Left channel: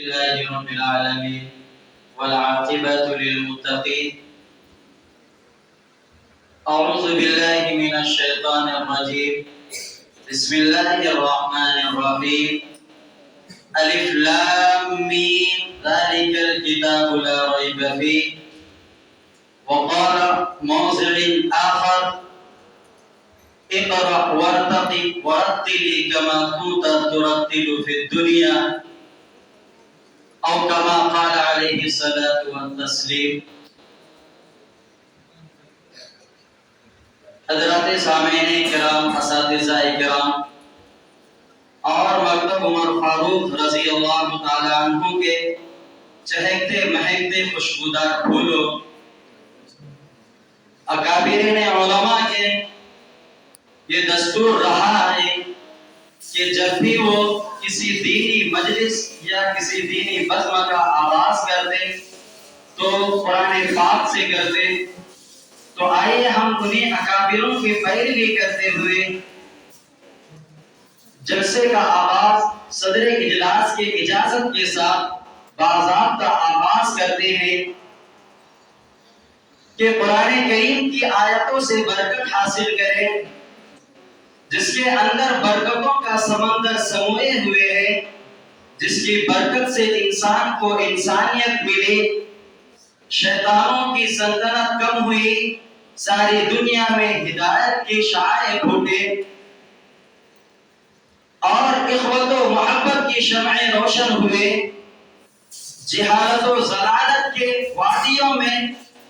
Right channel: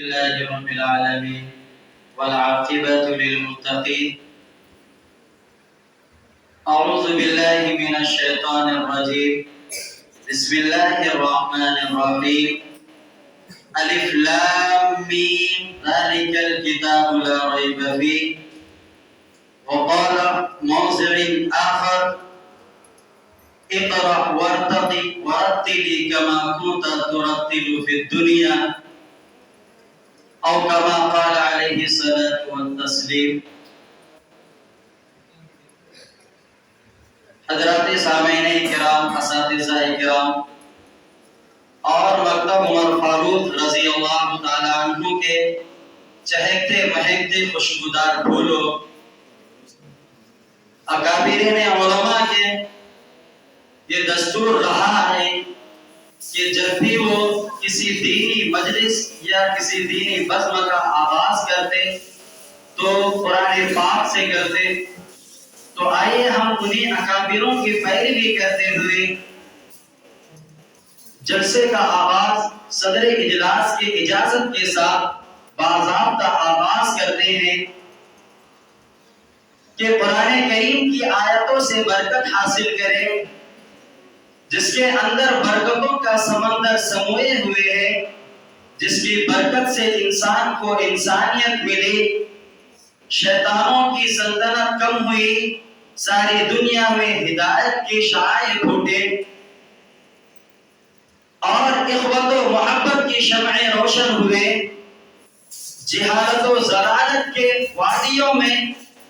لله رب العالمين والعاقبة للمتقين. أعوذ بالله من الشيطان الرجيم. بسم الله الرحمن الرحيم. ألف لام ميم ذلك الكتاب لا ريب فيه. وقال موضع آخر اقرأ وارتقي ورتل كما كنت ترتل في الدنيا أو كما قال عليه الصلاة والتسليم. حضرات سامعین کرام، اساتذہ کرام اور مکتب عمر فاروق رضی اللہ تعالی عنہ کے چہکتے مہکتے خوشبودار پھولوں، اکابرین علماء کے یہ دستور رہا ہے کہ جب بھی وہ کسی دینی مجلس یا کسی دینی بزم کا آغاز کرتے تو قرآن پاک سے کرتے. تو آئیے ہم انہیں اکابروں کی پیروی کرتے ہوئے جلسے کا آغاز صدر اجلاس کے اجازت کے ساتھ باضابطہ آغاز کرتے ہیں کہ قرآن کریم کی آیتوں سے برکت حاصل کریں، جس کے اندر برکتوں کا سمندر سموئے ہوئے ہیں، جس کی برکت سے انسان کو انسانیت ملی، شیطانوں کی سلطنت کم ہوئی، ساری دنیا میں ہدایت کی شعاع پھوٹے اور اخوت و محبت کی شمعیں روشن ہوئے. جہالت و ضلالت کے وادیوں میں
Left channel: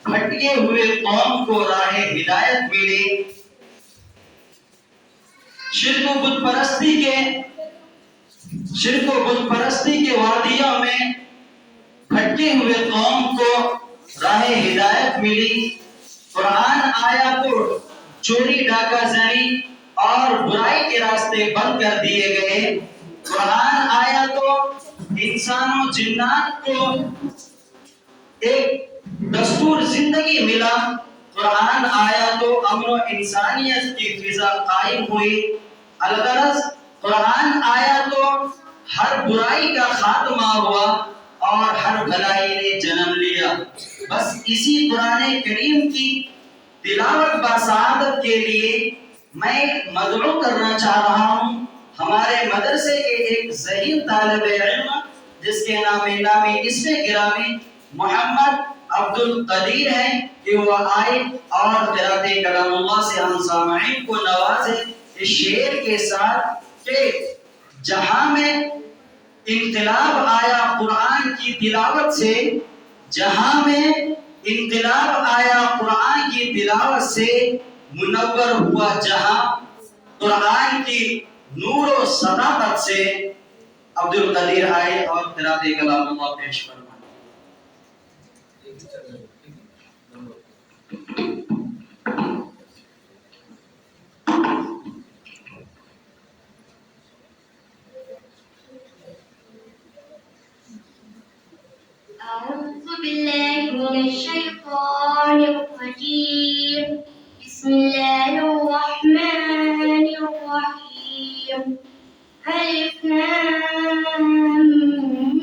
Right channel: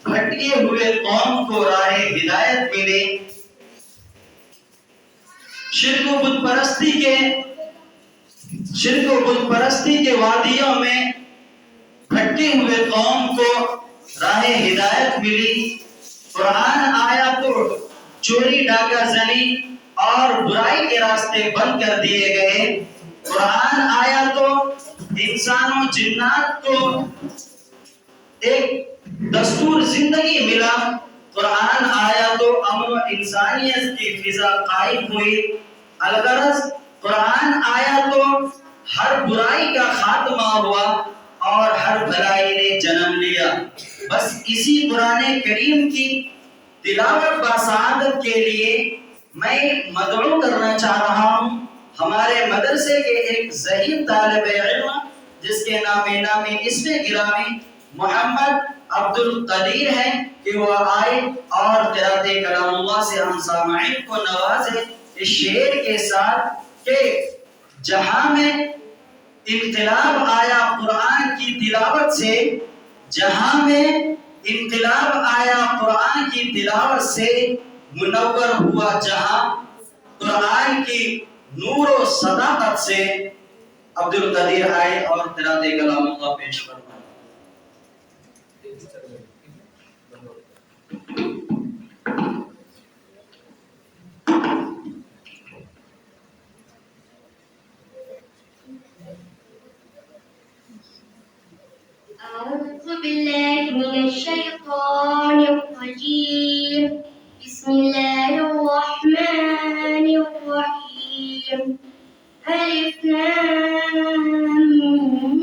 بھٹکے ہوئے قوم کو راہ ہدایت ملے. شرک و بت پرستی کے وادیوں میں بھٹکے ہوئے قوم کو راہ ہدایت ملی. قرآن آیا تو چوری ڈاکہ زنی اور برائی کے راستے بند کر دیے گئے. قرآن آیا تو انسان و جنات کو ایک دستور زندگی ملا. قرآن آیا تو امن و انسانیت کی فضا قائم ہوئی. الغرض قرآن آیا تو ہر برائی کا خاتمہ ہوا اور ہر بھلائی نے جنم لیا. بس اسی قرآن کریم کی تلاوت بسعادت کے لیے میں مدعو کرنا چاہ رہا ہوں ہمارے مدرسے کے ایک ذہین طالب علم جس کے نامی اسم گرامی محمد عبد القدیر ہیں کہ وہ آئے اور قرأت کلام اللہ سے ہم سامعین کو نوازے اس شعر کے ساتھ کہ جہاں میں انقلاب آیا قرآن کی تلاوت سے، جہاں میں انقلاب آیا قرآن کی تلاوت سے، منور ہوا جہاں قرآن کی نور و صداقت سے. عبد القدیر آئے اور قرأت کلام اللہ پیش فرمائے. أعوذ بالله من الشيطان الرجيم. بسم الله الرحمن الرحيم. ألف لام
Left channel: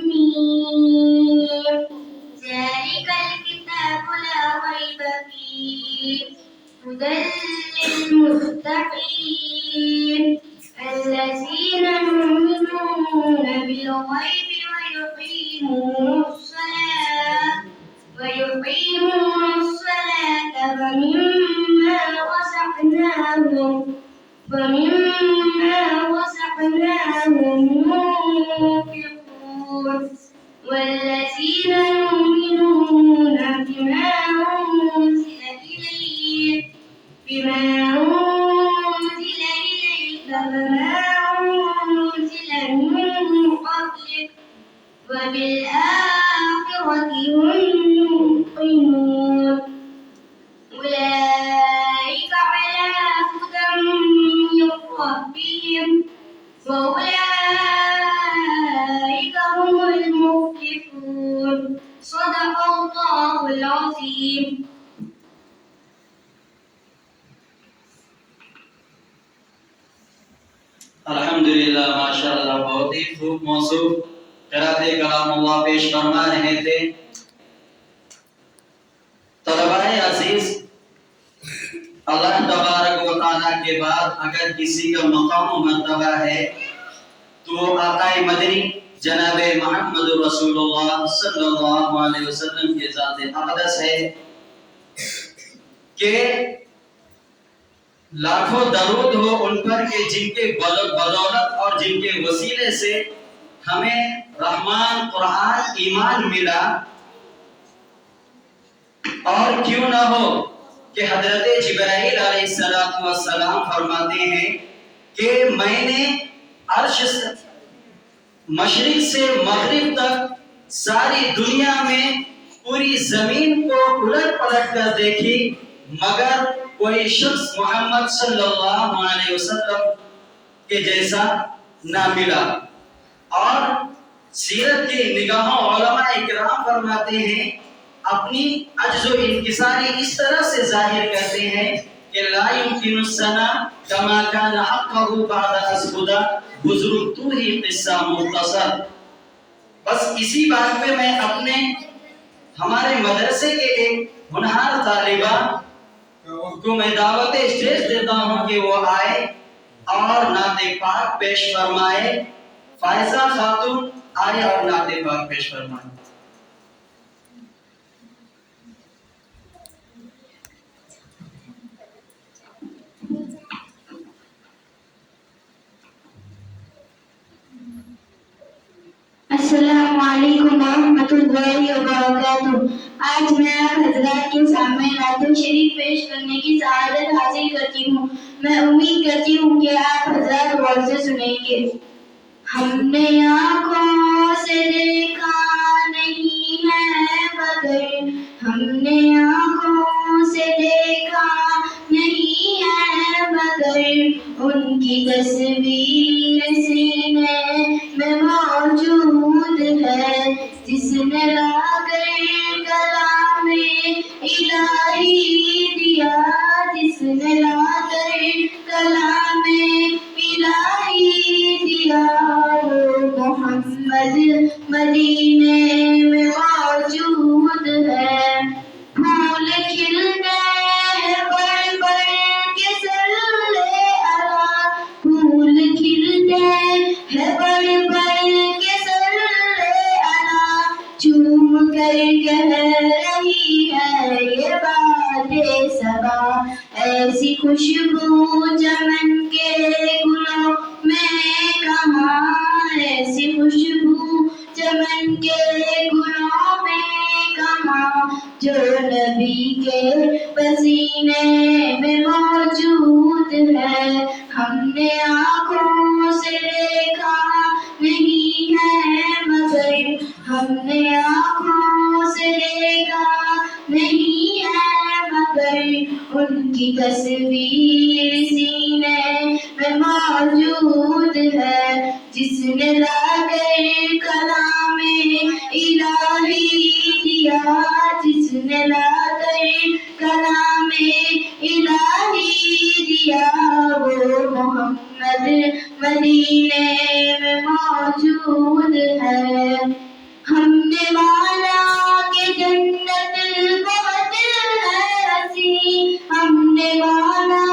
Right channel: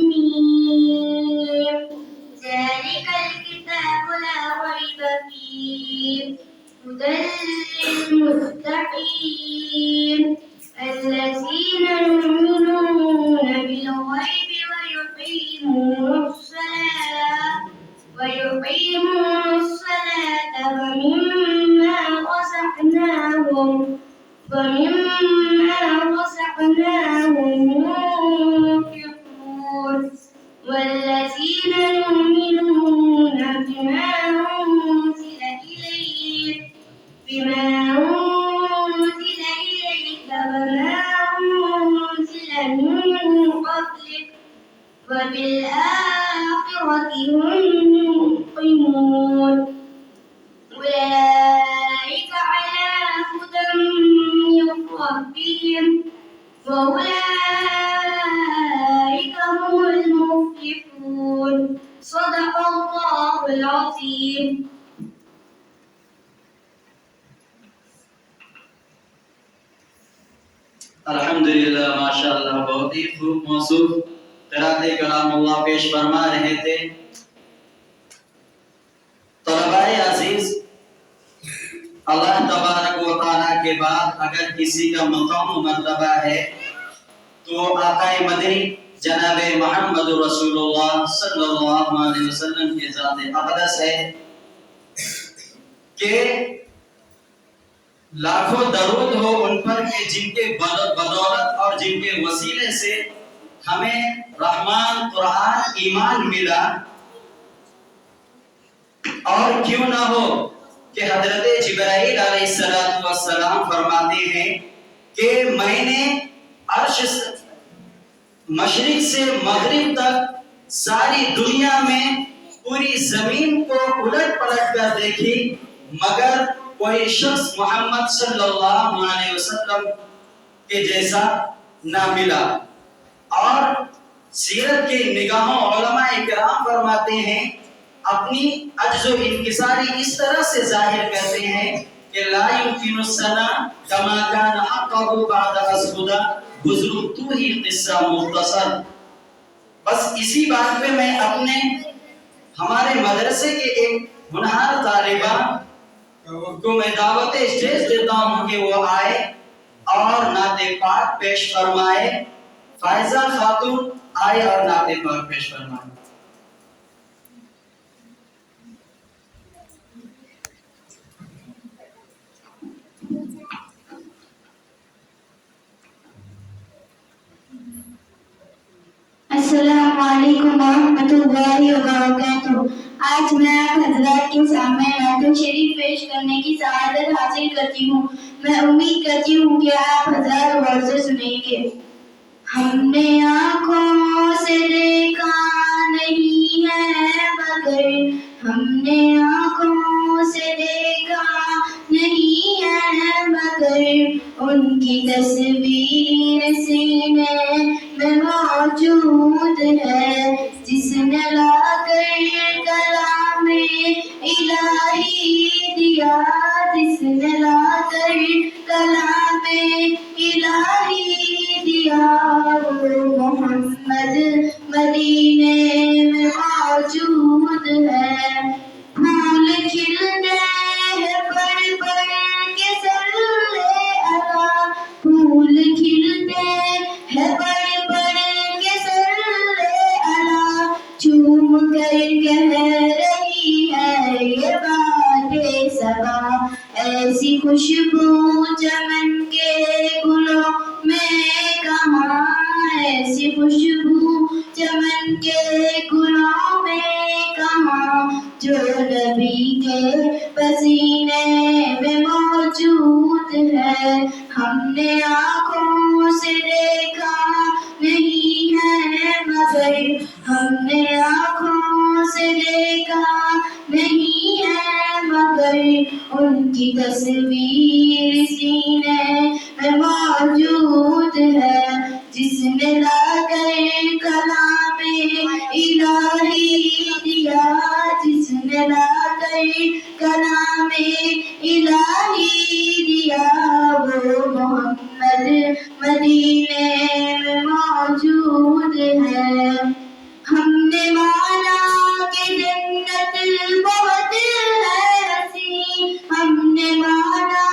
ميم ذلك الكتاب لا ريب فيه هدى للمتقين الذين يؤمنون بالغيب ويقيمون الصلاة ومما رزقناهم ينفقون والذين يؤمنون بما أنزل إليك وما أنزل من قبلك وبالآخرة هم يوقنون أولئك على هدى من ربهم وأولئك هم المفلحون. صدق الله العظيم. الحمدللہ، ماشاءاللہ، بہت ہی خوب موصوف قرأت کلام اللہ پیش فرما رہے تھے۔ طلباء عزیز، اللہ تبارک و تعالیٰ کے بعد اگر کسی کا مقام و مرتبہ ہے تو آقا مدنی جناب محمد رسول اللہ صلی اللہ علیہ وسلم کے ذات اقدس ہے کہ لاکھوں درود ہو ان پر کہ جن کے بدولت اور جن کے وسیلے سے ہمیں رحمان قرآن ایمان ملا، اور کیوں نہ ہو کہ حضرت جبرائیل علیہ السلام فرماتے ہیں کہ میں نے عرش سے مشرق سے مغرب تک ساری دنیا میں پوری زمین کو الٹ پلٹ کر دیکھی، مگر کوئی شخص محمد صلی اللہ علیہ وسلم کے جیسا نہ ملا۔ اور سیرت کی نگاہوں علماء اکرام فرماتے ہیں، اپنی عجز و انکساری اس طرح سے ظاہر کرتے ہیں کہ لا يمكن السنا كما كان حقه بعد اسبدا بزرگ تو ہی قصہ مختصر۔ بس اسی بات پہ میں اپنے ہمارے مدرسے کے ایک ہونہار طالبہ کو میں دعوت اسٹیج دیتا ہوں کہ وہ آئے اور نعت پاک پیش فرمائے۔ فائزہ خاتون آئے اور نعت پاک پیش فرمائے۔ السلام علیکم ورحمۃ اللہ وبرکاتہ۔ آج میں آپ حضرات کے سامنے نعت شریف پیش کرنے کی سعادت حاصل کرتی ہوں۔ میں امید کرتی ہوں کہ آپ حضرات غور سے سنیں گے۔ ہم نے آنکھوں سے دیکھا نہیں ہے مگر، ہم نے آنکھوں سے دیکھا نہیں ہے مگر، ان کی تصویر سینے میں موجود ہے، جس نے لا کر کلام الہی دیا، جس نے لا کر کلام الہی دیا، وہ محمد مدینے میں موجود ہے۔ پھول کھلتے ہیں پڑھ پڑھ کے صلی علی، پھول کھلتے ہیں پڑھ پڑھ کے صلی علی، چوم کر کہہ رہی ہے یہ باتیں صبا، ایسی خوشبو چمن کے گلوں میں کہاں، ایسی خوشبو چمن کے گلوں میں کہاں، جو نبی کے پسینے میں موجود ہے۔ ہم نے آنکھوں سے دیکھا نہیں ہے مگر، ہم نے آنکھوں سے دیکھا نہیں ہے مگر، ان کی تصویر سینے میں موجود ہے، جس نے لا کر کلام الہی دیا، جس نے لا کر کلام الہی دیا، وہ محمد مدینے میں موجود ہے۔ ہم نے مانا کہ جنت بہت ہے حسین، ہم نے مانا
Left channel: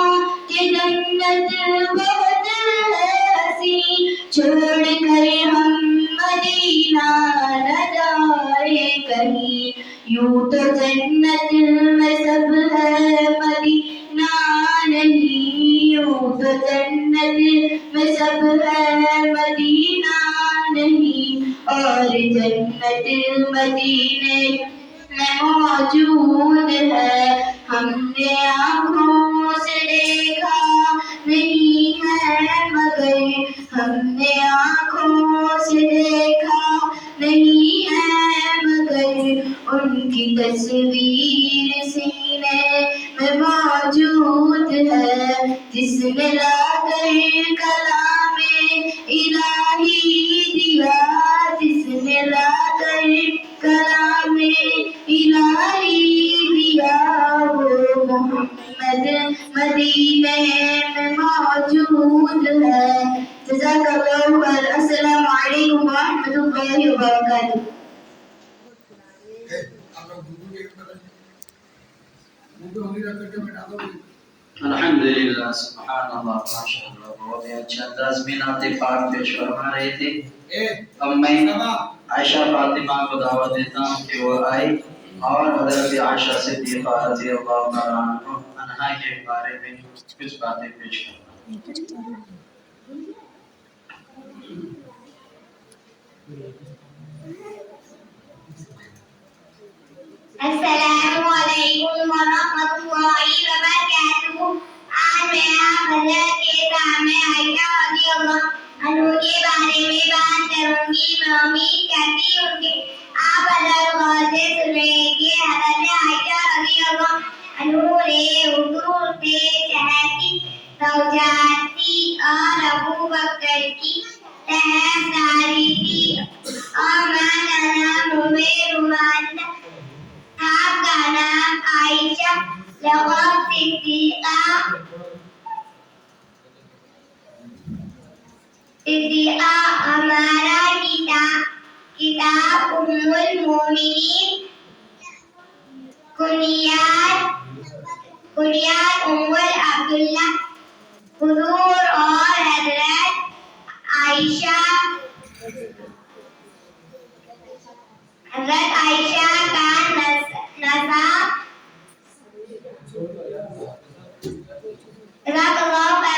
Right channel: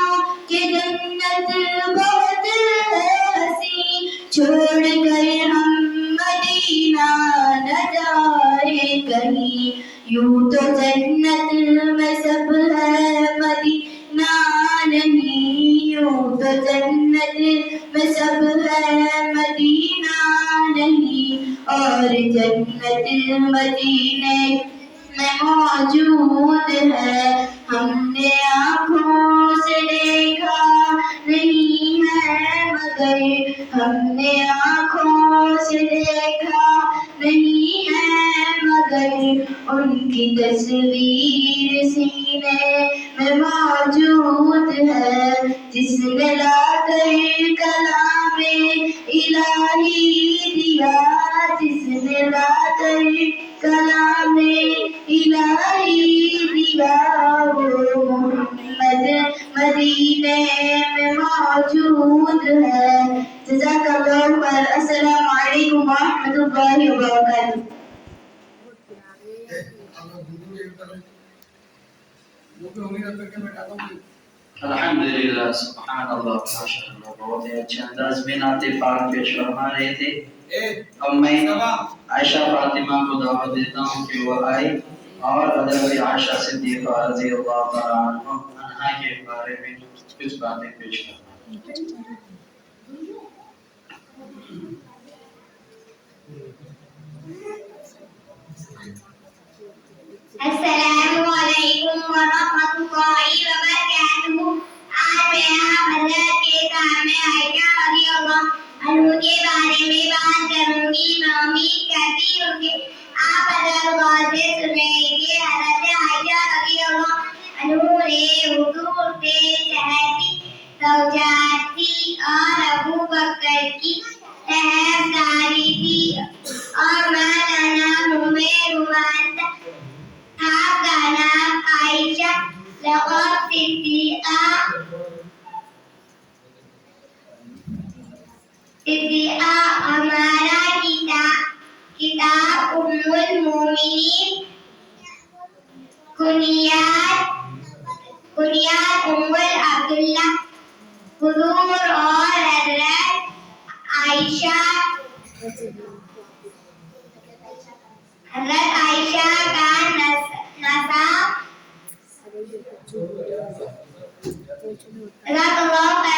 کہ جنت بہت ہے حسین، چھوڑ کر ہم مدینہ نہ جائے کہیں، یوں تو جنت میں سب ہے مدینہ نہیں، یوں تو جنت میں سب ہے مدینہ نہیں، اور جنت مدینے میں موجود ہے۔ ہم نے آنکھوں سے دیکھا نہیں ہے مگر، ہم نے آنکھوں سے دیکھا نہیں ہے مگر، ان کی تصویر سینے میں موجود ہے، جس نے لا کر کلام الہی دیا، جس نے لا کر کلام الہی دیا، وہ محمد مدینے میں موجود ہے۔ جزاک اللہ خیر۔ السلام علیکم ورحمۃ اللہ الحمدللہ سبحان اللہ ماشاء اللہ بہت ہی اچھے انداز میں نعت پاک پیش فرما رہے تھے. اب میں عائشہ فاطمہ کو دعوت دیتا ہوں کہ وہ آئے اور حضرت عائشہ صدیقہ رضی اللہ تعالیٰ عنہا کے بارے میں کچھ باتیں پیش کریں. السلام علیکم ورحمۃ اللہ وبرکاتہ. آج میں آپ حضرات کے سامنے عائشہ رضی اللہ عنہ کے بارے میں بات کروں گی. میں امید کرتی ہوں کہ آپ حضرات غور سے سنیں کہ حضرت عائشہ رضی اللہ عنہ نے حضور سے چہتی زوجات کی اور ابو بکر کی طرفداری کی اور ماں نام رومان آپ کا نام عائشہ لقب صدیقہ ہمارا کتاب ام المومنین کنیات ام عبداللہ حضور اور حضرت عائشہ کا نسب جزاک اللہ خیر.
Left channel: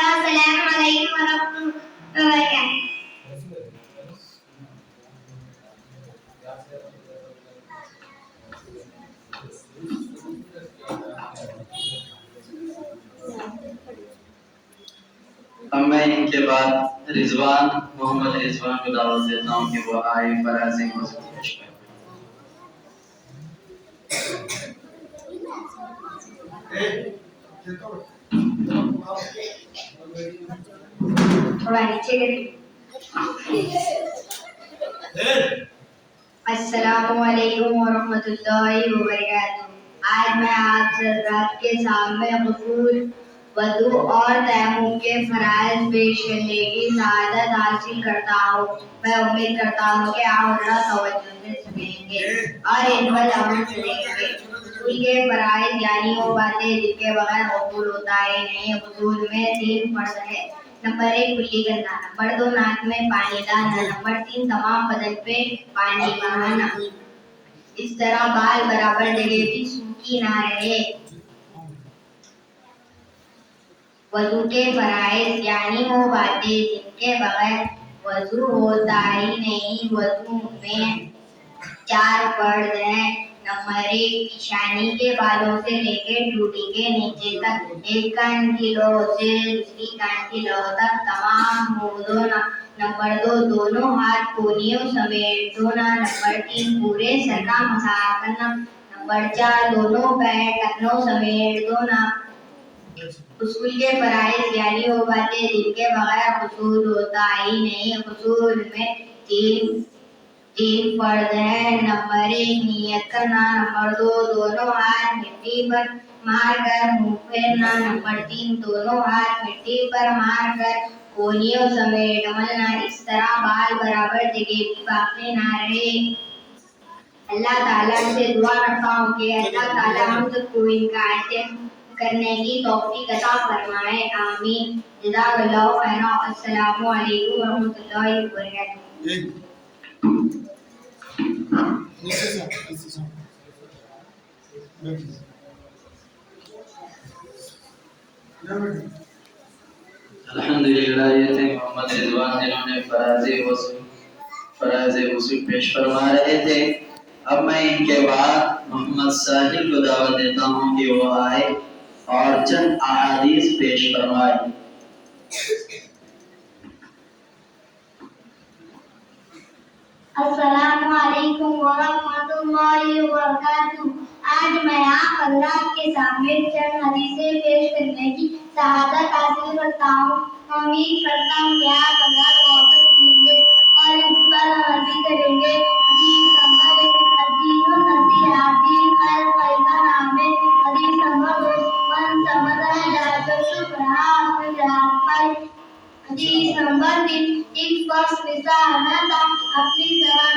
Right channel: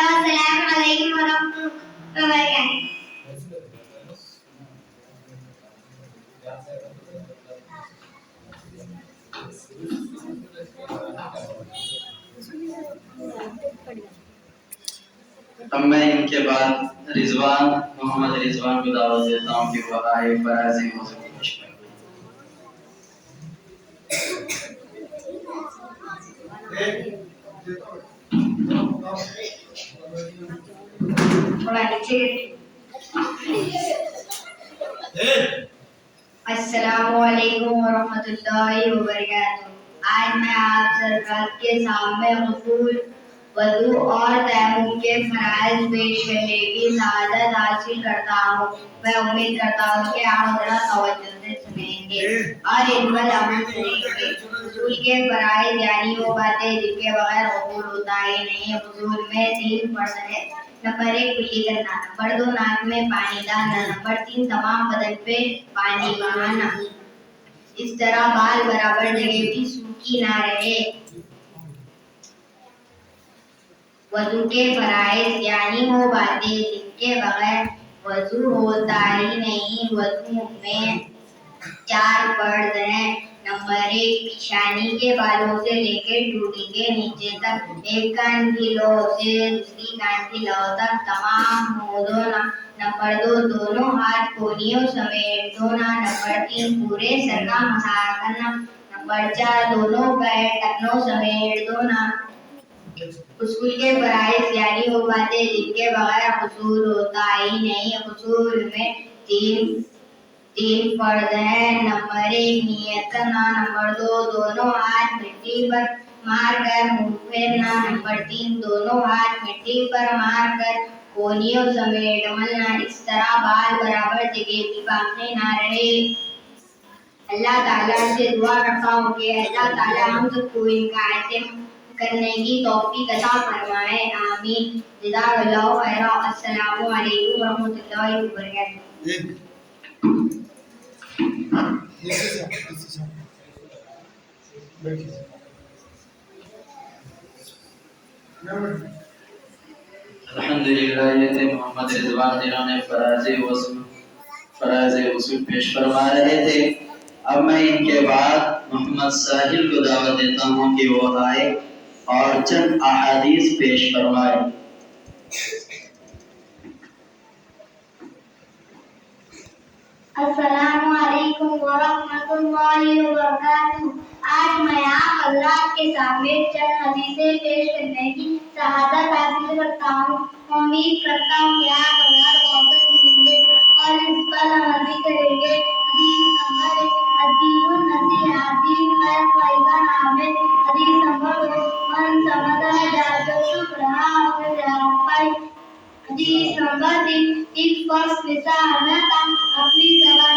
السلام علیکم ورحمۃ اللہ وبرکاتہ. اب میں ان کے بعد رضوان محمد رضوان کو دعوت دیتا ہوں کہ وہ آئے فراز موضوع پیش کریں. السلام علیکم ورحمۃ اللہ وبرکاتہ. آج میں آپ حضرات کے سامنے غسل، وضو اور تیمم کے فرائض پیش کرنے کی سعادت حاصل کرتا ہوں. میں امید کرتا ہوں کہ آپ حضرات توجہ سے سنیں گے اور ان پر عمل کریں گے. غسل کے فرائض یعنی وہ باتیں جن کے بغیر غسل ہوتا ہی نہیں. غسل میں 3 فرض ہے. نمبر 1 کلی کرنا، نمبر 2 ناک میں پانی ڈالنا، نمبر 3 تمام بدن پہ پانی بہانا. اس طرح بال برابر جگہ بھی سوکھی نہ رہے. وضو کے فرائض یعنی وہ باتیں جن کے بغیر وضو ہوتا ہی نہیں. وضو میں 4 فرض ہیں. نمبر 1 پیشانی کے بالوں سے لے کے ٹوٹی کے نیچے تک، ایک کان کی لو سے دوسری کان کی لو تک تمام منہ دھونا. نمبر 2 دونوں ہاتھ کونیوں سمیت دھونا. نمبر 3 پورے سر کا مسح کرنا. نمبر 4 دونوں پیر ٹخنوں سمیت دھونا. غسل کے فرائض یعنی وہ باتیں جن کے بغیر غسل ہوتا ہی نہیں. غسل میں 3 فرض ہیں. نمبر 1 نیت کرنا. نمبر 2 دونوں ہاتھ مٹی پر مار کر منہ پھیرنا. نمبر 3 دونوں ہاتھ مٹی پر مار کر کونیوں سمیت ملنا. اس طرح بال برابر جگہ بھی باقی نہ رہے. اللہ تعالیٰ سے دعا کرتا ہوں کہ اللہ تعالیٰ ہم سب کو ان کا اہتمام کرنے کی توفیق عطا فرمائے. آمین. جزاک اللہ خیر. السلام علیکم ورحمۃ اللہ وبرکاتہ. الحمدللہ یہ تھے محمد رضوان جنہوں نے فرائض غسل پیش فرما رہے تھے. اب میں ان کے بعد محمد ساحل کو دعوت دیتا ہوں کہ وہ آئے اور چند احادیث پیش فرمائے. السلام علیکم ورحمۃ اللہ وبرکاتہ. آج میں آپ حضرات کے سامنے چند حدیثیں پیش کرنے کی سعادت حاصل کرتا ہوں. امید کرتا ہوں کہ آپ حضرات غور سے سنیں گے اور اس پر عمل بھی کریں گے. حدیث نمبر 1 الدین النصیحہ، دین خیر خواہی کا نام ہے. حدیث نمبر 2 من سمدہ جاتا شکرہ اور رہا پائی. حدیث نمبر 3 ایک فرض نسا نتا، اپنی زبان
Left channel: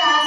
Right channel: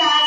4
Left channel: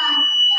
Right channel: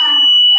5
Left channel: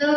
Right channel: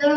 2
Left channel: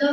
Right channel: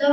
2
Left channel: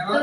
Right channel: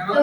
2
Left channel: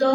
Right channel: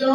2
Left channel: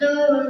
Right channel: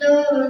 2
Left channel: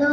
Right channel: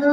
2,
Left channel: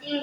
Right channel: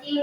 3,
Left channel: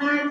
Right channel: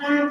5,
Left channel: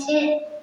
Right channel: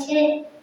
6,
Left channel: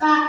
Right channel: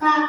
7,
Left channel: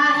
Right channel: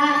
8,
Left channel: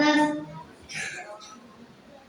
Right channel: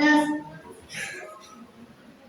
10,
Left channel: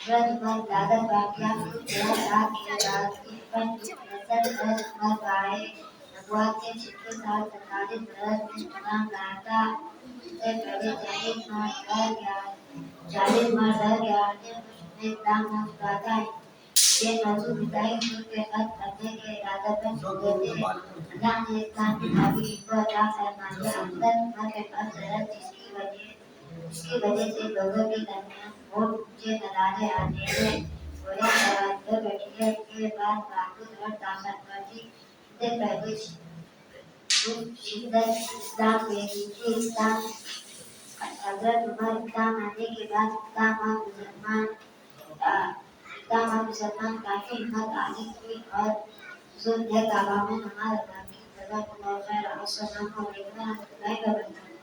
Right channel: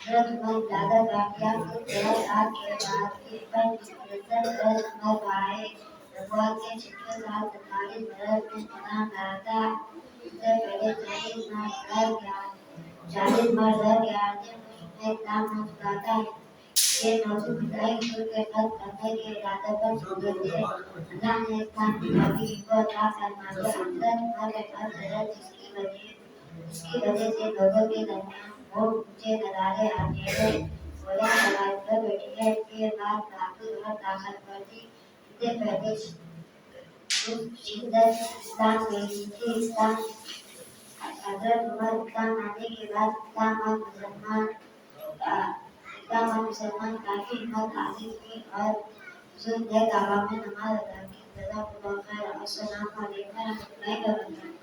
حضرت عمر زیادہ واقعات کو تیرا سال کے بعد کے پر حضرت عمر بائے نبوت کے 36 سال 47 برس میں اسلام لایا تھا. اس سے پہلے 40 مرد رہ گیا تھے میں اسلام نہ لاتا ہے. یہ موضوع بدائی حضور کے قتل کرنے کے ارادہ پر ہوئے تھے. اللہ نے اسلام کی نبی کو عطا فرما دیا. حضرت عمر کے پاس ضرورت اس کی وجہ سے لوگوں کے درمیان بہت اونچے نظارے آتے ہیں. گویا شرائط پر بیٹھی ہے. اس کے بعد محفوظ اور طاقتور تھی. اس سے پہلے شدت اسلام میں تھی. حضرت عمر اسلام آنے کے بعد اسلام اور مسلمان کافی ہمت عالی کی اور حضور نے کعبہ میں نماز ادا کی. جزاک اللہ خیر. السلام علیکم ورحمۃ اللہ وبرکاتہ.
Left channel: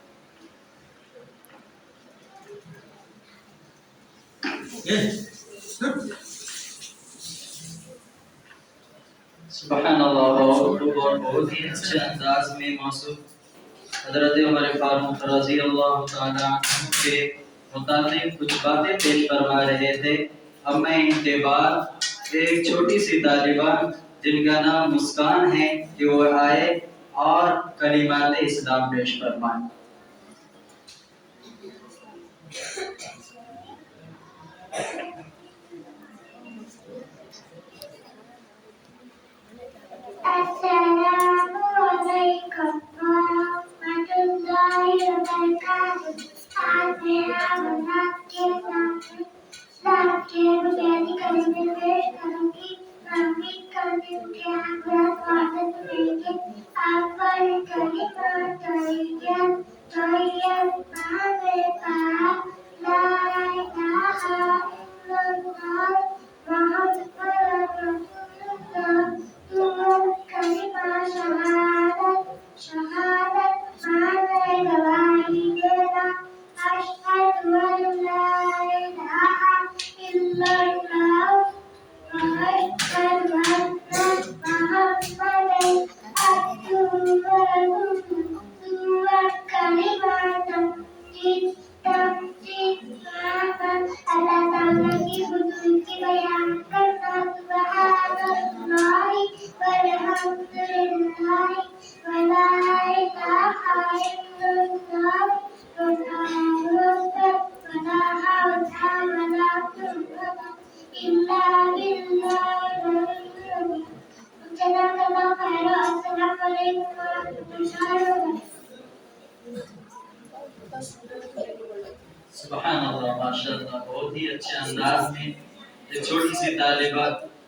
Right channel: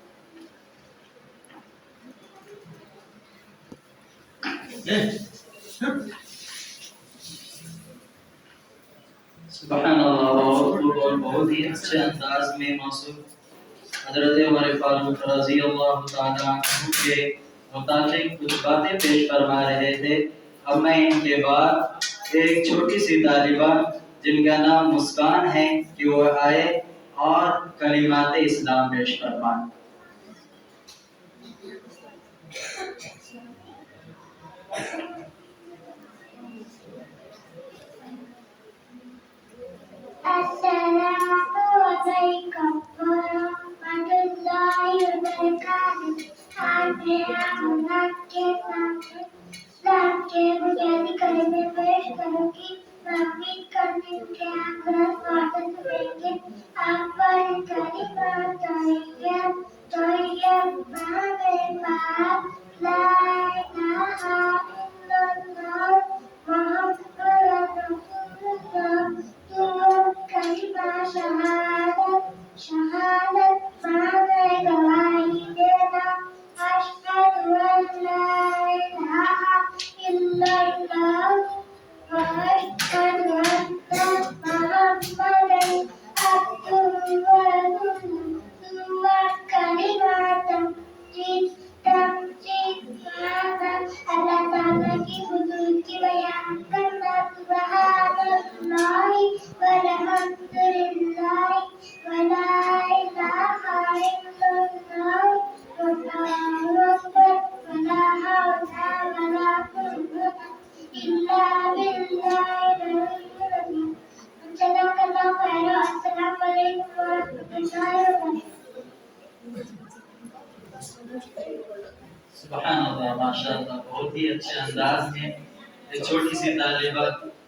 سبحان اللہ. بہت ہی اچھے انداز میں موصوف حضرت عمر فاروق رضی اللہ تعالی عنہ کے متعلق کچھ باتیں پیش فرما رہے تھے. اب میں ان کے بعد ایک چھوٹی سی طالبہ جن کا نام مسکان ہے کہ وہ آئے اور کلمات اسلام پیش فرمائیں. السلام علیکم ورحمۃ اللہ وبرکاتہ. آج میں آپ کے سامنے اسلام کے بنیادی کلمے پیش کروں گی. میں امید کرتی ہوں کہ آپ میرا سوالت کریں گے. آپ پر کلمہ طیب نام پاک لا الہ الا اللہ محمد رسول اللہ. کلمہ شہادت معنی گواہی دینا. اشہد ان لا الہ الا اللہ واشہد ان محمدًا عبدہ ورسولہ. ثم کلمات تمجید معنی اللہ تعالیٰ کی حضور کی بیان کرنا. سبحان اللہ والحمد للہ ولا الہ الا اللہ واللہ اکبر ولا حول ولا قوة الا باللہ العلی العظیم. جزاک اللہ خیر. السلام علیکم ورحمۃ اللہ وبرکاتہ. سبحان اللہ. ماشاء اللہ. بہت ہی اچھے انداز میں یہ چھوٹی سی طالبہ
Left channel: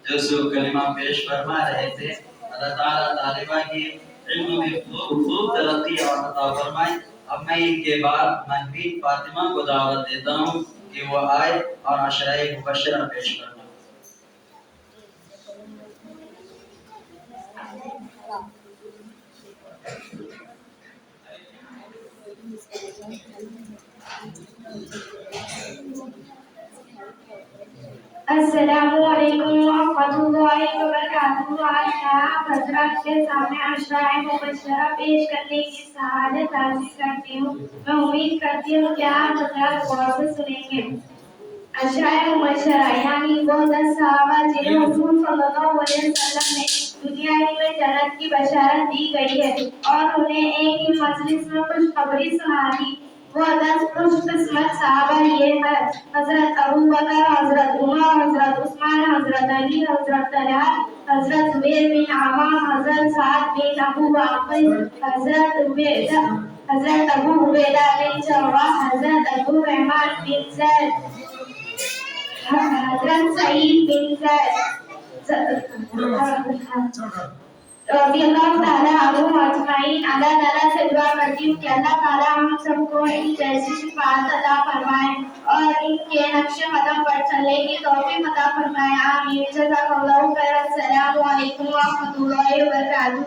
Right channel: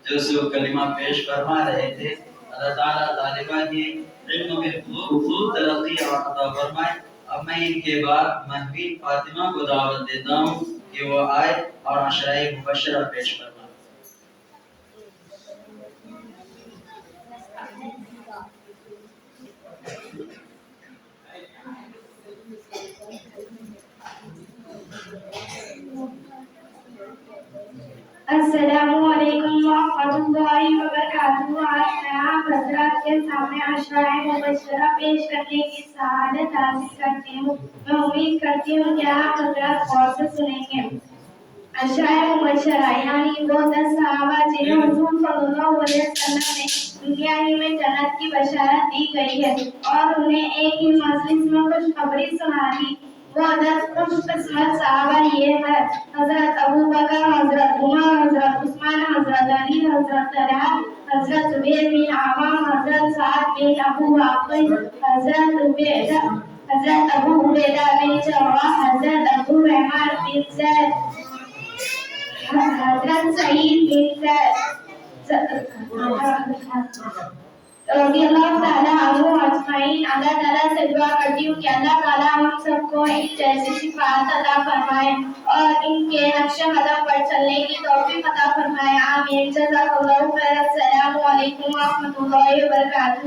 جو سو کلمہ پیش فرما رہے تھے. اللہ تعالیٰ طالبہ کی علم میں خوب ترقی اور عطا فرمائے. اب میں ان کے بعد محبوب فاطمہ کو دعوت دیتا ہوں کہ وہ آئے اور عشرہ مبشرہ پیش فرمائے. السلام علیکم ورحمۃ اللہ وبرکاتہ. آج میں آپ حضرات کے سامنے عشرہ مبشرہ پیش کرنے کی سعادت حاصل کرتی ہوں. میں امید کرتی ہوں کہ آپ حضرات غور سے سنیں گے. عشرہ مبشرہ یعنی وہ 10 صحابہ جنہیں حضور صلی اللہ علیہ وسلم نے دنیا ہی میں جنت کی بشارت دی گئی ہے اور انہیں ایک ہی مجلس میں خوشخبری سنا دی. وہ 10 خوش قسمت صحابہ یہ ہے: حضرت ابوبکر، حضرت عمر، حضرت عثمان، حضرت علی، حضرت طلحہ، حضرت زبیر بن عوام، حضرت سعد بن ابو وقاص، حضرت ابو عبیدہ بن جراح، حضرت عبد الرحمن بن زید، حضرت سعید بن زید رضی اللہ تعالیٰ عنہ اجمعین. اللہ تعالیٰ سے دعا کرتی ہوں کہ اللہ تعالیٰ ہم سب کو ان جیسی صفات عطا فرمائے اور ان کے نقش قدم پر چلنے کی توفیق عطا فرمائے. آمین. جزاک اللہ خیر. السلام علیکم ورحمۃ اللہ وبرکاتہ.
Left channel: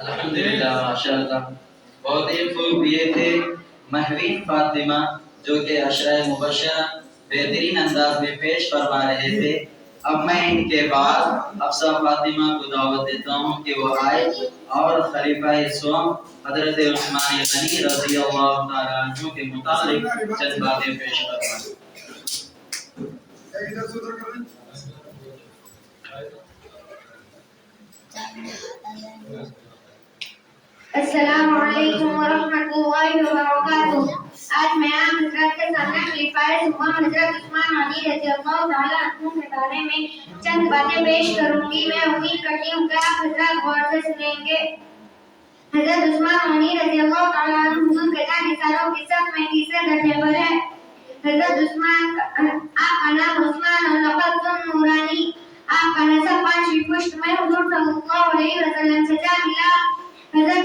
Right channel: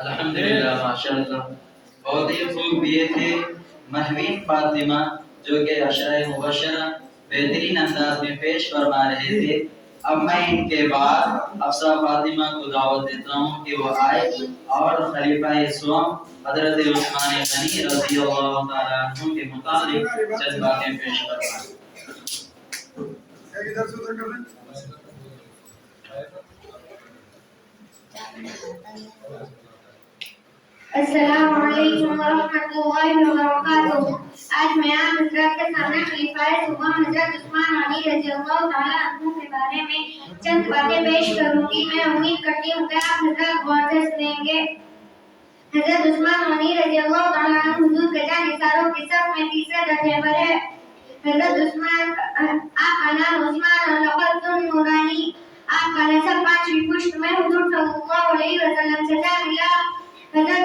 الحمدللہ. ماشاءاللہ بہت ہی خوب. یہ تھے مہوین فاطمہ جو کہ عشرہ مبشرہ بہترین انداز میں پیش فرما رہے تھے. اب میں ان کے بعد حفصہ فاطمہ کو دعوت دیتا ہوں کہ وہ آئے اور خلیفہ سوم حضرت عثمان غنی رضی اللہ تعالیٰ عنہ کے متعلق چند باتیں پیش فرمائیں. ادھر سے ادھر کر دیں. السلام علیکم ورحمۃ اللہ وبرکاتہ. آج میں آپ حضرات کے سامنے خلیفہ ثوام حضرت عثمان غنی رضی اللہ تعالیٰ عنہ کے بارے میں چند باتیں پیش کروں گی. میں امید کرتی ہوں کہ آپ حضرات غور سے سنیں گے. حضرت عثمان غنی رضی اللہ تعالیٰ عنہ حضور کے جان نثاروں کی صف میں تیسرے درجے پر ہے. حضرت عثمان آپ کا نام عثمان لقب ذو نورانی. آپ کا نسب 5ویں پشت میں حضور صلی اللہ علیہ وسلم سے جا ملا. حضرت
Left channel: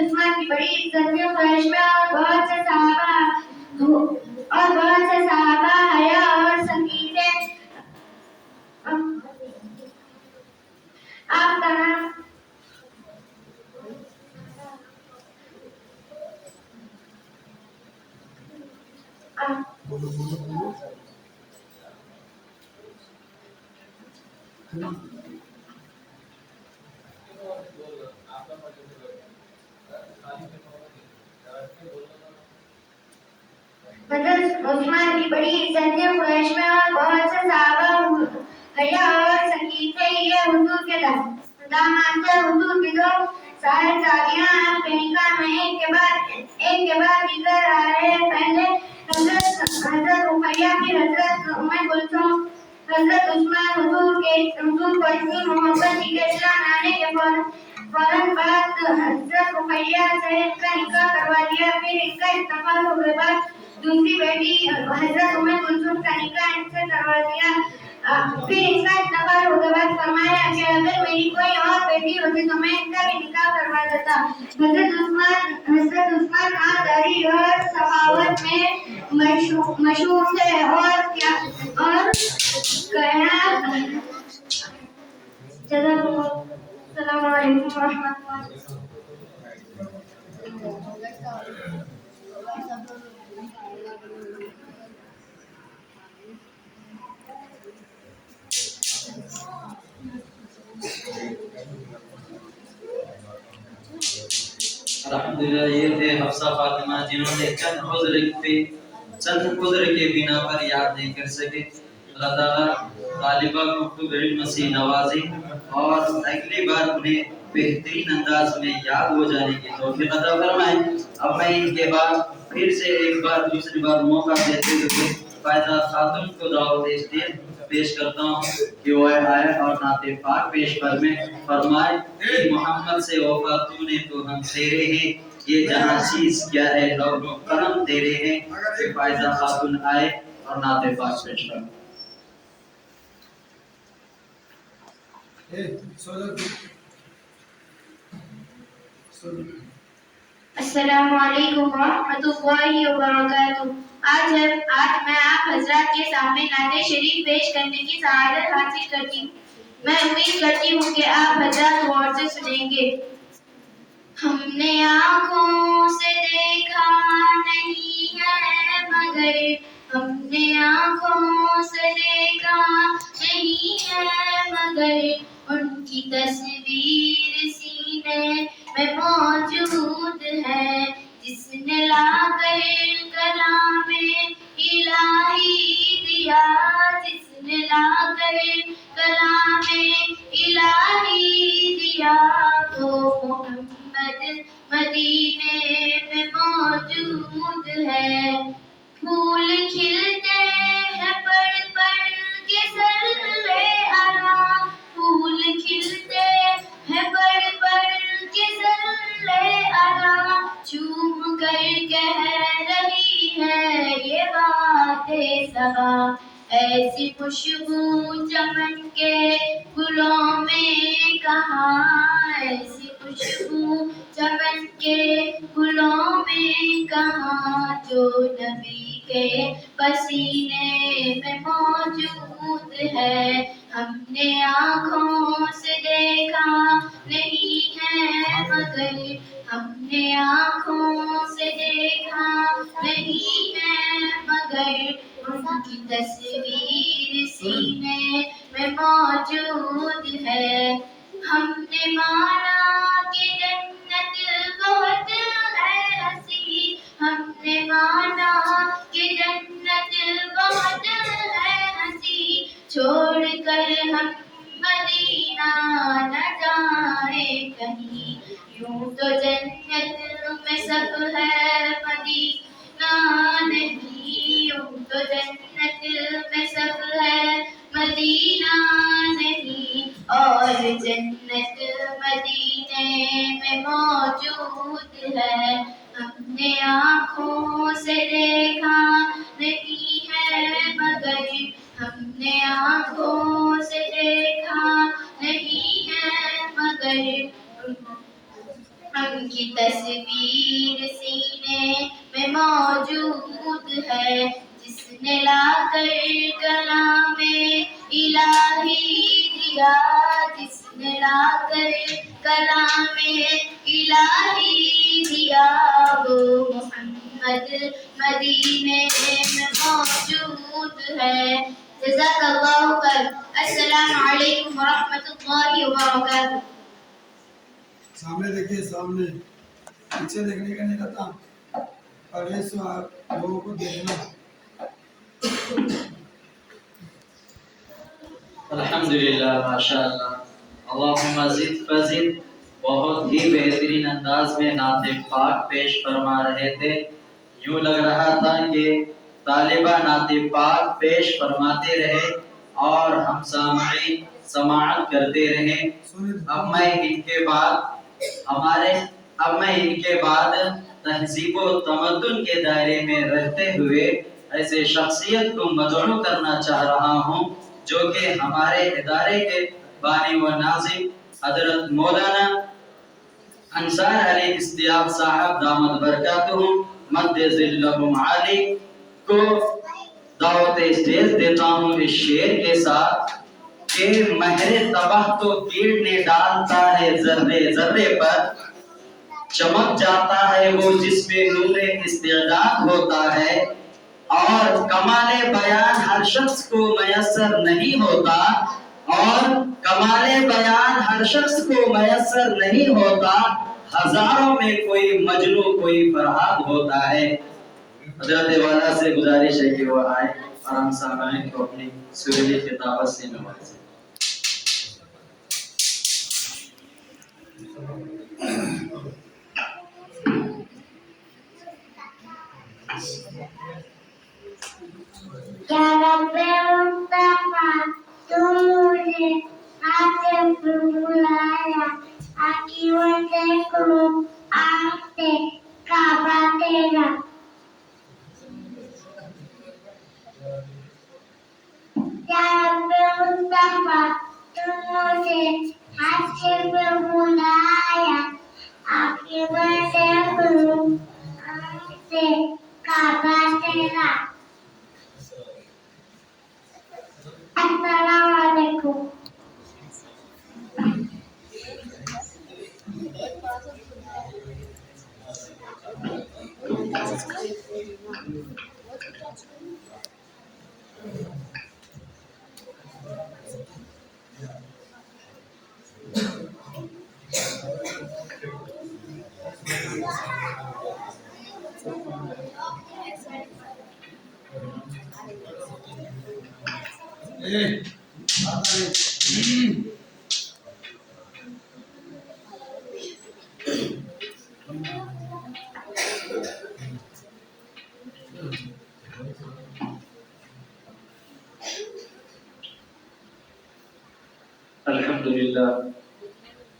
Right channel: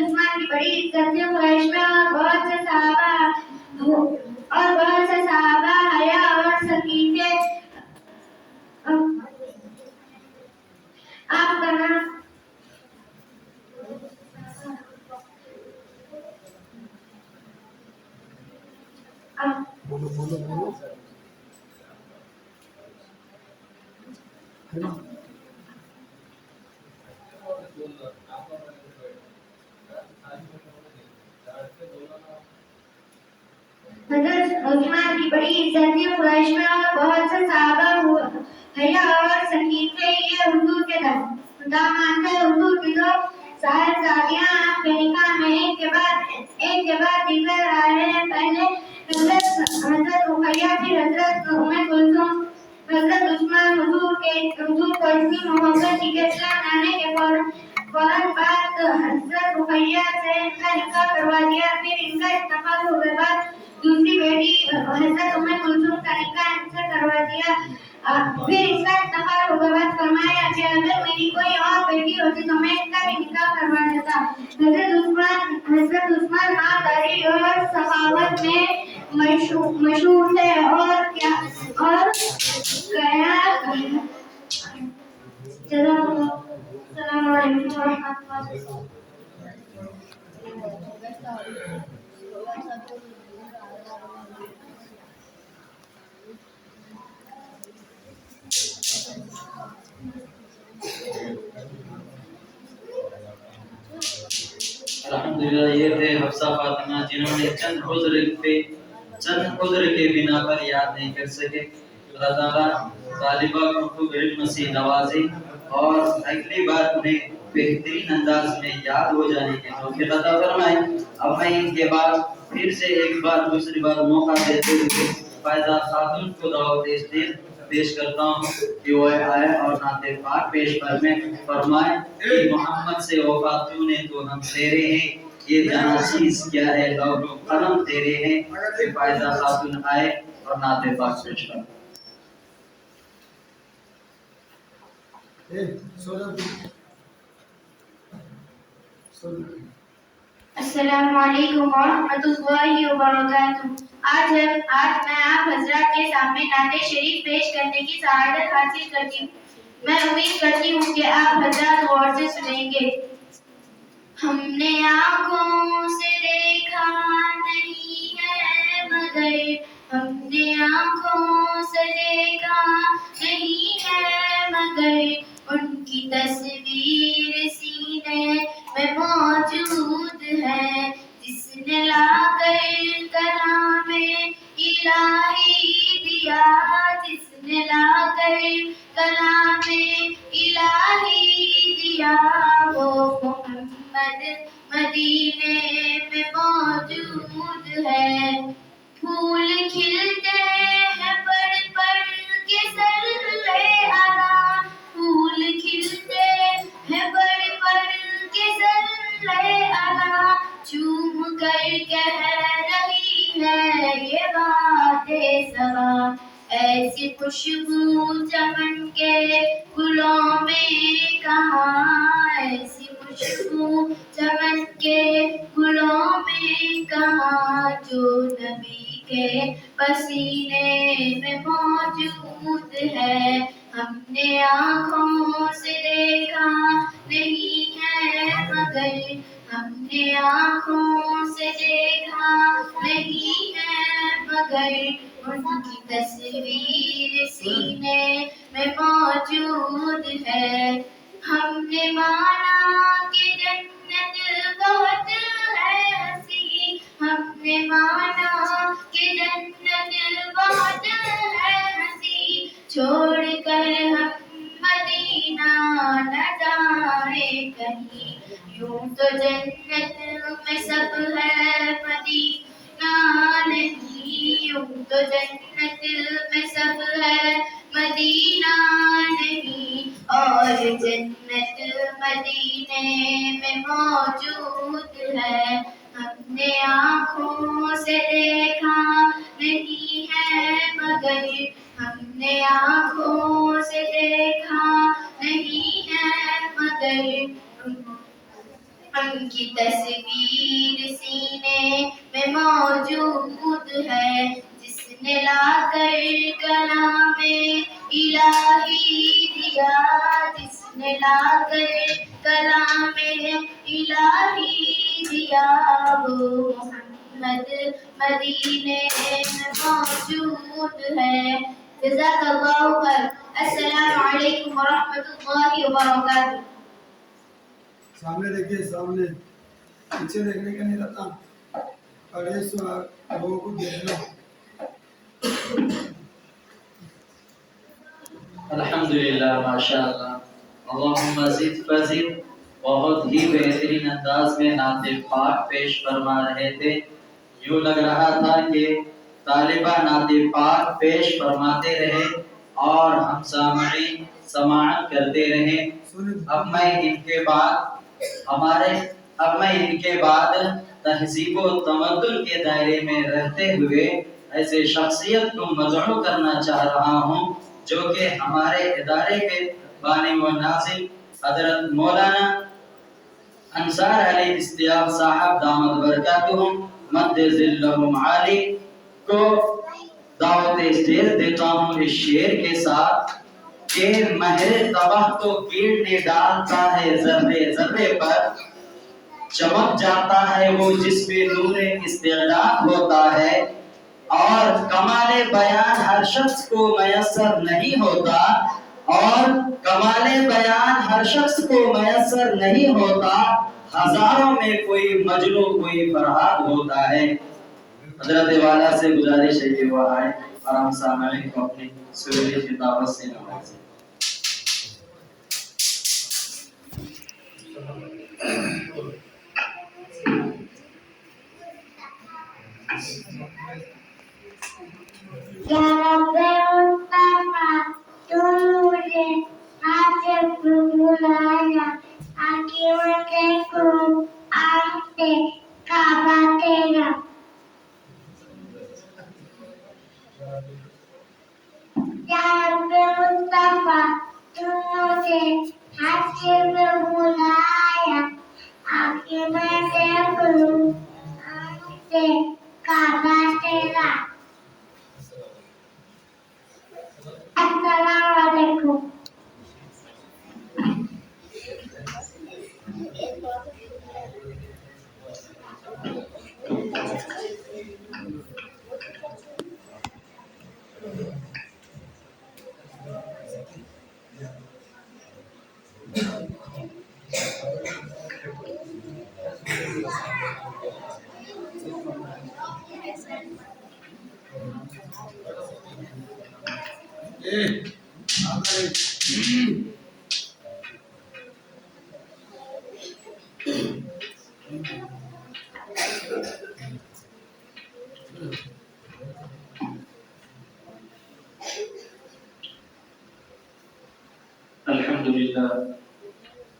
عثمان کی بڑی عزت تھی قریش میں اور بہت سے صحابہ حیا اور سکینہ. آپ کا نام بولو بولو بولو. حضرت عثمان کی بڑی عزت تھی قریش میں اور بہت سے صحابہ حیا اور سکینہ. یہ حضور کے داماد تھے. حضور کی دو ظاہر شادیاں آپ کے نکاح میں ایک کے بعد دیگر آ رہے ہیں. پہلے حضرت رقیہ پھر حضرت ام کلثوم. حضرت عثمان حضور کو اتنی محبت تھی کہ اسلام لانے کے فوراً بعد حضرت رقیہ سے ان کا نکاح کروا دیا. پھر ان کا انتقال ہونے بعد دوسری بیٹی حضرت ام کلثوم کا نکاح ان سے کروا دیا. پھر ان کا انتقال ہونے بعد فرمایا کہ اگر میری کوئی اور بیٹی ہوتی تو میں ان کا بھی نکاح کروا دیتا. حضرت عثمان مالداری اور سخاوت میں مشہور تھے. اور السلام علیکم ورحمۃ اللہ. الحمدللہ یہ تھے حفصہ فاطمہ جنہوں نے چند عذر کے بنا پر یاد نہیں کر سکے. اللہ تعالیٰ طالبہ کو خوب علم سے نوازے اور اگلی بار انہیں بہترین انداز میں یاد ہو جانے کی توفیق عطا فرمائے. اب میں ان کے بعد پھر سے ایک بار دوسری بار موقع دیتے ہوئے فائزہ خاتون کو دعوت پیش کرتا ہوں کہ وہ آئے اور نعت پاک پیش فرمائے کہ محمد سے وفاتوں نے تو ہم تیرے ہیں، یہ جہاں چیز کیا ہے لوگ قلم تیرے ہیں. فائزہ خاتون آئے اور نعت پاک پیش فرمائے. السلام علیکم ورحمۃ اللہ وبرکاتہ. آج میں آپ حضرات کے سامنے نعت شریف پیش کرنے کی سعادت حاصل کرتی ہوں. میں امید کرتی ہوں کہ آپ حضرات غور سے سنیں گے. ہم نے آنکھوں سے دیکھا نہیں ہے مگر ہم نے آنکھوں سے دیکھا نہیں ہے مگر ان کی تصویر سینے میں موجود ہے. جس نے لا کر کلام الہی دیا، جس نے لا کر کلام الہی دیا، وہ محمد مدینے میں موجود ہے. پھول کھلتے ہیں پڑھ پڑھ کے سرے اعلیٰ، پھول کھلتے ہیں پڑھ پڑھ کے سرے اعلیٰ. چوم کر کہہ رہی ہے یہ بات صبا، ایسی خوشبو چمن کے گلوں میں کہاں، ایسی خوشبو چمن کے گلوں میں کہاں، جو نبی کے پسینے میں موجود ہے. ہم نے آنکھوں سے دیکھا نہیں ہے مگر کی تصویر سینے میں موجود ہے. ہم نے مانا کہ جنت بہت ہے ہنسی. ہم نے مانا کہ جنت بہت ہے ہنسی. چھوڑ کر ہم مدینہ نہ جائیں کہیں. یوں تو جنت میں سب ہے مدینہ نہیں. یوں تو جنت میں سب ہے مدینہ نہیں. اور جنت مدینے میں موجود ہے. ہم نے آنکھوں سے دیکھا نہیں ہے مگر. ہم نے آنکھوں سے دیکھا نہیں ہے مگر. ان کی تصویر سینے میں موجود ہے. جس نے لا کر کلام الہی دیا. جس نے لا کر کلام الہی دیا. وہ محمد مدینے میں موجود ہے. جزاک اللہ خیر. السلام علیکم ورحمۃ اللہ وبرکاتہ. سامنے دیکھیے، سامنے پیچھے دیکھنے کا نہیں رہتا، اور یہ لوگوں کو دیکھنا. الحمدللہ، ماشاء اللہ، اللہم زد فزد. بہت ہی بہترین انداز میں نعت پاک پیش فرما رہے تھے. یوں لگ رہا تھا کہ طالبہ نعت پاک پیش فرماتے رہے اور ہم سامعین سماعت کرتے رہے. اب میں ان کے بعد تہذیب و تمدن کے دائرے میں رہتے ہوئے ایسے شخصیت کو مدعو کرنا چاہ رہا ہوں جو کہ ہمارے ادارے کے بانی و ناظم حضرت مولانا انصار علی اشتیاق صاحب دامت برکاتہم مد ظلہم عالی کو دعوت اسٹیج دیتا ہوں اس شعر کے ساتھ کہ مہر تباہ تو کیڑنے ڈالتا ہے ذرے ذرے پر. چمک جاتا ہے وہ جس میں نور استعداد ہوتا ہے. اور کمال بیان ہر شخص کو میسر نہیں ہوتا. اور کمال بیان ہر شخص کو میسر نہیں ہوتا. ہزاروں میں کوئی مجنو کوئی فرہاد ہوتا ہے. حضرت والا سے گزارش ہے کہ وہ آئے اور ہم سامعین کو اپنی سریلی خطابت سے نوازیں. یا رب مصطفیٰ تو مجھے ہاتھ سے بلایا. آنکھی میں دیکھوں آنکھ سے کعبہ تیرا. یا رب مصطفیٰ تو مجھے ہاتھ سے بلایا. آنکھی میں دیکھوں آنکھ سے کعبہ تیرا. السلام علیکم.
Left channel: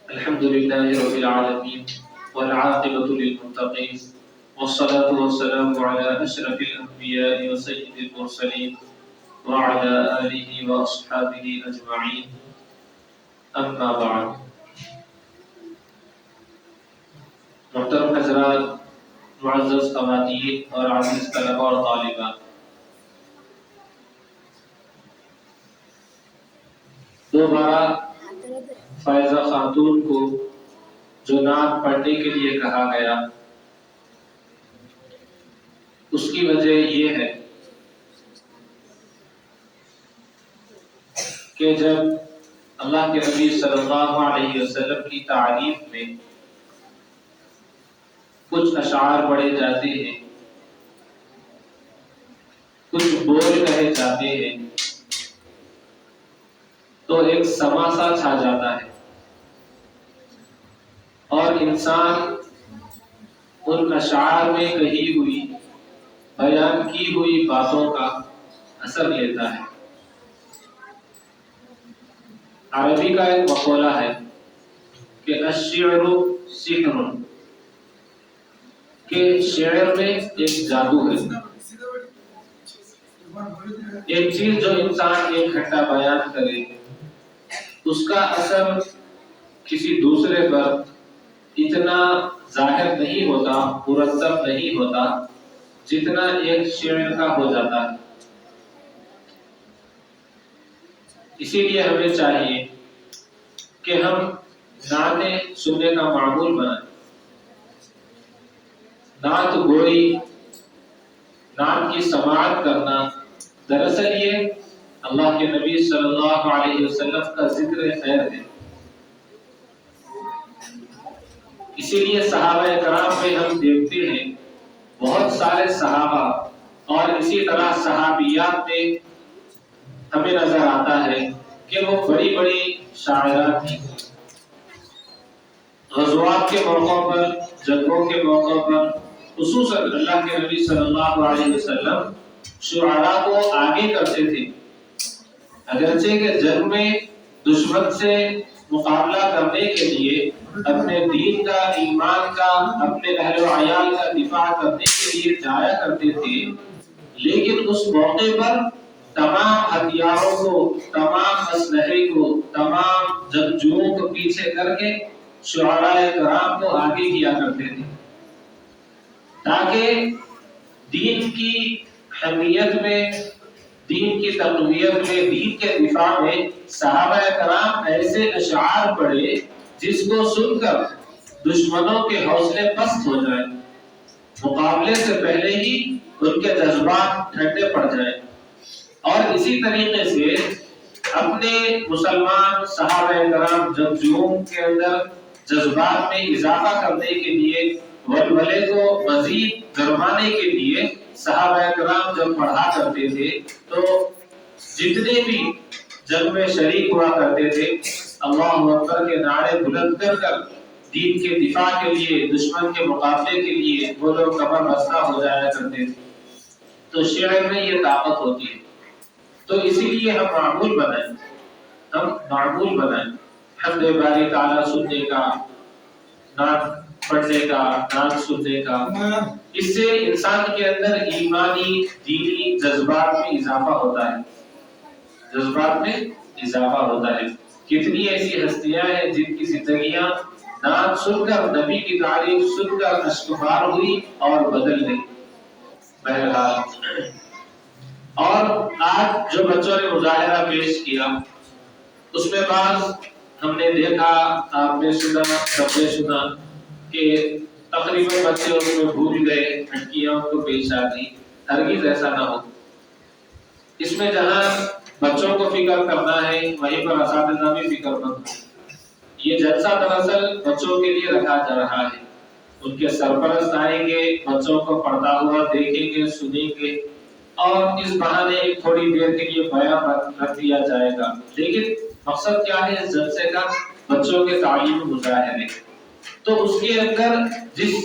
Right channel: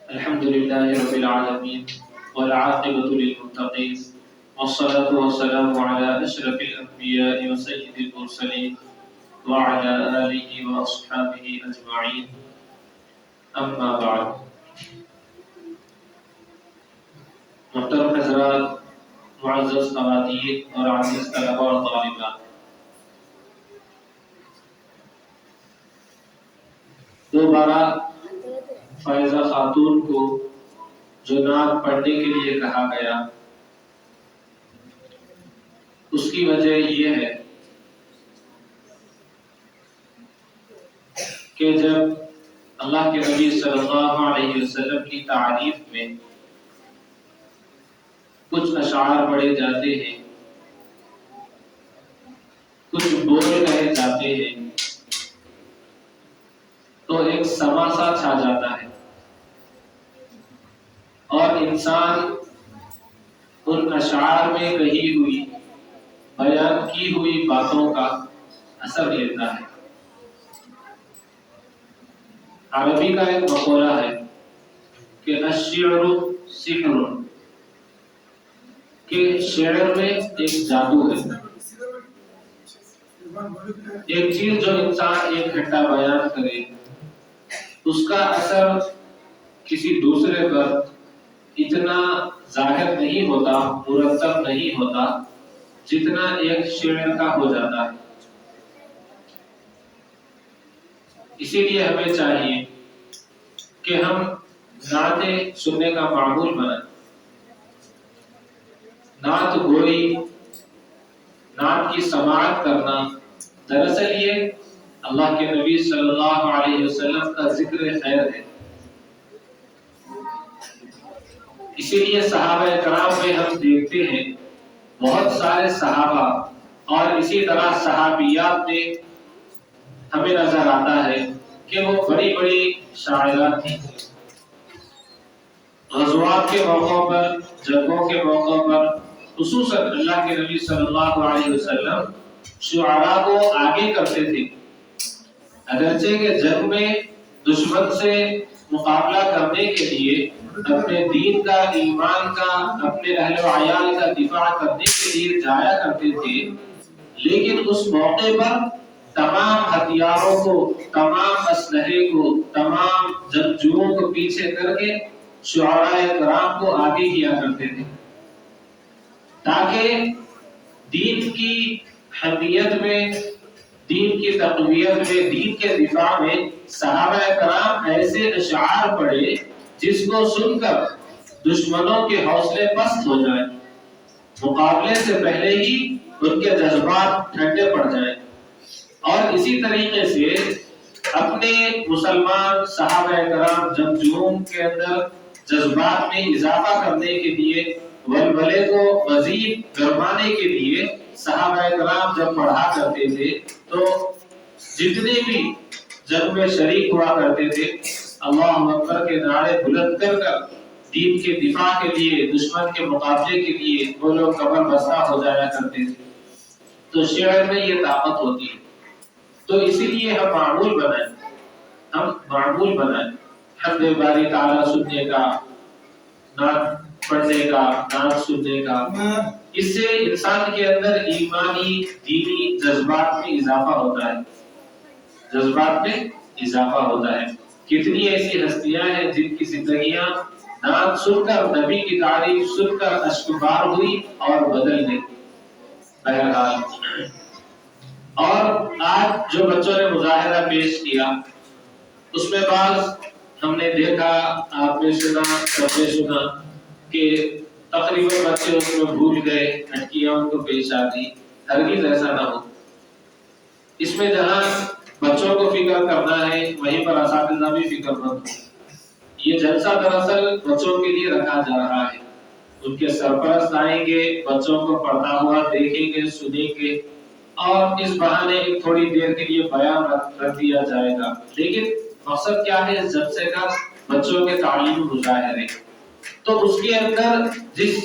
الحمد لله رب العالمين والعاقبة للمتقين والصلاة والسلام على أشرف الأنبياء وسيد المرسلين وعلى آله وأصحابه أجمعين. أما بعد. محترم حضرات، معزز خواتین اور عزیز طلباء اور طالبات، دوبارہ فائزہ خاتون کو جو نعت پڑھنے کے لیے کہا گیا، اس کی وجہ یہ ہے کہ جب اللہ کے نبی صلی اللہ علیہ وسلم کی تعریف میں کچھ اشعار پڑھے جاتے ہیں، کچھ بول کہے جاتے ہیں، تو ایک سما سا چھا جاتا ہے اور انسان ان اشعار میں کہی ہوئی بیان کی ہوئی باتوں کا اثر لیتا ہے۔ عربی کا ایک مقولہ ہے کہ الشعر سحر، کہ شعر میں ایک جادو ہے، ایک چیز جو انسان ایک گھنٹہ بیان کرے اس کا اثر کسی دوسرے پر اتنا ظاہر نہیں ہوتا، مرتب نہیں ہوتا جتنا ایک شعر کا ہو جاتا ہے۔ اسی لیے ہمیں چاہیے کہ ہم نعتیں سننے کا معمول بنائیں۔ نعت گوئی، نعت کی سماعت کرنا، دراصل یہ اللہ کے نبی صلی اللہ علیہ وسلم کا ذکر خیر ہے۔ اسی لیے صحابہ کرام میں ہم دیکھتے ہیں بہت سارے صحابہ اور اسی طرح صحابیات میں ہمیں نظر آتا ہے کہ وہ بڑی بڑی شاعرات تھیں۔ غزوات کے موقع پر، جنگوں کے موقع پر خصوصاً اللہ کے نبی صلی اللہ علیہ وسلم شعراء کو آگے کرتے تھے۔ اگرچہ کہ جنگ میں دشمن سے مقابلہ کرنے کے لیے، اپنے دین کا، ایمان کا، اپنے اہل و عیال کا دفاع کرنے کے لیے جایا کرتے تھے، لیکن اس موقع پر تمام ہتھیاروں کو، تمام اسلحے کو، تمام جنگجوؤں کو پیچھے کر کے شعراء کرام کو آگے کیا کرتے تھے، تاکہ دین کی حمیت میں، دین کی تقویت میں، دین کے دفاع میں صحابہ کرام ایسے اشعار پڑھے جس کو سن کر دشمنوں کے حوصلے پست ہو جائیں، مقابلے سے پہلے ہی ان کے جذبات ٹھنڈے پڑ جائیں۔ اور اسی طریقے سے اپنے مسلمان صحابہ کرام جنگجوؤں کے اندر جذبات میں اضافہ کرنے کے لیے، ولولے کو مزید گرمانے کے لیے صحابہ کرام جب پڑھا کرتے تھے تو جتنے بھی جنگ میں شریک ہوا کرتے تھے اللہ اکبر کے نعرے بلند کر کر دین کے دفاع کے لیے، دشمن کے مقابلے کے لیے وہ لوگ کمر بستہ ہو جایا کرتے تھے۔ تو شعر میں یہ طاقت ہوتی ہے۔ تو اسی لیے ہم معمول بنائیں حمد باری تعالیٰ سننے کا، نعت پڑھنے کا، نعت سننے کا۔ اس سے انسان کے اندر ایمانی، دینی جذبات میں اضافہ ہوتا ہے، جذبات میں اضافہ ہوتا ہے۔ کتنی ایسی ہستیاں ہیں جن کی زندگیاں نعت سن کر، نبی کی تعریف سن کر اشکبار ہوئی اور بدل گئی۔ بہرحال، اور آج جو بچوں نے مظاہرہ پیش کیا اس میں بعض ہم نے دیکھا، آپ نے سنا، سب نے سنا کہ تقریباً بچے اس میں بھول گئے، ہٹکیاں ان کو پیش آ دی۔ ہرگز ایسا نہ ہو۔ اس میں جہاں بچوں کو فکر کرنا ہے وہیں پر اساتذہ بھی فکر مند ہو۔ یہ جلسہ دراصل بچوں کے لیے رکھا جا رہا ہے۔ ان کے سرپرست آئیں گے، بچوں کو پڑھتا ہوا دیکھیں گے، سنیں گے، اور اس بہانے ایک تھوڑی دیر کے لیے بیان رکھ دیا جائے گا۔ لیکن مقصد کیا ہے اس جلسے کا؟ بچوں کے تعلیم مظاہرے۔ تو اس کے اندر جس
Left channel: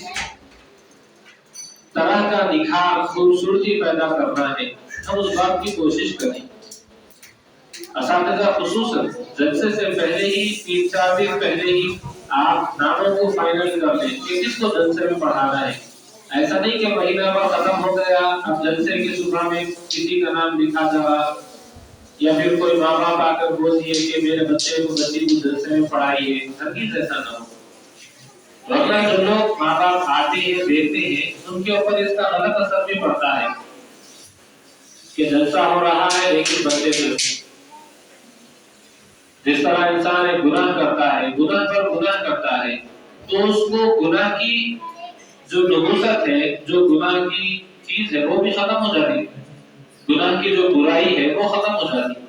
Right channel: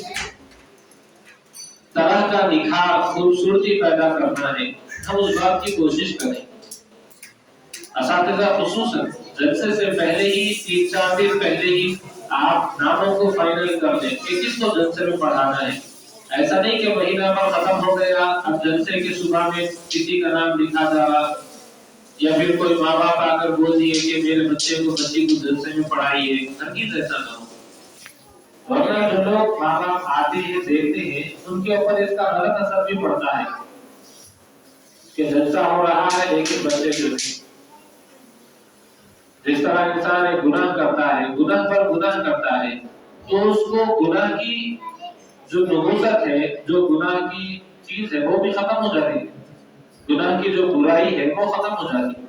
طرح کا نکھار، خوبصورتی پیدا کرنا ہے، ہم اس بات کی کوشش کریں۔ اساتذہ خصوصاً جلسے سے پہلے ہی 3-4 دن پہلے ہی آپ ناموں کو فائنل کر لیں کہ کس کو جلسے میں پڑھانا ہے۔ ایسا نہیں کہ مہینہ بھر ختم ہو گیا، اب جلسے کی صبح میں کسی کا نام لکھا جا رہا، یا پھر کوئی ماں باپ آ کر بول دیے کہ میرے بچے کو، بچی کو جلسے میں پڑھائیے۔ ہرگز ایسا نہ ہو۔ ورنہ جو لوگ ماں باپ آتے ہیں، دیکھتے ہیں، ان کے اوپر اس کا غلط اثر بھی پڑتا ہے کہ جلسہ ہو رہا ہے لیکن بچے سے جس طرح انسان ایک گناہ کرتا ہے، گناہ پر گناہ کرتا ہے، تو اس کو گناہ کی جو نحوست ہے، جو گناہ کی چیز ہے وہ بھی ختم ہو جاتی ہے، گناہ کی جو برائی ہے وہ ختم ہو جاتی ہے۔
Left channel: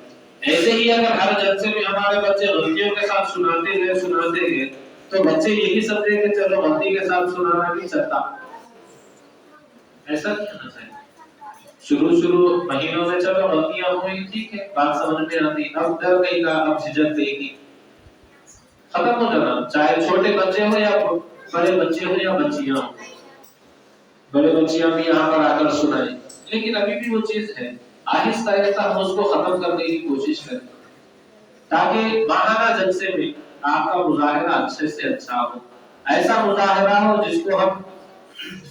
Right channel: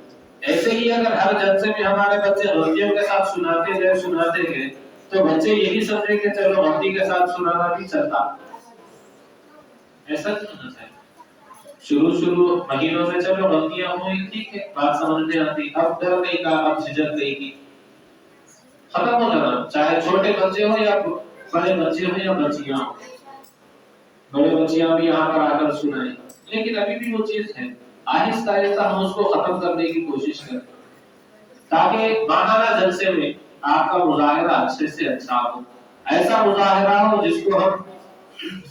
ایسے ہی اگر ہر جلسے میں ہمارے بچے غلطیوں کے ساتھ سناتے گئے تو بچے یہی سمجھیں کہ چلو غلطی کے ساتھ سنانا نہیں چلتا. ایسا نہیں ہونا چاہیے. شروع مہینوں میں چلو غلطیاں ہوئی ٹھیک ہے، بات سمجھ میں آتی، اب ڈر نہیں کا، اب جھجک نہیں کی، ختم ہو جانا. چاہے چھوٹے بچے ہو یا بڑے بچے ہو یا بچیاں ہو، بڑے بچیاں بھی یہاں پر آ کر سنائیں. لیکن ابھی بھی وہ چیز ہے، آہستہ آہستہ ہم اس کو ختم کرنے کی کوشش کریں تاکہ ماہانہ جلسے میں آپ کا مظاہرہ اچھے سے اچھا ہو. ایسا مظاہرہ ہو جس کو ہم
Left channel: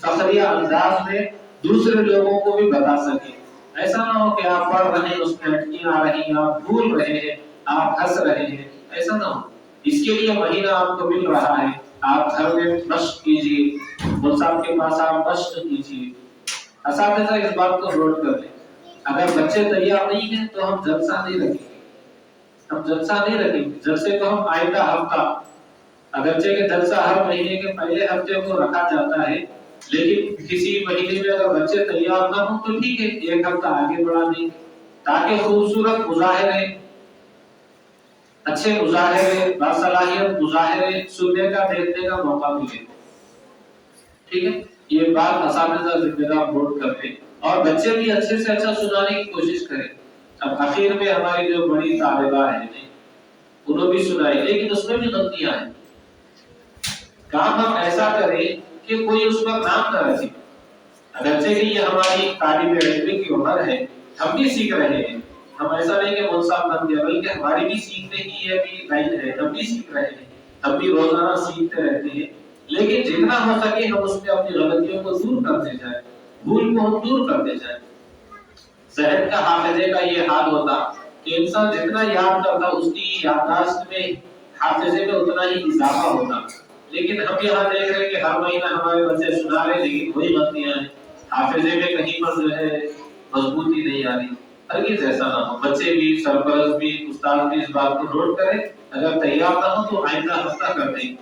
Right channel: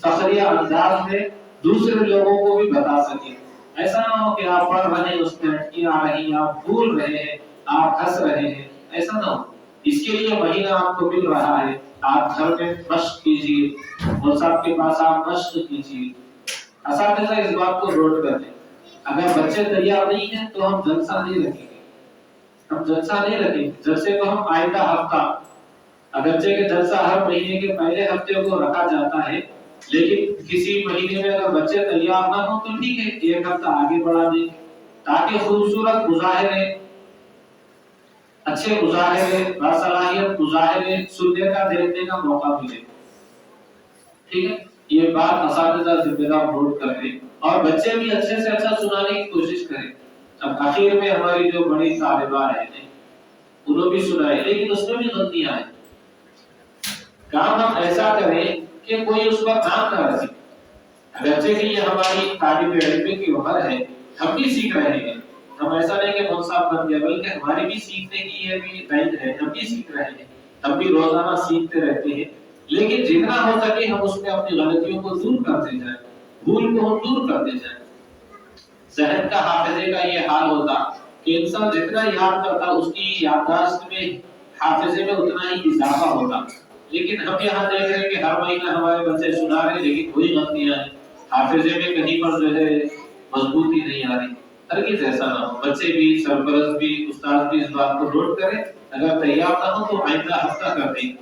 فخریہ انداز میں دوسرے لوگوں کو بھی بتا سکیں. ایسا نہ ہو کہ آپ پڑھ رہے ہیں اس میں اٹکیاں آ رہی ہیں، آپ بھول رہے ہیں، آپ ہنس رہے ہیں. ایسا نہ ہو. اس کے لیے مہینہ آپ کو مل رہا ہے، آپ گھر میں مشق کیجیے، صاحب کے پاس آپ مشق کیجیے. اساتذہ اس بات کو نوٹ کر لیں. اگر بچے تیار نہیں ہیں تو ہم جلسہ نہیں رکھیں گے. جلسے کو ہم آئندہ ہفتہ، اگرچہ کہ جلسہ ہر مہینے کے پہلے ہفتے کو رکھا جاتا ہے، لیکن کسی مہینے میں اگر بچے تیار نہ ہوں تو ٹھیک ہے، ایک ہفتہ آگے بڑھا دیں تاکہ خوبصورت مظاہرے، اچھے مظاہرے، باصلاحیت مظاہرے سننے کا، دیکھنے کا موقع ملے. ٹھیک ہے، یہ بات اساتذہ ذمہ دار نوٹ کر لیں اور بچے بھی اچھے سے اچھا سنانے کی کوشش کریں. اب آخر میں ہماری جو بڑی طالبہ ہیں انہوں بھی سنائے، لیکن اس میں بھی غلطیاں ہیں. کام ہم ایسا کریں کہ کوئی اس پر نام نہ رکھے. اگرچہ کہ یہ ہماری طالب علم کی عمر ہے، ہم بھی سیکھ رہے ہیں. ہم ایسا نہیں کہ مول صاحب بن گیا، بلکہ ہماری بھی سیکھنے کی یہ بھی لائن ہے. ہم بھی سیکھ رہے ہیں، ہم بھی روزانہ سیکھتے رہتے ہیں. لیکن جتنا ہو سکے ہم اس میں اپنی غلطیوں کو دور کرتے جائیں، بھول کو ہم دور کرتے جائیں. ذہن کا حافظے کا یہ حال ہوتا کہ انسان جتنا یاد کرتا اس کی یادداشت میں، حافظے میں اتنا ہی اضافہ ہوتا. لیکن ہم یہاں دیکھ رہے ہیں کہ ہر مہینہ ہمارے بچے سنا رہے ہیں لیکن وہی غلطیاں ہیں. حافظے میں کہیں پر جو ہے مضبوطی نہیں آ رہی. ہرگز ایسا نہ ہو. بچے بھی، سرپرست بھی، استاد بھی اس بات کو نوٹ کریں. اگر تیار نہ ہو تو آئندہ ہفتہ کر دیں.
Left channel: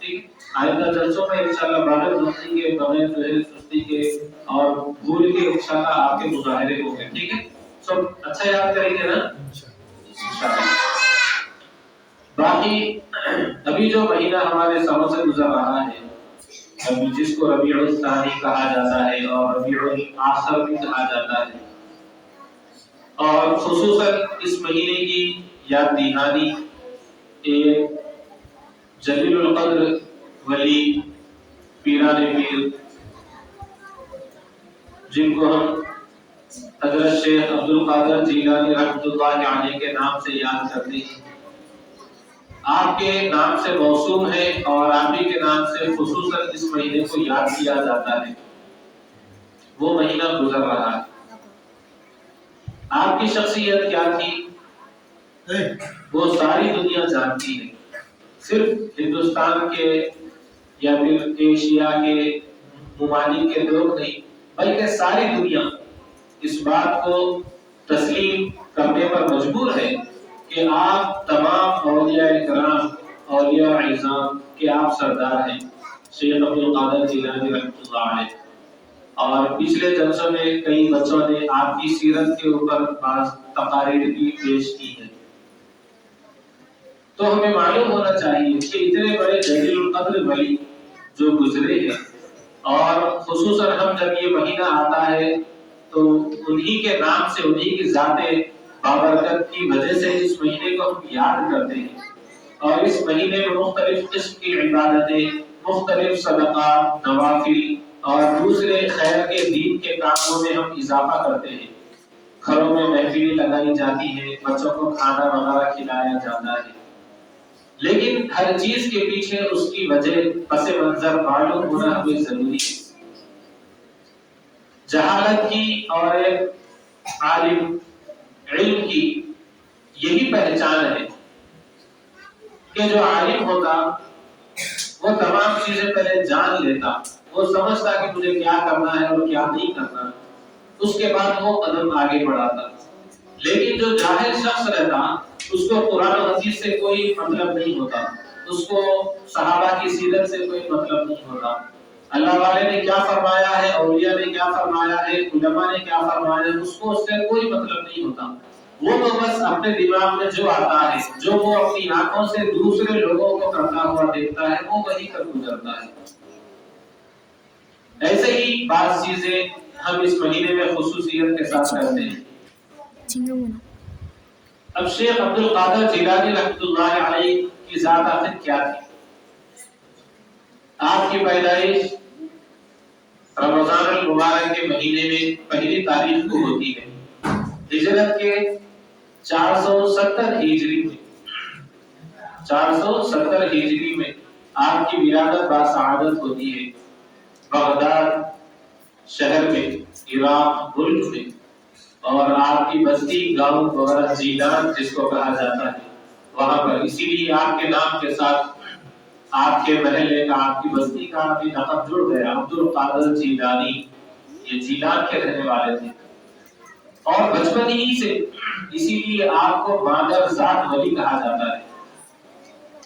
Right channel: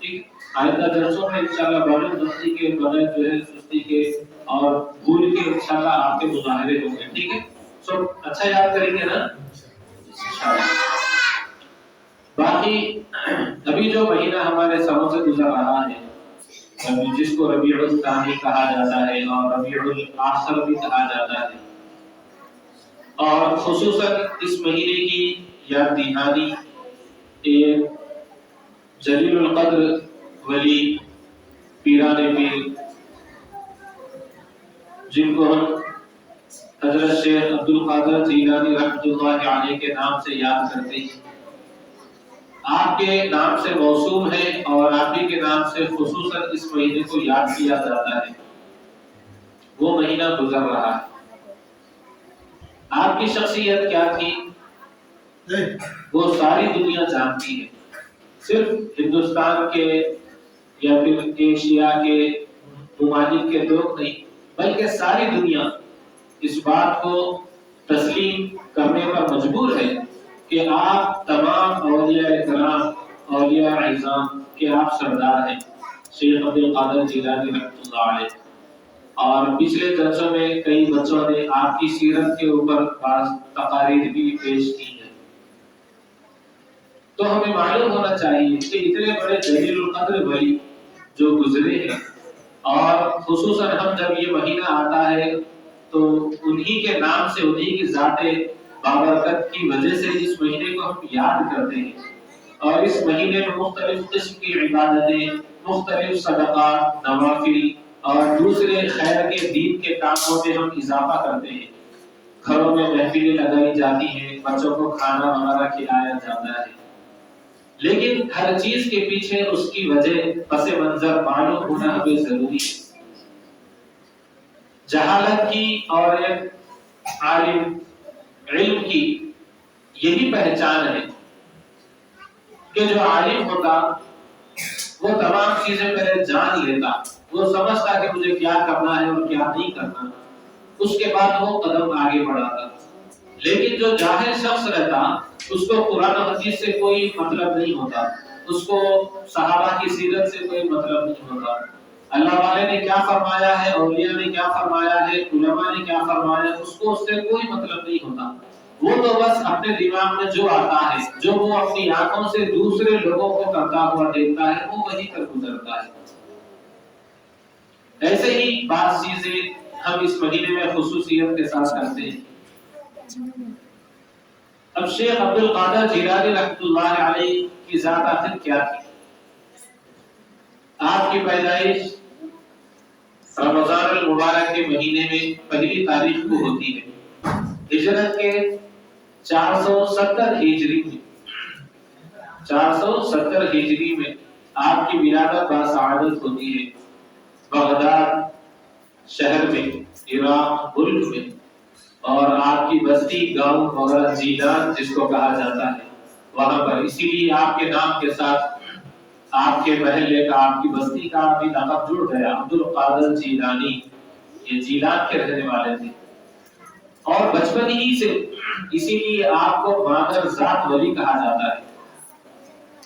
ٹھیک، آئندہ جلسوں میں انشاءاللہ بغیر غلطی کے، بغیر جو ہے سستی کے اور بھول کے انشاءاللہ آپ کے مظاہرے ہوں گے. ٹھیک ہے، سب اچھا یاد کریں گے نا انشاءاللہ. باقی ابھی جو مہینہ ہمارے سروں سے گزر رہا ہے، جس کو ربیع الثانی کہا جاتا ہے اور ربیع الاخر بھی کہا جاتا ہے، اور خصوصاً اس مہینے کی یاد دہانی ایک جلیل القدر ولی پیران پیر، جن کو ہم حضرت شیخ عبد القادر جیلانی رحمۃ اللہ علیہ کے نام سے یاد کرتے ہیں. آپ کے نام سے موسوم ہے اور آپ ہی کے نام سے خصوصاً اس مہینے کو یاد کیا جاتا ہے. وہ مہینہ گزر رہا ہے. آپ کی شخصیت کیا تھی وہ ساری دنیا جانتی ہے. صرف ہندوستان کے یا پھر ایشیا کے ممالک کے لوگ نہیں، بلکہ ساری دنیا اس بات کو تسلیم کرنے پر مجبور ہے کہ آپ تمام اولیاء کرام، اولیاء اعظام کے آپ سردار ہیں، شیخ عبد القادر جیلانی رحمۃ اللہ علیہ. اور پچھلے جلسوں میں کئی بچوں نے آپ کی سیرت کے اوپر بعض تقاریر بھی پیش کی ہیں. تو ہمیں معلوم ہونا چاہیے کہ اتنے بڑے جلیل القدر ولی جو گزرے ہیں، اور خصوصاً ہم جب یہ مہینہ آتا ہے تو انہی کے نام سے، انہی کی ذات بابرکت کی وجہ سے اس مہینے کو ہم یاد کرتے ہیں. اور اس مہینے میں مختلف قسم کی عبادتیں، مختلف صدقات، نوافل اور دوسرے خیر کے دین کے کاموں میں ہم اضافہ کرتے ہیں. گھروں میں محفلیں لگائی جاتی ہیں، بچوں کو کھانا وغیرہ کھلایا جاتا ہے. لیکن ہر چیز کے پیچھے اس کی وجہ، پس منظر معلوم ہونا ہمیں ضروری ہے. جہالت کی اور ایک عالم علم کی یہی پہچان ہے کہ جو عالم ہوتا وہ تمام چیزیں پہلے جان لیتا، وہ سمجھتا کہ مجھے کیا کرنا ہے اور کیا نہیں کرنا، اس کے بعد وہ قدم آگے بڑھاتا. لیکن جو جاہل شخص رہتا اس کو قرآن و حدیث سے کوئی مطلب نہیں ہوتا، اس کو صحابہ کی سیرت سے کوئی مطلب نہیں ہوتا، اللہ والے نے کیا فرمایا ہے، اولیاء نے کیا فرمایا ہے، علماء نے کیا فرمایا ہے، اس کو اس سے کوئی مطلب نہیں ہوتا. وہ تو بس اپنے دماغ میں جو آتا ہے، جو وہ اپنی آنکھوں سے دوسرے لوگوں کو کرتا ہوا دیکھتا ہے، وہ وہی کر گزرتا ہے۔ ایسے ہی بعض چیزیں ہم اس مہینے میں خصوصیت کے ساتھ کرتے ہیں۔ اب شیخ عبد القادر جیلانی رحمۃ اللہ علیہ کی ذات آخر کیا تھی؟ آپ کی پیدائش رمضان المبارک کے مہینے میں پہلی تاریخ کو ہوتی ہے، ہجرت کے 470 ہجری میں 470 ہجری میں آپ کی ولادت باسعادت ہوتی ہے بغداد شہر میں، عراق ملک میں، اور آپ کی بستی گاؤں وغیرہ جیلان جس کو کہا جاتا ہے وہاں پر، اسی لیے آپ کے نام کے ساتھ آپ کے محلے کا، آپ کی بستی کا بھی لقب جڑ گیا، عبد القادر جیلانی، یہ جیلان کے رہنے والے تھے۔ اور بچپن ہی سے اسی لیے آپ کو بادر ذات ولی کہا جاتا ہے۔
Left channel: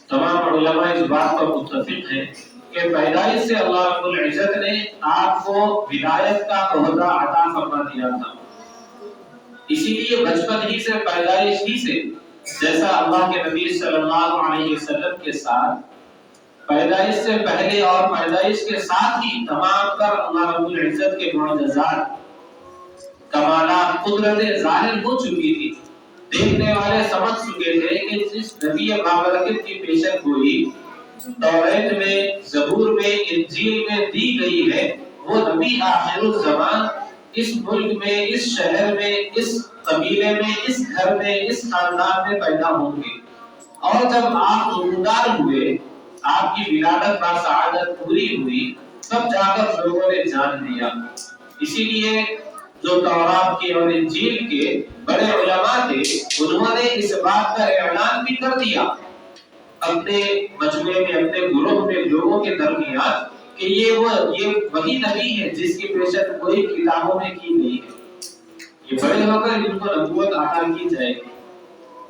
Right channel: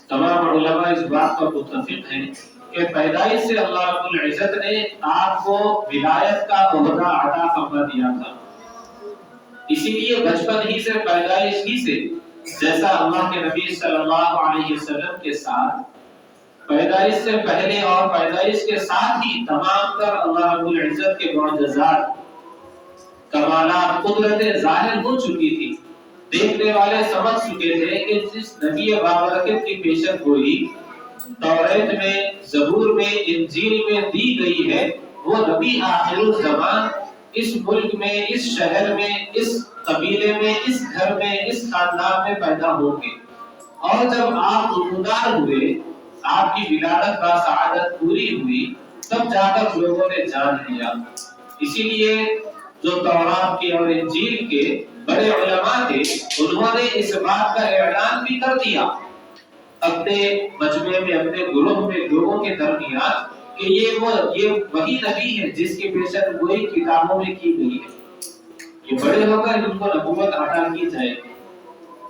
تمام علماء اس بات پر متفق ہیں کہ پیدائش سے اللہ رب العزت نے آپ کو ولایت کا عہدہ عطا فرما دیا تھا، اسی لیے بچپن ہی سے، پیدائش ہی سے، جیسا اللہ کے نبی صلی اللہ علیہ وسلم کے ساتھ پیدائش سے پہلے اور پیدائش کے ساتھ ہی تمام تر اللہ رب العزت کے معجزات، کمالات، قدرتیں ظاہر ہو چکی تھی۔ دیکھنے والے سمجھ چکے تھے کہ جس نبی بابرکت کی پیشن گوئی توریت میں، زبور میں، انجیل میں دی گئی ہے، وہ نبی آخر الزمان اس ملک میں، اس شہر میں، اس قبیلے میں، اس گھر میں، اس خاندان میں پیدا ہوں گے۔ اور جب آپ نمودار ہوئے، آپ کی ولادت باسعادت پوری ہوئی، تب جا کر لوگوں نے جان لیا۔ اسی لیے جو تورات کے اور انجیل کے بڑے علماء تھے، انہوں نے اس بات کا اعلان بھی کر دیا اپنے مجمع میں، اپنے گروہ میں، لوگوں کے درمیان کہ یہ وہی نبی ہے جس کی پیشن گوئی کتابوں میں کی گئی ہے، یہ بڑے ہو کر ان کو نبوت عطا کی جائے گی۔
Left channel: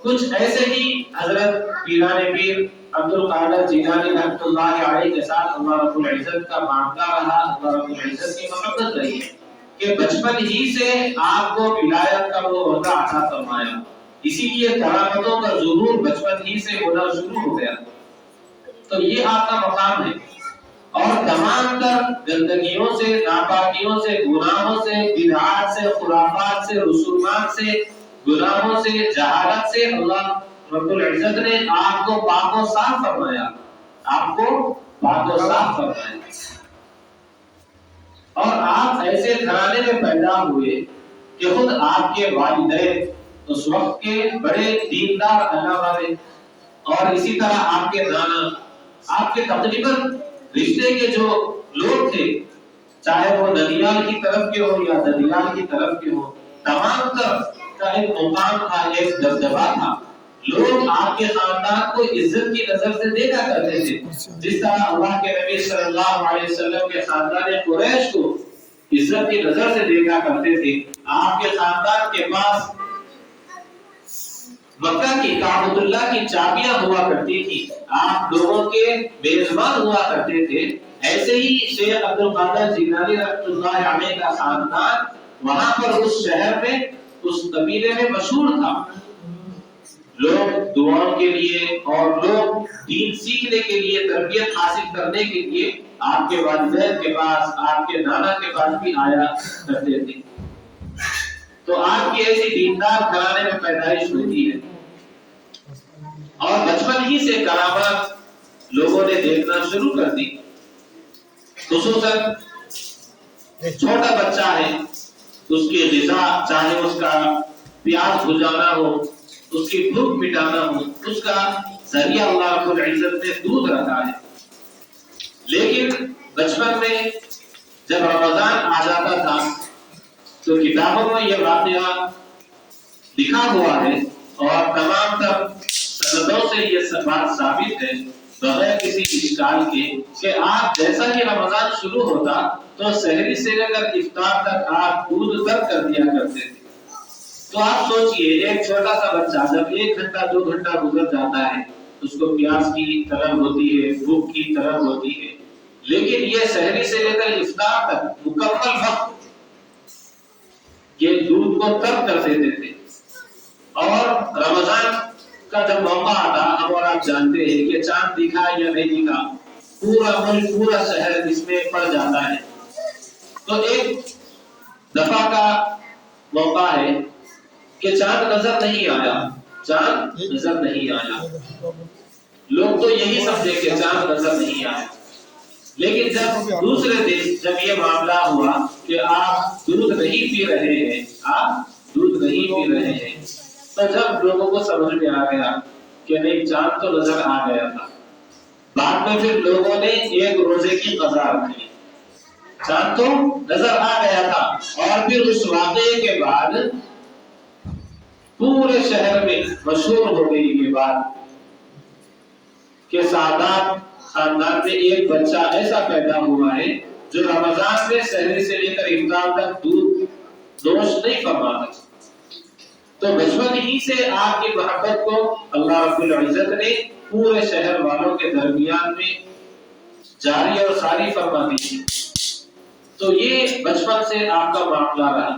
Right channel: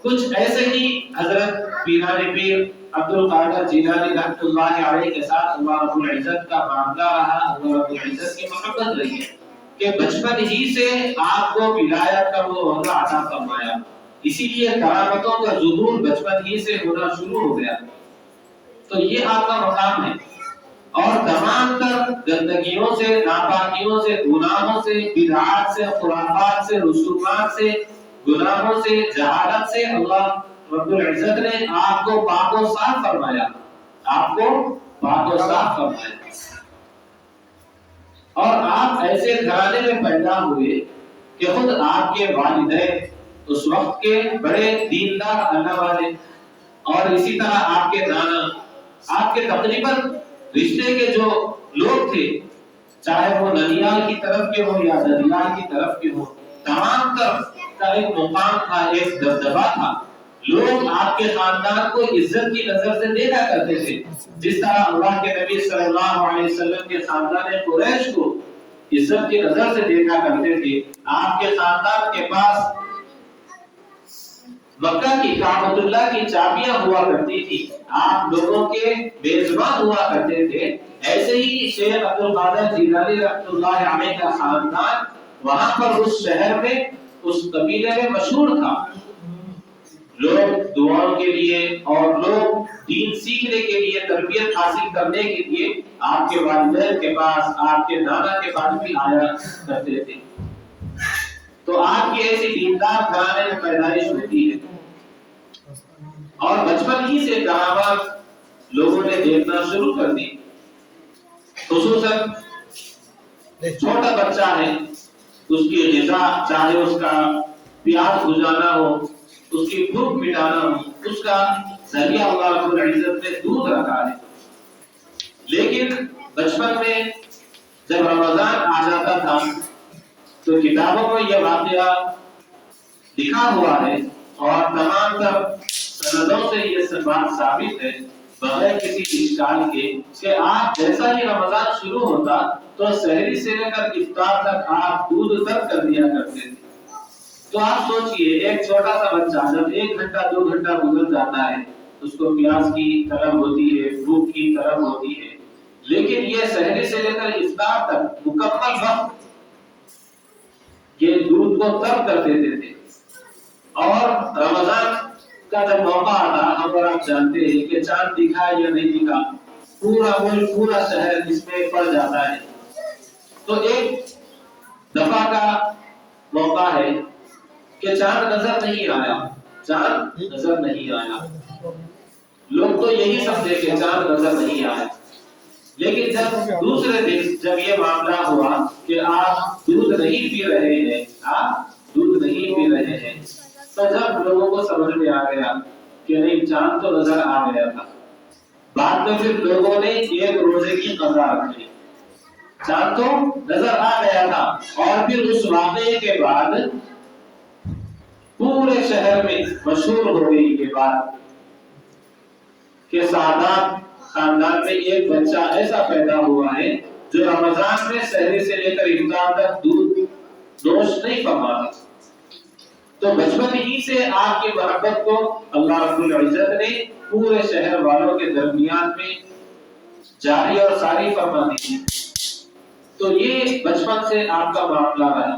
کچھ ایسے ہی حضرت پیران پیر عبد القادر جیلانی رحمۃ اللہ علیہ کے ساتھ اللہ رب العزت کا معاملہ رہا، اللہ رب العزت کی محبت رہی ہے کہ بچپن ہی سے آپ کو ولایت کا وہ عہدہ عطا فرمایا، اسی لیے کرامتوں کا ظہور بچپن ہی سے ہونا شروع ہو گیا۔ تو یہ آپ کا مقام ہے، اور تمام تر گندگیوں سے، ناپاکیوں سے، گناہوں سے، بدعات سے، خرافات سے، رسومات سے، گناہوں سے، جہالت سے اللہ رب العزت نے آپ کو پاک و صاف فرمایا، آپ کو پاک و صاف فرمایا۔ اور آپ ایسے گھرانے میں پیدا ہوئے کہ خود آپ کے والدین اس وقت کے بڑے دیندار اللہ والے، اور اسی طرح آپ کے نانا، آپ کے تقریباً رشتے کے جو لوگ تھے، چاہے وہ ننیال کی طرف کے ہوں یا ددیال کی طرف کے ہوں، تمام تر کا ایک مقام تھا، ایک دبدبا تھا۔ لوگ آپ کے خاندان کو عزت کی نظر سے دیکھا کرتے تھے، جس طرح اللہ کے نبی صلی اللہ علیہ وسلم کے خاندان قریش کو عزت کی نظر سے دیکھا کرتے تھے۔ آپ کے خاندان کے پاس مکہ کی کعبۃ اللہ کی چابیاں ہوا کرتی تھی، آپ لوگوں کے میزبان ہوا کرتے تھے۔ ایسے ہی شیخ عبد القادر جیلانی رحمۃ اللہ علیہ کا خاندان وہاں پر اس شہر میں، اس قبیلے میں مشہور تھا۔ لوگ دعاؤں کے لیے اور لوگ دین سیکھنے کے لیے، تربیت حاصل کرنے کے لیے آپ کے والدین کے پاس، آپ کے نانا کے پاس بھی آیا کرتے تھے۔ تو آپ کی ایسی دیندار گھرانے میں پیدائش ہوتی ہے، اور بچپن ہی سے کرامات لوگوں نے دیکھنا شروع کر دی۔ خصوصاً چھوٹا بچہ ہے، اس کی غذا، چاہے اس کا پیاس بجھانا ہو، اس کی بھوک مٹانا ہو، اس کا ذریعہ اللہ رب العزت نے دودھ رکھا ہے۔ لیکن بچپن میں جب رمضان آ جاتا تھا تو کتابوں میں یہ واقعہ لکھا ہوا ہے، اور تمام تر سندوں سے یہ بات ثابت ہے بغیر کسی اشکال کے کہ آپ جیسا ہی رمضان شروع ہوتا تو سحری سے لے کر افطار تک آپ دودھ ترک کر دیا کرتے تھے۔ تو آپ سوچئے، ایک چھوٹا سا بچہ جب 1 گھنٹہ 2 گھنٹہ گزر جاتا ہے، اس کو پیاس کی طلب ہوتی ہے، بھوک کی طلب ہوتی ہے، لیکن یہ سحری سے لے کر افطار تک مکمل وقت یہ دودھ کو ترک کر دیتے تھے۔ اور رمضان کا جب موقع آتا ہم اور آپ جانتے ہیں کہ چاند دکھا یا نہیں دکھا پورا ملک پورا شہر اس میں پڑ جاتا ہے. تو ایک دفعہ کا موقع ہے کہ چاند نظر نہیں آیا, چاند نظر نہیں آیا. لوگ تو یہی سمجھے کہ چاند نظر نہیں آیا, لیکن جب دوسرے دن جب یہ معاملہ ہوا کہ آپ دودھ نہیں پی رہے ہیں, آپ دودھ نہیں پی رہے ہیں, تو جب لوگوں کو سمجھ میں آ گیا کہ نہیں چاند تو نظر آ گیا تھا, بعد میں پھر لوگوں نے ایک روزے کی قضا رکھی. چاند تو نظر آ گیا تھا اور پھر اس واقعے کے بعد پورے شہر میں مشہور ہو گئی یہ بات کہ سعادات خاندان میں ایک بچہ ایسا پیدا ہوا ہے جو رمضان میں سحری سے لے کر افطار تک دودھ نوش نہیں فرماتا. تو بچپن ہی سے آپ کی محبت کو اللہ رب العزت نے پورے شہر والوں کے درمیان میں جاری اور ساری فرما دی تھی. تو یہ بچپن سے آپ کا معاملہ رہا,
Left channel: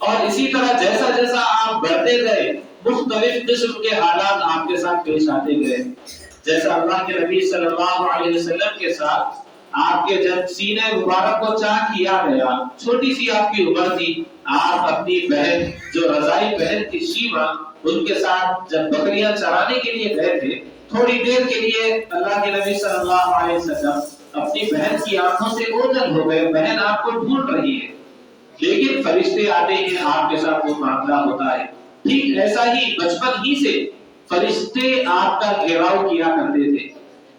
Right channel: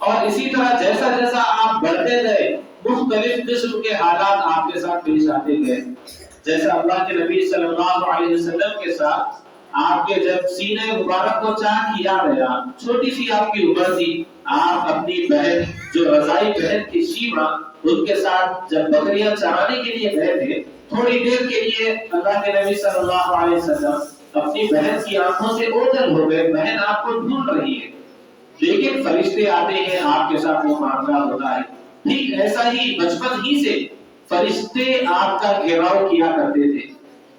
اور اسی طرح جیسا جیسا آپ بڑھتے گئے مختلف قسم کے حالات آپ کے ساتھ پیش آتے گئے. جیسا اللہ کے نبی صلی اللہ علیہ وسلم کے ساتھ آپ کے جب سینے مبارک کو چاک کیا گیا, چھوٹی سی آپ کی عمر تھی, آپ اپنی بہن جو رضائی بہن تھی شیما, ان کے ساتھ جب بکریاں چرانے کے لیے گئے تھے, تھوڑی دیر کے لیے اللہ کے نبی صلی اللہ علیہ وسلم اپنی بہن کی آنکھوں سے اوجھل ہو گئے, بہن آپ کو ڈھونڈ رہی ہے, لیکن فرشتے آتے ہیں آپ کے ساتھ وہ معاملہ ہوتا ہے. ٹھیک ایسا ہی بچپن ہی سے فرشتے آپ کا گھیراؤ کیا کرتے تھے,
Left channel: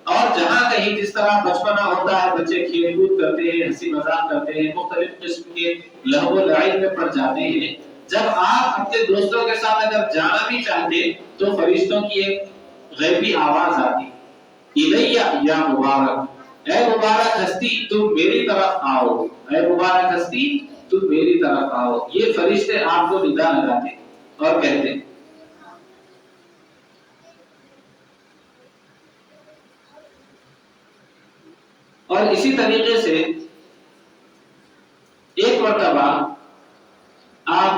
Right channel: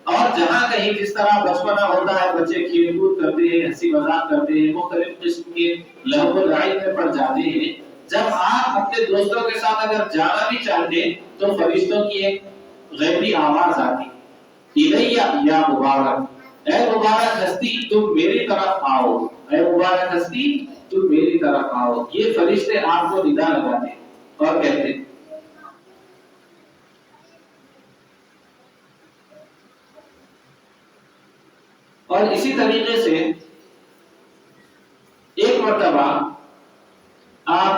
اور جہاں کہیں جس طرح بچپنا ہوتا ہے بچے کھیل کود کرتے ہیں, ہنسی مذاق کرتے ہیں, مختلف قسم کے لہو و لعب میں پڑ جاتے ہیں. جب آپ اپنے دوستوں کے ساتھ اگر جانا بھی چاہتے تو فرشتوں کی ایک غیبی آواز آتی, الیہ یا مبارک, اے مبارک ہستی تم میری طرف آؤ, اے مبارک ہستی تم میری طرف آؤ. یہ فرشتے آپ کو ندا لگاتے اور کہتے. اور اسی طریقے سے ایک مرتبہ آپ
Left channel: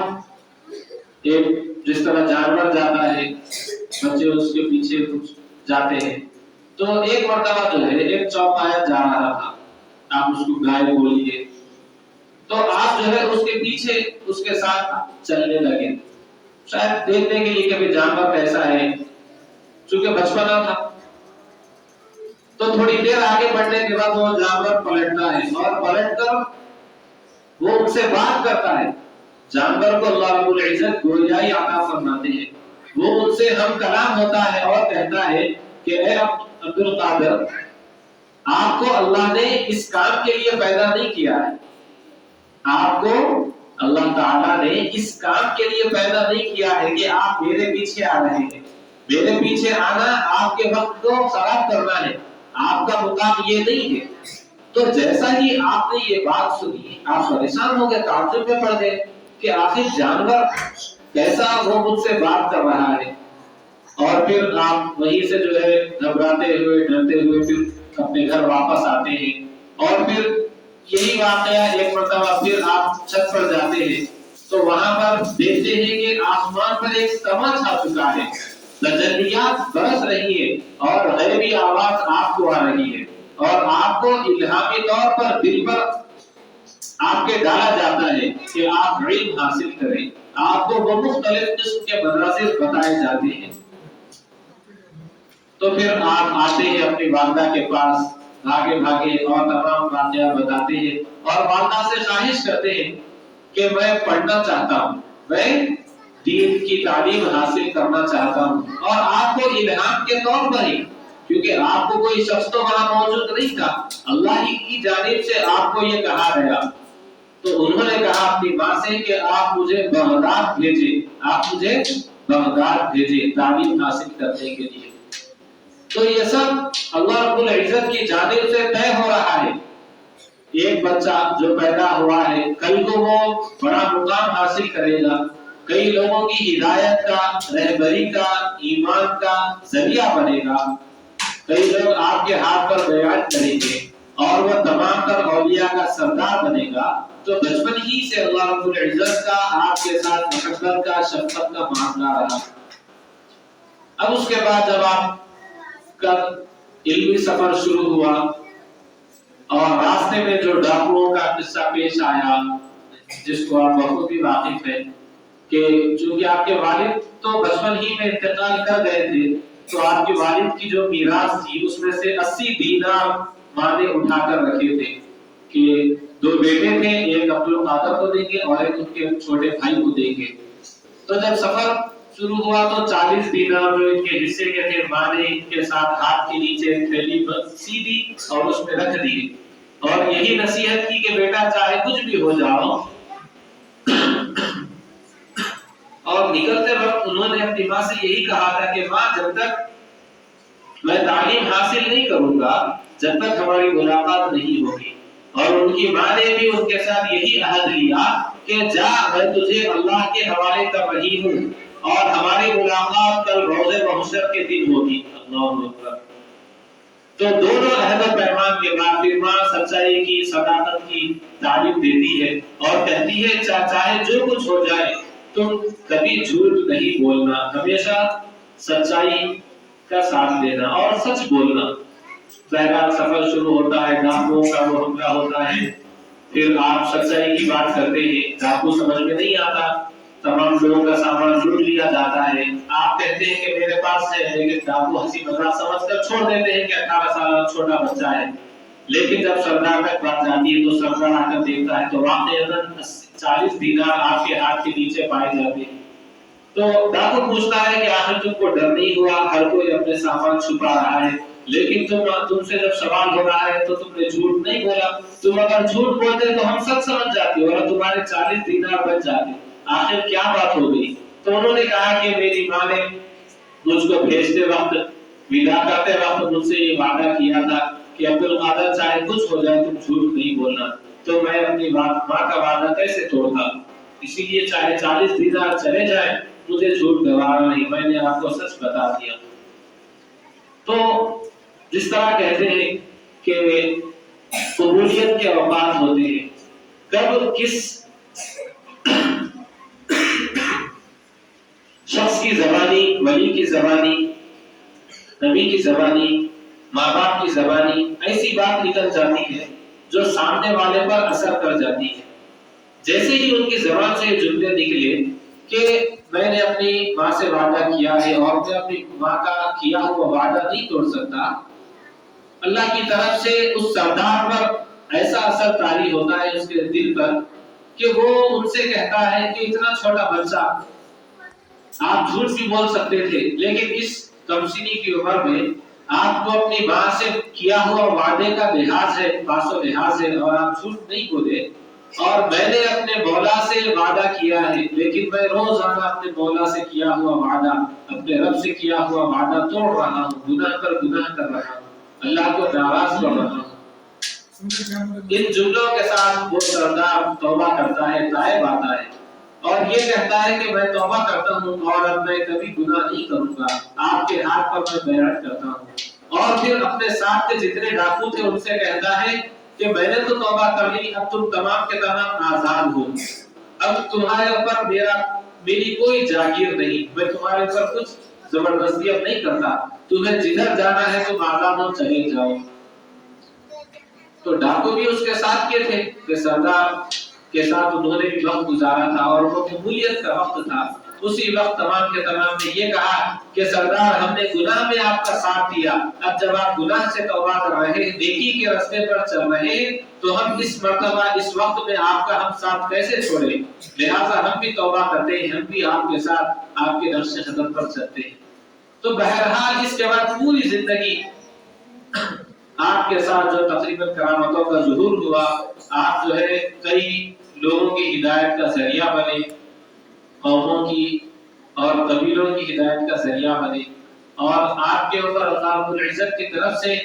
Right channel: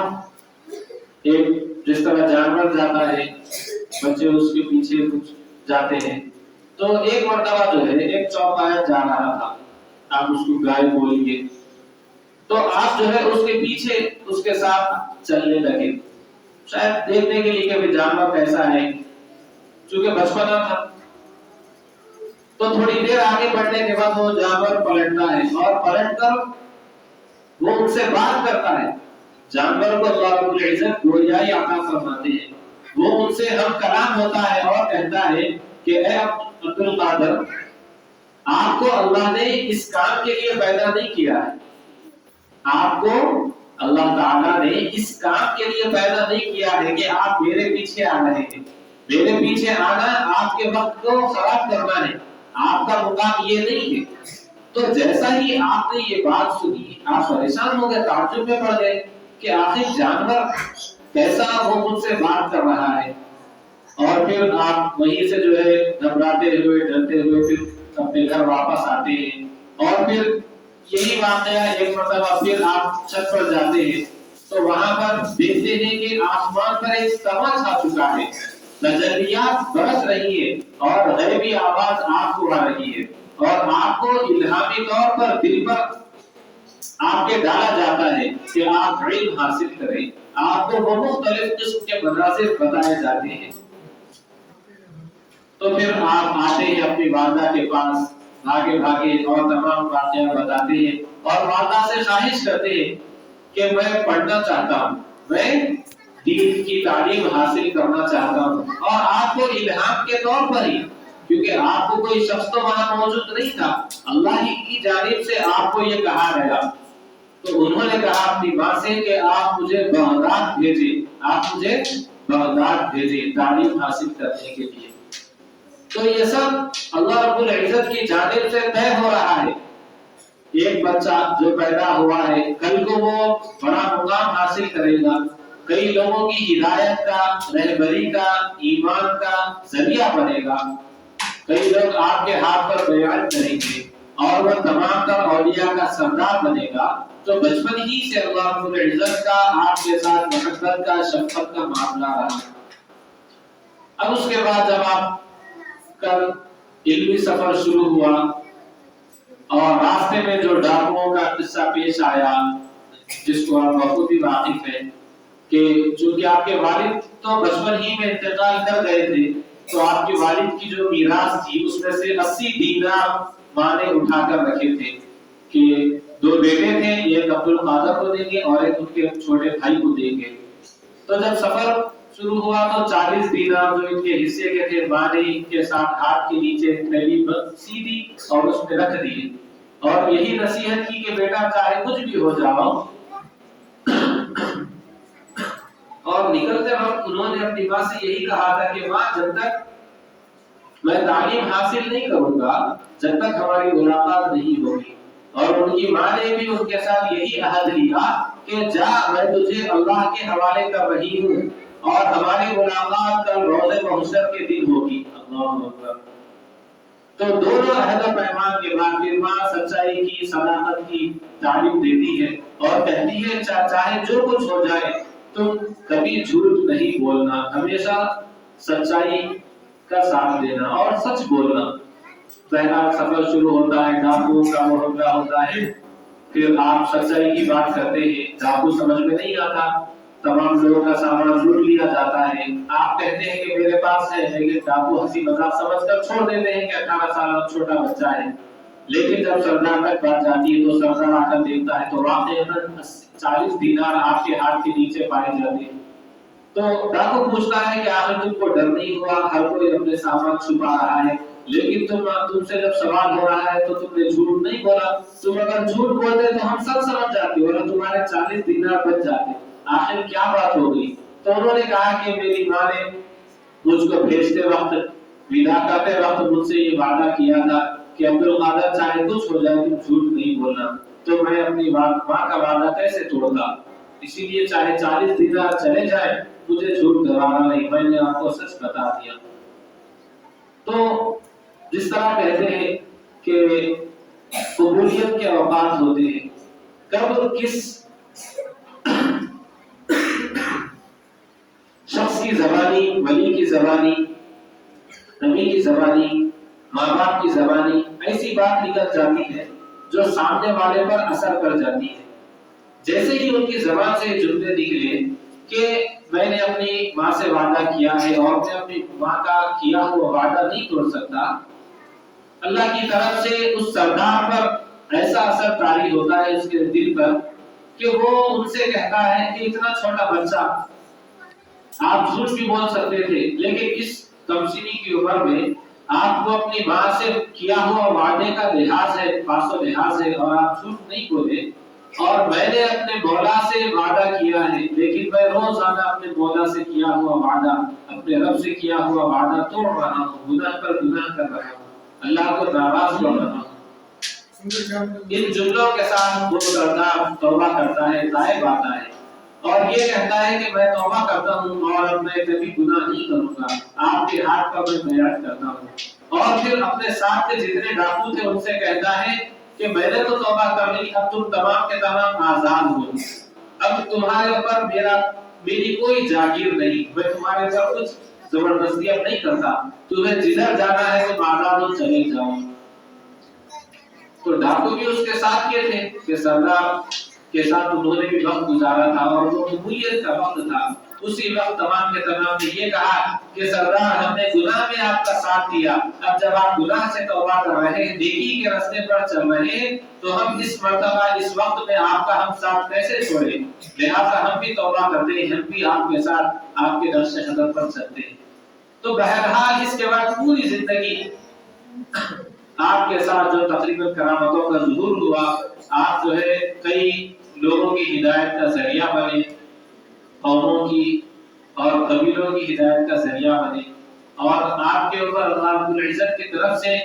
ایک جس طرح جانور جاتا ہے بچے اس کے پیچھے کچھ جاتے ہیں, تو ایک مرتبہ جو ہے ایک چوپایا جا رہا تھا, آپ اس کو گائے بولیے, تو آپ جو ہے اس کے پیچھے اس کے ساتھ چلنے لگے, شاید دیکھنے کے لیے کہ جانور کیسا ہے, چونکہ بچپنا تھا. تو تھوڑی دیر آگے بڑھنے کے بعد وہ جانور پلٹتا ہے اور پلٹ کر وہ ان سے بات کرتا ہے. جانور کو اللہ رب العزت گویائی عطا فرماتے ہیں, وہ ان سے ہم کلام ہوتا ہے اور کہتا ہے کہ اے عبد القادر, آپ کو اللہ نے اس کام کے لیے پیدا نہیں کیا ہے, آپ کو اللہ تعالیٰ نے اس کام کے لیے پیدا نہیں کیا ہے کہ آپ میرے پیچھے آ رہے ہیں. میرے پیچھے آنا آپ کے وقت کو خراب کرنا ہے, آپ کا مقام یہ نہیں ہے. تو جیسا ہی آپ نے یہ بات سنی آپ پریشان ہو گئے, تعجب میں پڑ گئے کہ آخر جانور کیسا وہ مجھ سے بات کر رہا ہے. اور پھر آپ وہیں سے جو ہے گھبراتے ہوئے ڈرتے ہوئے پھر اپنے گھر واپس آتے ہیں. اور پھر یہی واقعہ ایک مرتبہ پھر آپ چھت پر جاتے ہیں تو وہاں پر دیکھتے ہیں کہ آسمان پر ایک قمر چھا چکا ہے, تجلیات برس رہی ہے اور غیبی آواز آپ کو آ رہی ہے, اور آپ کو الہامی طور پر دل پر آپ کے ڈالا جاتا ہے کہ آپ علم حاصل کریں. آپ کو وہ مختلف قسم کے مناظر بتائے جاتے ہیں. تو پھر آپ آتے ہیں اپنی والدہ کے پاس, بھاگے بھاگے اور تمام واقعات بتاتے ہیں اور والدہ سے خواہش کرتے ہیں کہ میں پڑھنا چاہتا ہوں, میں دین کی تعلیم حاصل کرنا چاہتا ہوں. اور آپ کو الہام کے طور پر ہی, کیونکہ آپ کو کوئی شخص تو وہاں موجود نہیں تھا, اللہ ہی کی جانب سے آپ کو یہ کہا گیا. تو انہوں نے کہا اپنی ماں سے کہ آپ مجھے بغداد بھیجیں, آپ مجھے بغداد بھیجیں تعلیم حاصل کرنے کے لیے. تو یہ سب اللہ رب العزت کی جانب سے طے ہو رہا ہے. ایک بچہ جو پیدا ہوا ہے کل کو وہ بڑا مقام حاصل کرے گا, کئی لوگوں کی ہدایت کا, رہبری کا, ایمان کا ذریعہ بنے گا, کئی لوگ آپ کے ہاتھ پر بیان کریں گے, اور وہ تمام تر اولیاء کا سردار بنے گا، تو بچپن ہی سے اللہ رب العزت کا آپ کے ساتھ محبت کا، شفقت کا معاملہ رہا۔ اب اس کے بعد جب آپ کا علمی سفر شروع ہوا اور راستے میں جو ڈاکوؤں کا قصہ پیش آیا، جس کو آپ بخوبی واقف ہیں کہ چونکہ آپ کے والد تو بچپن ہی میں انتقال کر گئے تھے، تو آپ کے والد کی جو میراث تھی اس میں سے 80 دینار ماں نے اٹھا کر رکھے تھے کہ 2 بیٹے تھے، ایک عبد القادر کو دیں گے اور ایک ان کے چھوٹے بھائی کو دیں گے۔ تو جب سفر شروع ہوا تو 40 دینار جو ان کے حصے کے تھے ماں نے ان کے ساتھ ہاتھ کے نیچے تھیلی سیدھی اور اس میں رکھ دیے، اور یہی نصیحت کی کہ بیٹا چاہے کچھ بھی ہو جاؤ، اور نکلتے وقت انہوں نے اپنی ماں سے یہی کہا تھا کہ ماں جب تک میں تعلیم حاصل نہیں کروں گا جب تک ہماری ملاقات نہیں ہوگی، اور ان کی ماں نے بھی ان کے ساتھ یہی عہد لیا کہ جا میں تجھے اللہ کے حوالے کر رہی ہوں اور ہماری ملاقات کل روز محشر کے دن ہوگی۔ اللہ اکبر۔ تو دونوں عہد و پیمان کے بعد پھر ماں سچائی کی، صداقت کی تعلیم دیتی ہے اور کہتی ہے چاہے جو کچھ ہو جائے تم کبھی جھوٹ نہیں بولنا، ہمیشہ سچائی کا ساتھ دینا اور سچ بولنا۔ پہلا سفر شروع ہوتا ہے، ڈاکوؤں کا محاورہ ہوتا ہے، پھر آپ سچائی کی بات کرتے ہیں، ڈاکو سمجھ میں نہیں آتا، تمام لوگوں کا سامان لوٹ لیا جاتا ہے، آپ کہتے ہیں کہ میرے پاس ہے، لیکن ڈاکو ہنسی مذاق سمجھ کر چھوڑ دیتے ہیں کہ 18 سال چھوٹا بچہ ہے۔ لیکن جب سردار تک بات جاتی ہے تو سردار آ کر دیکھتا ہے تو واقعاً 40 دینار آپ کے ہاتھ کے نیچے پائے جاتے ہیں۔ تو ڈاکو پوچھتا ہے کہ آخر تم کو ڈر نہیں ہوا، ہر کوئی اپنے سامان چھپا رہا ہے، لیکن تم سے جب سوال ہو رہا ہے تو تم نے جھوٹ نہیں بولا، تم اگر جھوٹ بولتے تو ہم سب سمجھ جاتے اور تمہارے 40 دینار بچ جاتے، آخر کیا بات ہو گئی؟ تو انہوں نے کہا کہ میری ماں نے مجھ کو بھیجتے وقت، ودا کرتے وقت مجھ سے یہ وعدہ کیا تھا کہ عبد القادر چاہے کچھ ہو جائے تم جھوٹ نہیں بولنا، تو میں اپنی ماں کا وعدہ کیسے توڑتا، اسی لیے چاہے 40 دینار چلے جائیں مجھے جھوٹ گوارا نہیں، میں نے آپ کو سچ بتا دیا۔ تو جس طرح کہتے ہیں کہ قبولیت کے اوقات ہوتے ہیں، کب کس شخص کی زبانی، ولی کی زبانی، نبی کی زبانی، ماں باپ کی زبانی ایسی بات نکل جاتی ہے جو سامنے والے پر اثر کر جاتی ہے۔ جیسے ہی ان کی زبان سے جملے نکلے کہ میں نے اپنی ماں سے وعدہ کیا ہے اور میں اپنی ماں کا کیا ہوا وعدہ نہیں توڑ سکتا، اللہ کی طرف سے اس سردار پر ایسا اثر طاری ہوتا ہے اس کے دل پر کہ وہ ان سے کہتا ہے کہ اتنا چھوٹا بچہ، آپ جھوٹ بھی بول سکتے تھے، لیکن اس کمسنی کی عمر میں آپ کو اپنی ماں سے کیا ہوا وعدے کا لحاظ ہے، پاس و لحاظ ہے، اور آپ جھوٹ نہیں بولے، اور میں نے اپنے مولا سے وعدہ کیا ہے، لیکن میں روزانہ اپنے مولا سے کیا ہوا وعدہ، اپنے رب سے کیا ہوا وعدہ توڑ رہا ہوں، گناہ پر گناہ کر رہا ہوں، اللہ کو ناراض کر رہا ہوں۔ ان جملوں کے ساتھ وہ سردار توبہ کرتا ہے، تائب آتا ہے اور یہ کہتا ہے کہ میں توبہ کرتا ہوں اور اب میں کبھی گناہ نہیں کروں گا، آپ کے ہاتھ پر میں بیعت کرتا ہوں، اور پھر اپنے ساتھ کے جتنے ڈاکو تھے ان سے کہتا ہے کہ میں نے تو توبہ کر لی، اب تم تمام کے تمام آزاد ہو، اب تمہارے اوپر میری کوئی جاگیر نہیں، میں تمہارے اوپر کچھ زبردستی اب نہیں کرتا، تمہیں جدھر جانا ہے تم آزاد ہو، چلے جاؤ۔ تو ڈاکو بھی اس کے ساتھ کے تھے کہ سردار کے ساتھ انہوں نے بھی وقت گزارا تھا اور وہ قبولیت کا وقت تھا، اسی وقت تمام کے تمام نے یہ کہا کہ سردار ہم نے گناہ میں آپ کا ساتھ دیا، اب جب آپ گناہ سے توبہ کر رہے ہیں، نیکی کے راستے پر چل رہے ہیں، تو ہم اس مرتبہ اس وقت میں آپ کا ہم ساتھ کیسے چھوڑیں، لہٰذا ہم بھی توبہ کرتے ہیں، ہم بھی آپ کے ساتھ آپ کے نقش قدم پر چلتے ہیں۔ تو بہرحال اس کے بعد پوری زندگی آپ کے ساتھ جو تقریباً کرامتوں کا ظہور ہوا، آپ جو ہے کئی لوگوں کی ہدایت کا ذریعہ بنے، قوموں کی اور قبیلوں کی ہدایت کا ذریعہ بنے، اور آپ کے اوپر اللہ رب العزت کی طرف سے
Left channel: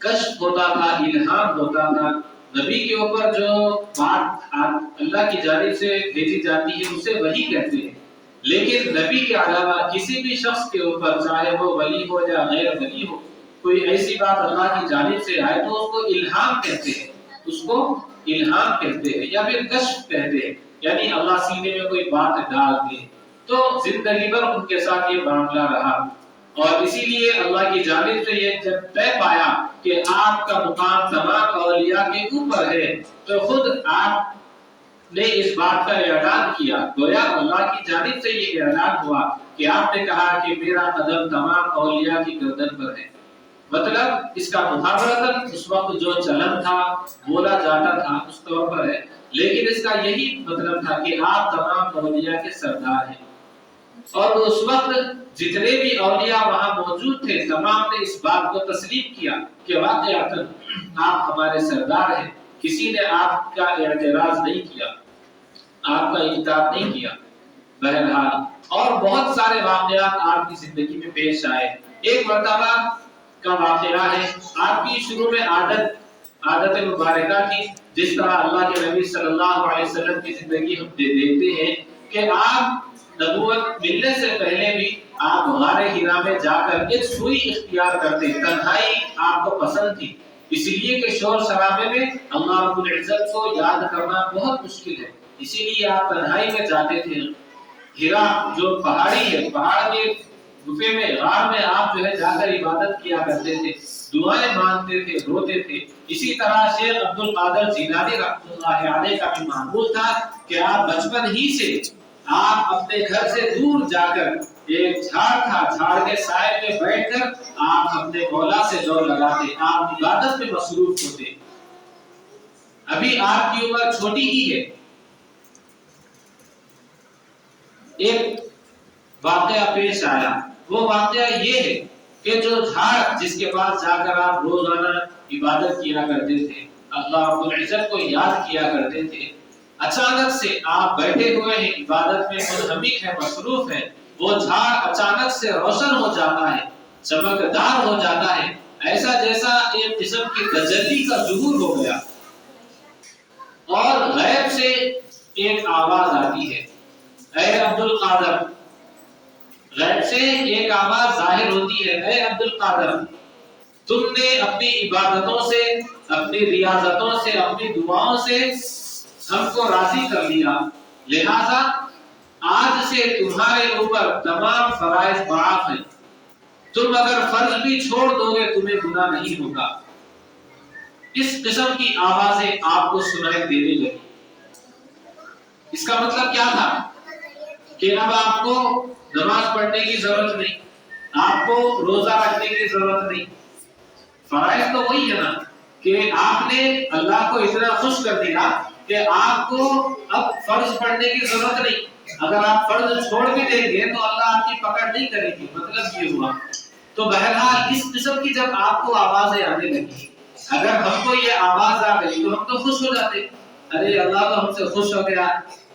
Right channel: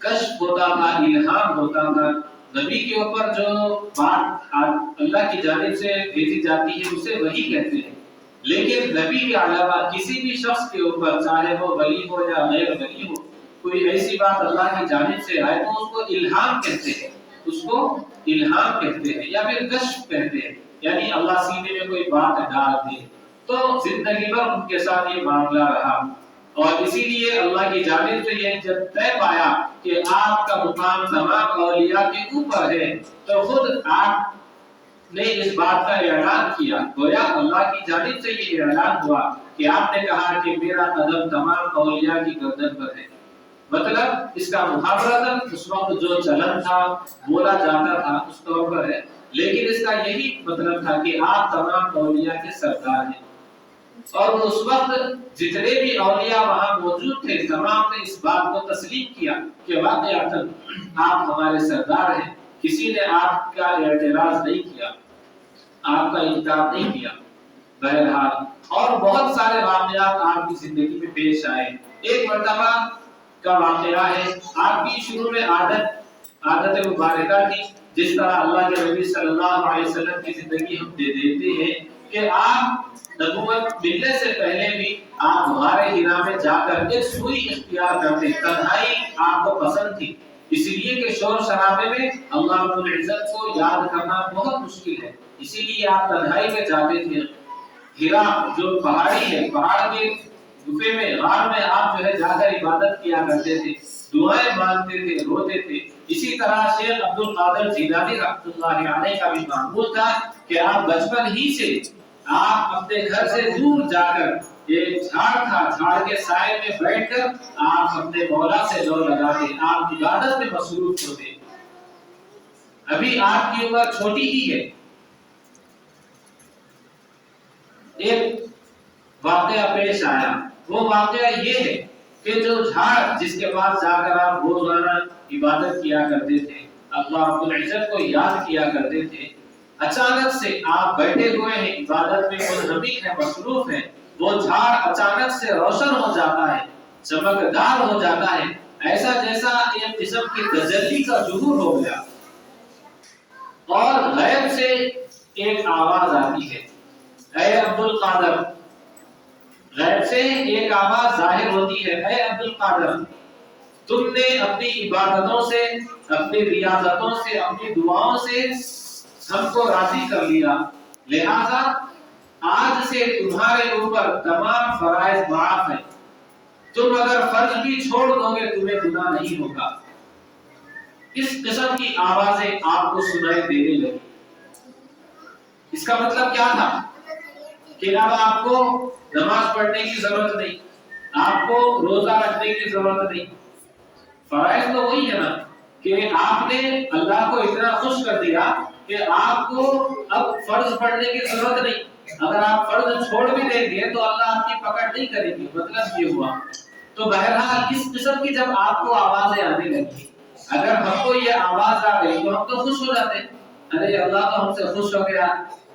کشف ہوتا تھا، الہام ہوتا تھا، نبی کے اوپر جو بات اللہ کی جانب سے بھیجی جاتی ہے اسے وحی کہتے ہیں، لیکن نبی کے علاوہ کسی بھی شخص کے اوپر چاہے وہ ولی ہو یا غیر ولی ہو، کوئی ایسی بات اللہ کی جانب سے آئے تو اس کو الہام کہتے ہیں، اس کو الہام کہتے ہیں یا پھر کشف کہتے ہیں، یعنی اللہ سینے میں کوئی بات ڈال دے۔ تو زندگی بھر ان کے ساتھ یہ معاملہ رہا، اور اسی لیے اللہ کی جانب سے یہ جب طے پایا کہ آپ کا مقام تمام اولیاء کے اوپر ہے، تو خود آپ نے اس بات کا اعلان کیا، گویا اللہ کی جانب سے یہ اعلان ہوا کہ آپ نے کہا کہ میرا قدم تمام اولیاء کی گردن پر ہے۔ مطلب اس کا محاورتاً اس وقت جو چلن تھا، بولا جاتا تھا اس طور پر ہے، لیکن اس کا یہی مطلب تھا کہ آپ تمام اولیاء کے سردار ہیں۔ اور اس وقت جتنے بھی اولیاء وہاں موجود تھے تمام نے اس بات کو تسلیم کیا کہ واقعتاً آپ ہمارے سردار ہیں، کسی نے آپ کا اعتراض نہیں کیا، آپ کا انکار نہیں کیا۔ بہرحال اور بہت سارے واقعات آپ کی زندگی میں پیش آئے۔ ایک مرتبہ کا واقعہ ہے، آپ کی شروع میں عادت مبارکہ تھی، جس طرح اللہ کے نبی صلی اللہ علیہ وسلم کی زندگی ہم دیکھتے ہیں کہ آپ نبوت ملنے سے پہلے بھی آپ غار حرا میں جا کر ایک سوئی اختیار کرتے، تنہائی آپ کو پسند تھی، اس لیے کہ شور شرابے میں اللہ رب العزت کو یاد کرنا بہت مشکل ہے، اسی لیے آپ تنہائی میں جاتے تھے۔ حرا جو پہاڑی ہے، پہاڑ کے گفے میں، غار میں آپ جو ہے جا کر عبادت کیا کرتے تھے، دعائیں مانگتے تھے، روتے تھے۔ اسی طرح شیخ عبد القادر جیلانی رحمۃ اللہ علیہ کا بھی معمول تھا کہ آپ بچپن ہی سے آپ اپنے گھر سے دور جا کر، ایک جھاڑ تھا، جھاڑ کے سائے میں بیٹھ کر آپ اپنے مولا سے دور لگاتے، آپ عبادت میں مصروف ہوتے۔ ابھی آپ کی عمر چھوٹی ہی ہے۔ ایک واقعہ پیش آیا، وہ واقعہ یہ ہے کہ جو جھاڑ جس کے پاس جا کر آپ روزانہ عبادت کیا کرتے تھے، اللہ رب العزت کو یاد کیا کرتے تھے، اچانک سے آپ بیٹھے ہوئے ہیں، عبادت میں منہمک ہیں، مصروف ہیں، وہ جھاڑ اچانک سے روشن ہو جاتا ہے، چمکدار ہو جاتا ہے، ایسا جیسا ایک قسم کی تجلی کا ظہور ہو گیا، اور غیب سے ایک آواز آتی ہے، اے عبد القادر۔ غیب سے ایک آواز ظاہر ہوتی ہے، اے عبد القادر، تم نے اپنی عبادتوں سے، اپنی ریاضتوں سے، اپنی دعاؤں سے ہم کو راضی کر لیا، لہذا آج سے تمہارے اوپر تمام فرائض معاف ہیں، تم اگر فرض بھی چھوڑ دو گے تمہیں گناہ نہیں ہوگا۔ اس قسم کی آوازیں آپ کو سنائی دینے لگی۔ اس کا مطلب کیا تھا کہ اب آپ کو نماز پڑھنے کی ضرورت نہیں، آپ کو روزہ رکھنے کی ضرورت نہیں۔ فرائض تو وہی ہے نا کہ آپ نے اللہ کو اتنا خوش کر دیا کہ آپ کو اب فرض پڑھنے کی ضرورت نہیں، اگر آپ فرض چھوڑ بھی دیں گے تو اللہ آپ کی پکڑ نہیں کرے گی، مطلب یہ ہوا۔ تو بہرحال اس قسم کی جب آپ کو آوازیں آنے لگی، اگر ہم کو یہ آواز آ گئی تو ہم تو خوش ہو جاتے، ارے اللہ تو ہم سے خوش ہو گیا،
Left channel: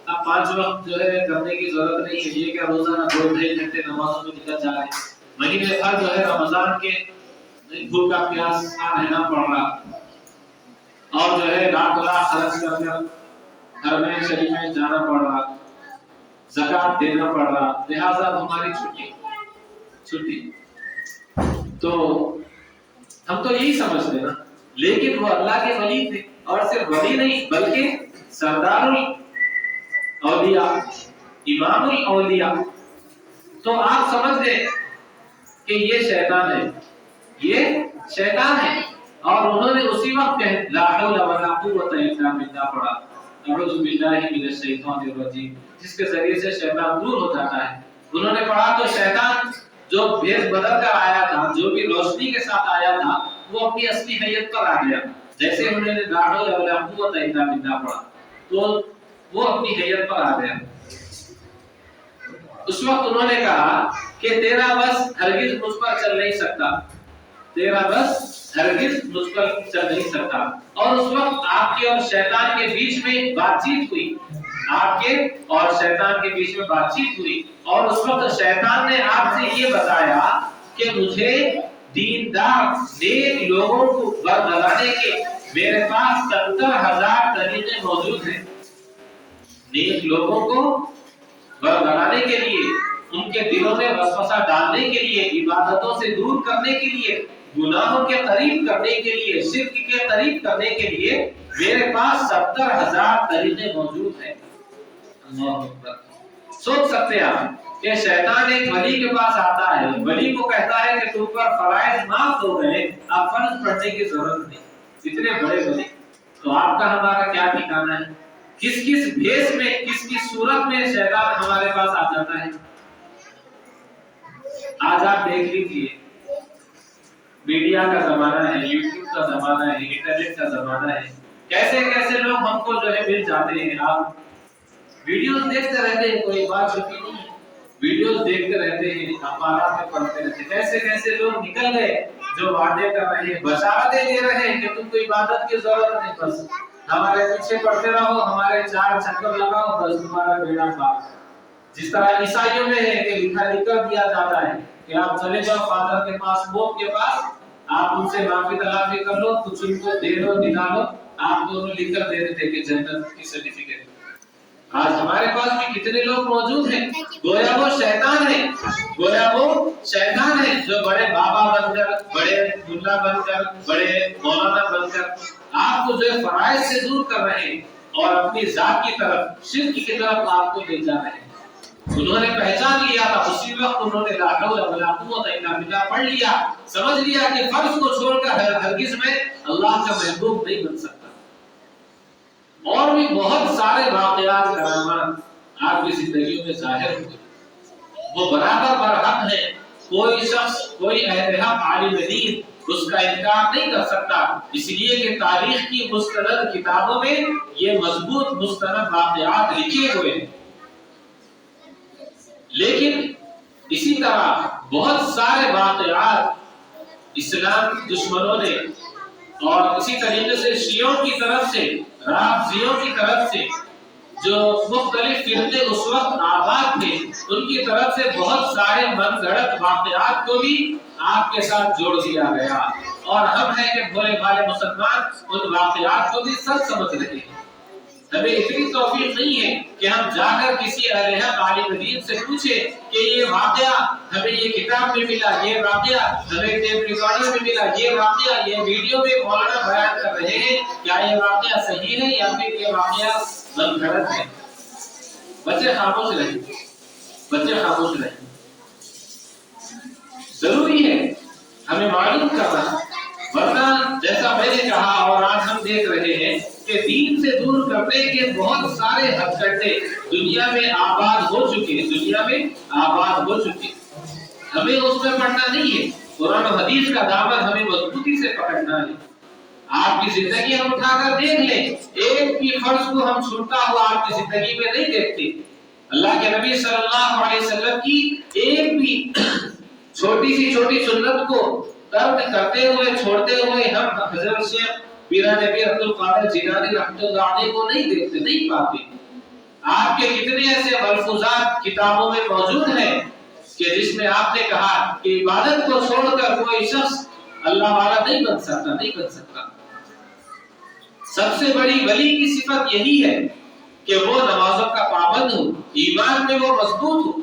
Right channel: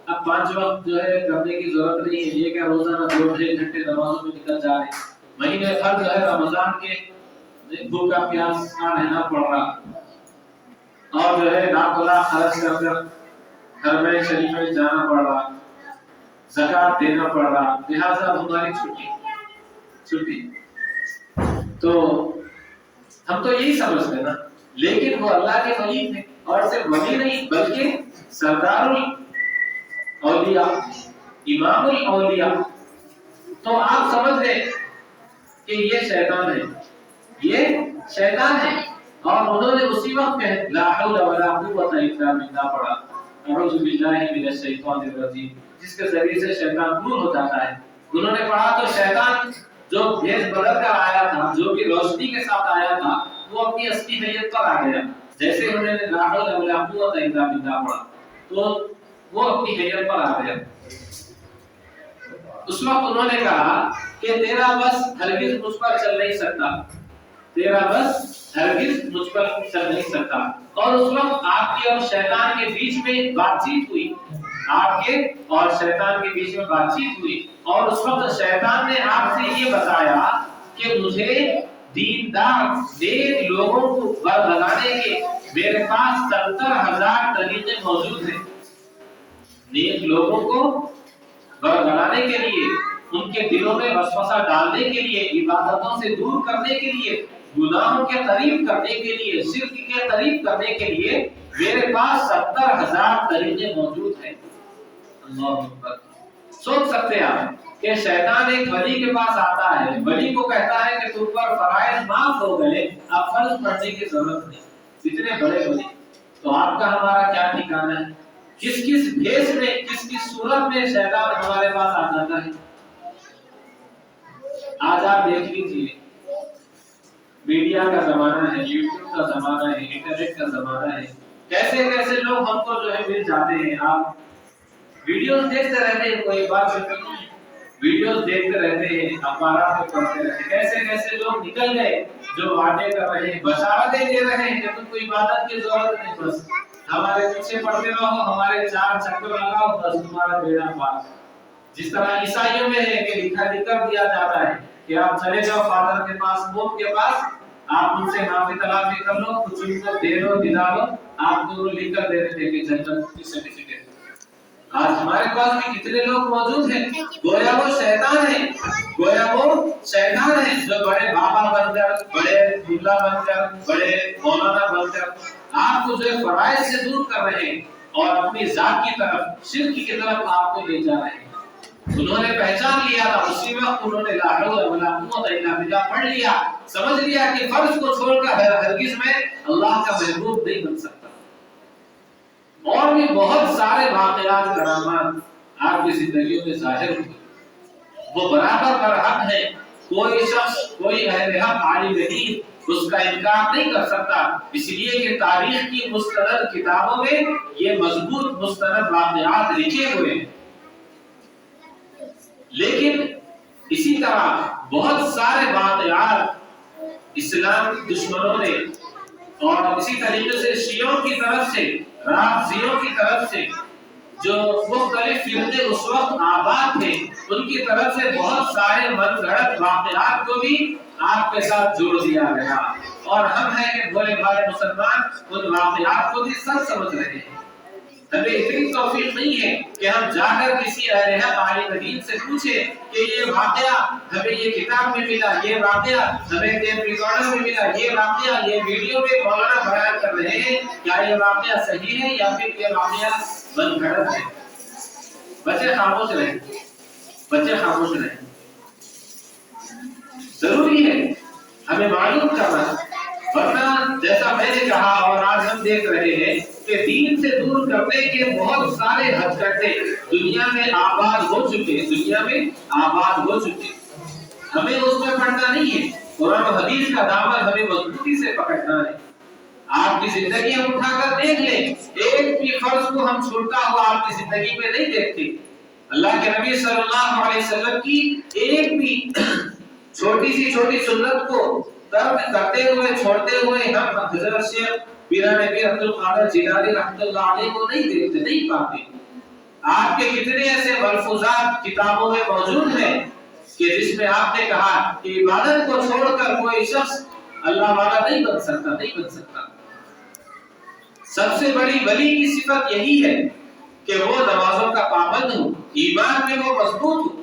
اب 5 وقت جو ہے کرنے کی ضرورت نہیں ہے، یہ کیا روزانہ 2-3 گھنٹے نمازوں میں نکل جا رہے ہیں، مہینے بھر جو ہے رمضان کے بھوکا پیاسا رہنا پڑ رہا، اور جو ہے لاکھ خرچ کر کر حرمین شریف میں جانا پڑ رہا، زکات دینا پڑ رہا، لہذا ہماری چھٹی۔ تو ہم تو یہی سمجھتے ہیں نا، لیکن وہ اللہ کے ولی تھے، اور صرف ولی نہیں بلکہ سردار الاولیاء، امام الاولیاء۔ تو آپ سمجھ گئے کہ یہ شیطان ہے، یہ شیطان ہے، اور انہوں نے اسی وقت کہا لا حول ولا قوت الا باللہ پڑھا، اعوذ باللہ من الشیطان الرجیم، جس کے ذریعے سے شیطان دور ہو جاتا ہے۔ انہوں نے پڑھا تو شیطان جو بھیس بدل کر آیا تھا، جو بھی روشنی کے ساتھ آیا تھا، وہ اپنی اصلی حیت پر آ گیا۔ جیسے انہوں نے لا حول ولا قوت الا باللہ پڑھا تو وہ اپنی حیت پر آ گیا۔ اس وقت انہوں نے کہا کہ تیرا بس ہرگز مجھ پر چل نہیں سکتا، تیرا بس ہرگز مجھ پر چل نہیں سکتا۔ اور اس وقت آپ کے اور شیطان کے بیچ میں بات چیت ہوئی، آپ کے اور شیطان کے بیچ میں بات چیت ہوئی، اور اس وقت شیطان نے آپ سے یہ بتایا کہ مجھے دیندار نیک لوگوں کو برگلانے کے میرے پاس 70,000 طریقے موجود ہیں۔ نیک لوگوں کو برگلانے کے لیے، ان کے دلوں میں وسوسہ ڈالنے کے لیے، عبادتوں سے دور کرنے کے لیے گناہوں کے قریب کرنے کے لیے، شرک کے قریب کرنے کے لیے میرے پاس 70,000 طریقے موجود ہیں۔ اللہ اکبر۔ سوچ سکتے ہیں آپ کہ شیطان ایک ولی کے پاس آتا ہے، ولی کو کہتا ہے کہ تم پر فرائض معاف ہو گئے، اب فرض پڑھنے کی ضرورت نہیں۔ اتنے بڑے ولی، تو آپ کا ہمارا کیا ٹھکانا ہے؟ کس کس بھیس میں، کس کس صورت میں شیطان ہمارے پاس آ جاتا ہے۔ آج آپ دیکھ لیجیے، میڈیا کا زمانہ ہے، یوٹیوب کا زمانہ ہے، انٹرنیٹ کا زمانہ ہے، کیسے کیسے لوگ ہم کو جو ہے مل جاتے ہیں۔ آپ ویڈیوز دیکھتے رہتے ہیں، کوئی بات چھوٹی نہیں ہے، ویڈیوز دیکھتے رہتے ہیں، اخبارات میں پڑھتے رہتے ہیں، کیسے کیسے لوگ نکل گئے جو وعدے کر رہے ہیں، بشارتیں دے رہے ہیں کہ تم کو عبادت کی ضرورت نہیں، بس ہمارے پیچھے پڑھتے رہو، ہمارے 4 چکر لگاؤ، بس تمہارا بیڑا پار۔ جس طرح عیسائیوں میں ہے کہ لکھا کر دیا جاتا ہے کہ آپ چلے جاؤ فادر کے پاس، موت کے پاس، آپ ان سے معافی تلافی کر لو، کچھ ان کو دے دو، دلا لو، آپ دونوں لکھ کر دے دیتے کہ جنت کی سرٹیفکیٹ۔ آج ہمارے پاس بھی کتنے لوگ موجود ہیں، گویا وہ شیطان ہے، گویا وہ شیطان ہے جو بڑے بابا بن کر، بڑے ملا بن کر، بڑے مولانا بن کر آپ کو جو ہے فرائض سے دور کر رہے ہیں اور اپنی ذات کی طرف، شرک کی طرف آپ کو لے جا رہے ہیں۔ انہوں نے پہچان لیا تھا، اسی وقت انہوں نے لا حول ولا قوت الا باللہ پڑھ لیا، سمجھ لیا کہ فرض کو چھوڑ کر ہرگز میں اللہ کا محبوب نہیں بن سکتا۔ اور بھی بہت سارے واقعات کرامات آپ کی زندگیوں میں ظاہر ہوئے، وہ برابر برحق ہے، کوئی شخص، کوئی اہل حق عالم دین اس کا انکار نہیں کر سکتا، اس لیے کہ تاریخ کی مستند کتابوں میں یہ مضبوط مستند واقعات لکھے ہوئے ہیں۔ لیکن اسی طرح بہت سارے واقعات اسلام دشمنوں نے، اور اسی طریقے سے شیعوں کی طرف سے، رافضیوں کی طرف سے، جو مختلف فرقے اس وقت آباد تھے، ان کی طرف سے بہت سارے من گھڑت واقعات کو بھی آپ کے ساتھ جوڑ دیا گیا، اور ہم ہیں کہ بھولے بھالے مسلمان ان واقعات کو بھی سچ سمجھ رہے ہیں۔ ہمیں اتنی توفیق نہیں ہے کہ ہم جا کر کسی اہل حق عالم دین سے پوچھیں کہ یہ واقعہ ہمیں یہ کتاب میں ملا، یہ واقعہ ہمیں ٹیپ ریکارڈر میں ملا، یہ واقعہ یہ ویڈیو میں مولانا بیان کر رہے ہیں، کیا یہ واقعہ صحیح ہے یا پھر یہ واقعہ من گھڑت ہے؟ بچے خاموش رہیں، بچے خاموش رہیں۔ ضروری ہے ہمیں معلوم کرنا، ورنہ جیسا میں نے کہا اور آج ہم دیکھ رہے ہیں کہ دین سے دور کرنے کے بہت سارے ہتھ کنڈے دنیا میں آباد ہو چکے، دنیا میں آباد ہو چکے۔ ہمیں اس میں پڑھنا نہیں ہے، قرآن و حدیث کا دامن ہمیں مضبوطی سے پکڑنا ہے۔ آپ کی زندگی ہم اٹھا کر دیکھ لیں، ایک بھی فرض کو ہم چھوڑتا ہوا آپ کی زندگی میں نہیں دیکھتے۔ اللہ کے نبی صلی اللہ علیہ وسلم کی ایک بھی چھوٹی سی چھوٹی سنت کو ترک کرتے ہوئے، چھوڑتے ہوئے ہم حضرت شیخ پیران پیر عبد القادر جیلانی رحمۃ اللہ علیہ کو نہیں دیکھتے، نہیں پاتے۔ آپ کے کتنے ایسے ملفوظات کتابوں میں موجود ہیں کہ جس میں آپ نے کہا کہ عبادت کو چھوڑ کر کوئی شخص اللہ والا نہیں بن سکتا، نہیں بن سکتا۔ سب سے بڑی ولی کی صفت یہی ہے کہ وہ نمازوں کا پابند ہو، ایمان میں وہ مضبوط ہو،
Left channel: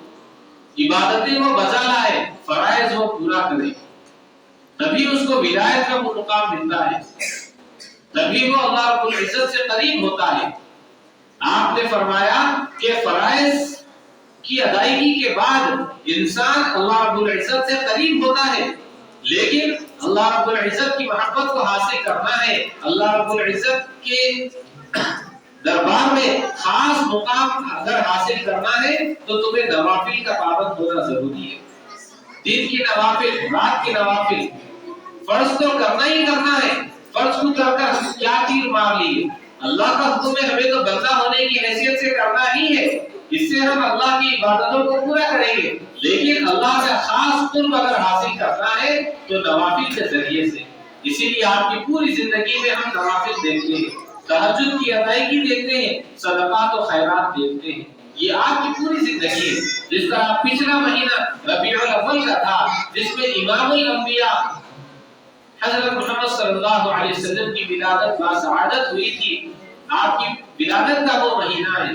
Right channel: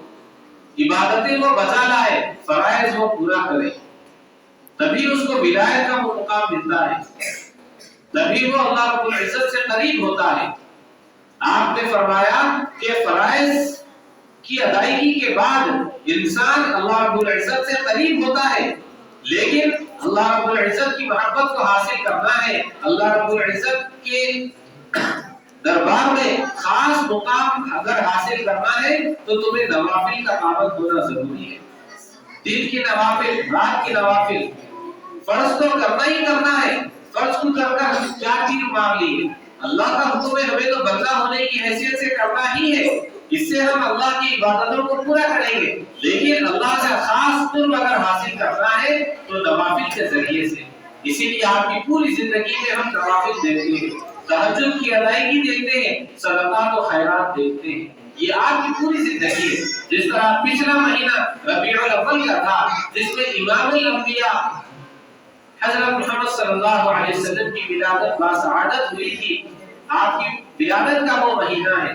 عبادتیں وہ بجا لائے، فرائض وہ پورا کرے، تبھی اس کو ولایت کا وہ مقام ملتا ہے، تبھی وہ اللہ رب العزت سے قریب ہوتا ہے۔ آپ نے فرمایا کہ فرائض کی ادائیگی کے بعد انسان اللہ رب العزت سے قریب ہوتا ہے، لیکن اللہ رب العزت کی محبت کو حاصل کرنا ہے، اللہ رب العزت کے دربار میں خاص مقام اگر حاصل کرنا ہے تو تمہیں نوافل کا پابند ہونا ضروری ہے۔ دن کی نوافل، رات کی نوافل، فرض تو کرنا ہی کرنا ہے۔ فرض کو کر کر کیا تیر مار لی؟ اللہ کا حکم ہے، ہمیں تو بندہ ہونے کی حیثیت سے کرنا ہی ہے، اس سے ہم اللہ کی عبادتوں کو پورا کریں گے، لیکن اللہ کا خاص قرب اگر حاصل کرنا ہے تو نوافل کے ذریعے سے۔ اسی لیے آپ کی پوری زندگی میں ہم نوافل دیکھتے ہیں، تہجد کی ادائیگی دیکھتے ہیں، صدقات و خیرات دیکھتے ہیں، یہ آپ کی پوری زندگی ہے۔ جس طرح پچھلا مہینہ ربیع الاول کا تھا، جس میں امام الانبیاء حضرت محمد صلی اللہ علیہ وسلم کی ولادت باسعادت ہوئی تھی، آپ کی ولادت کا وہ مہینہ ہے،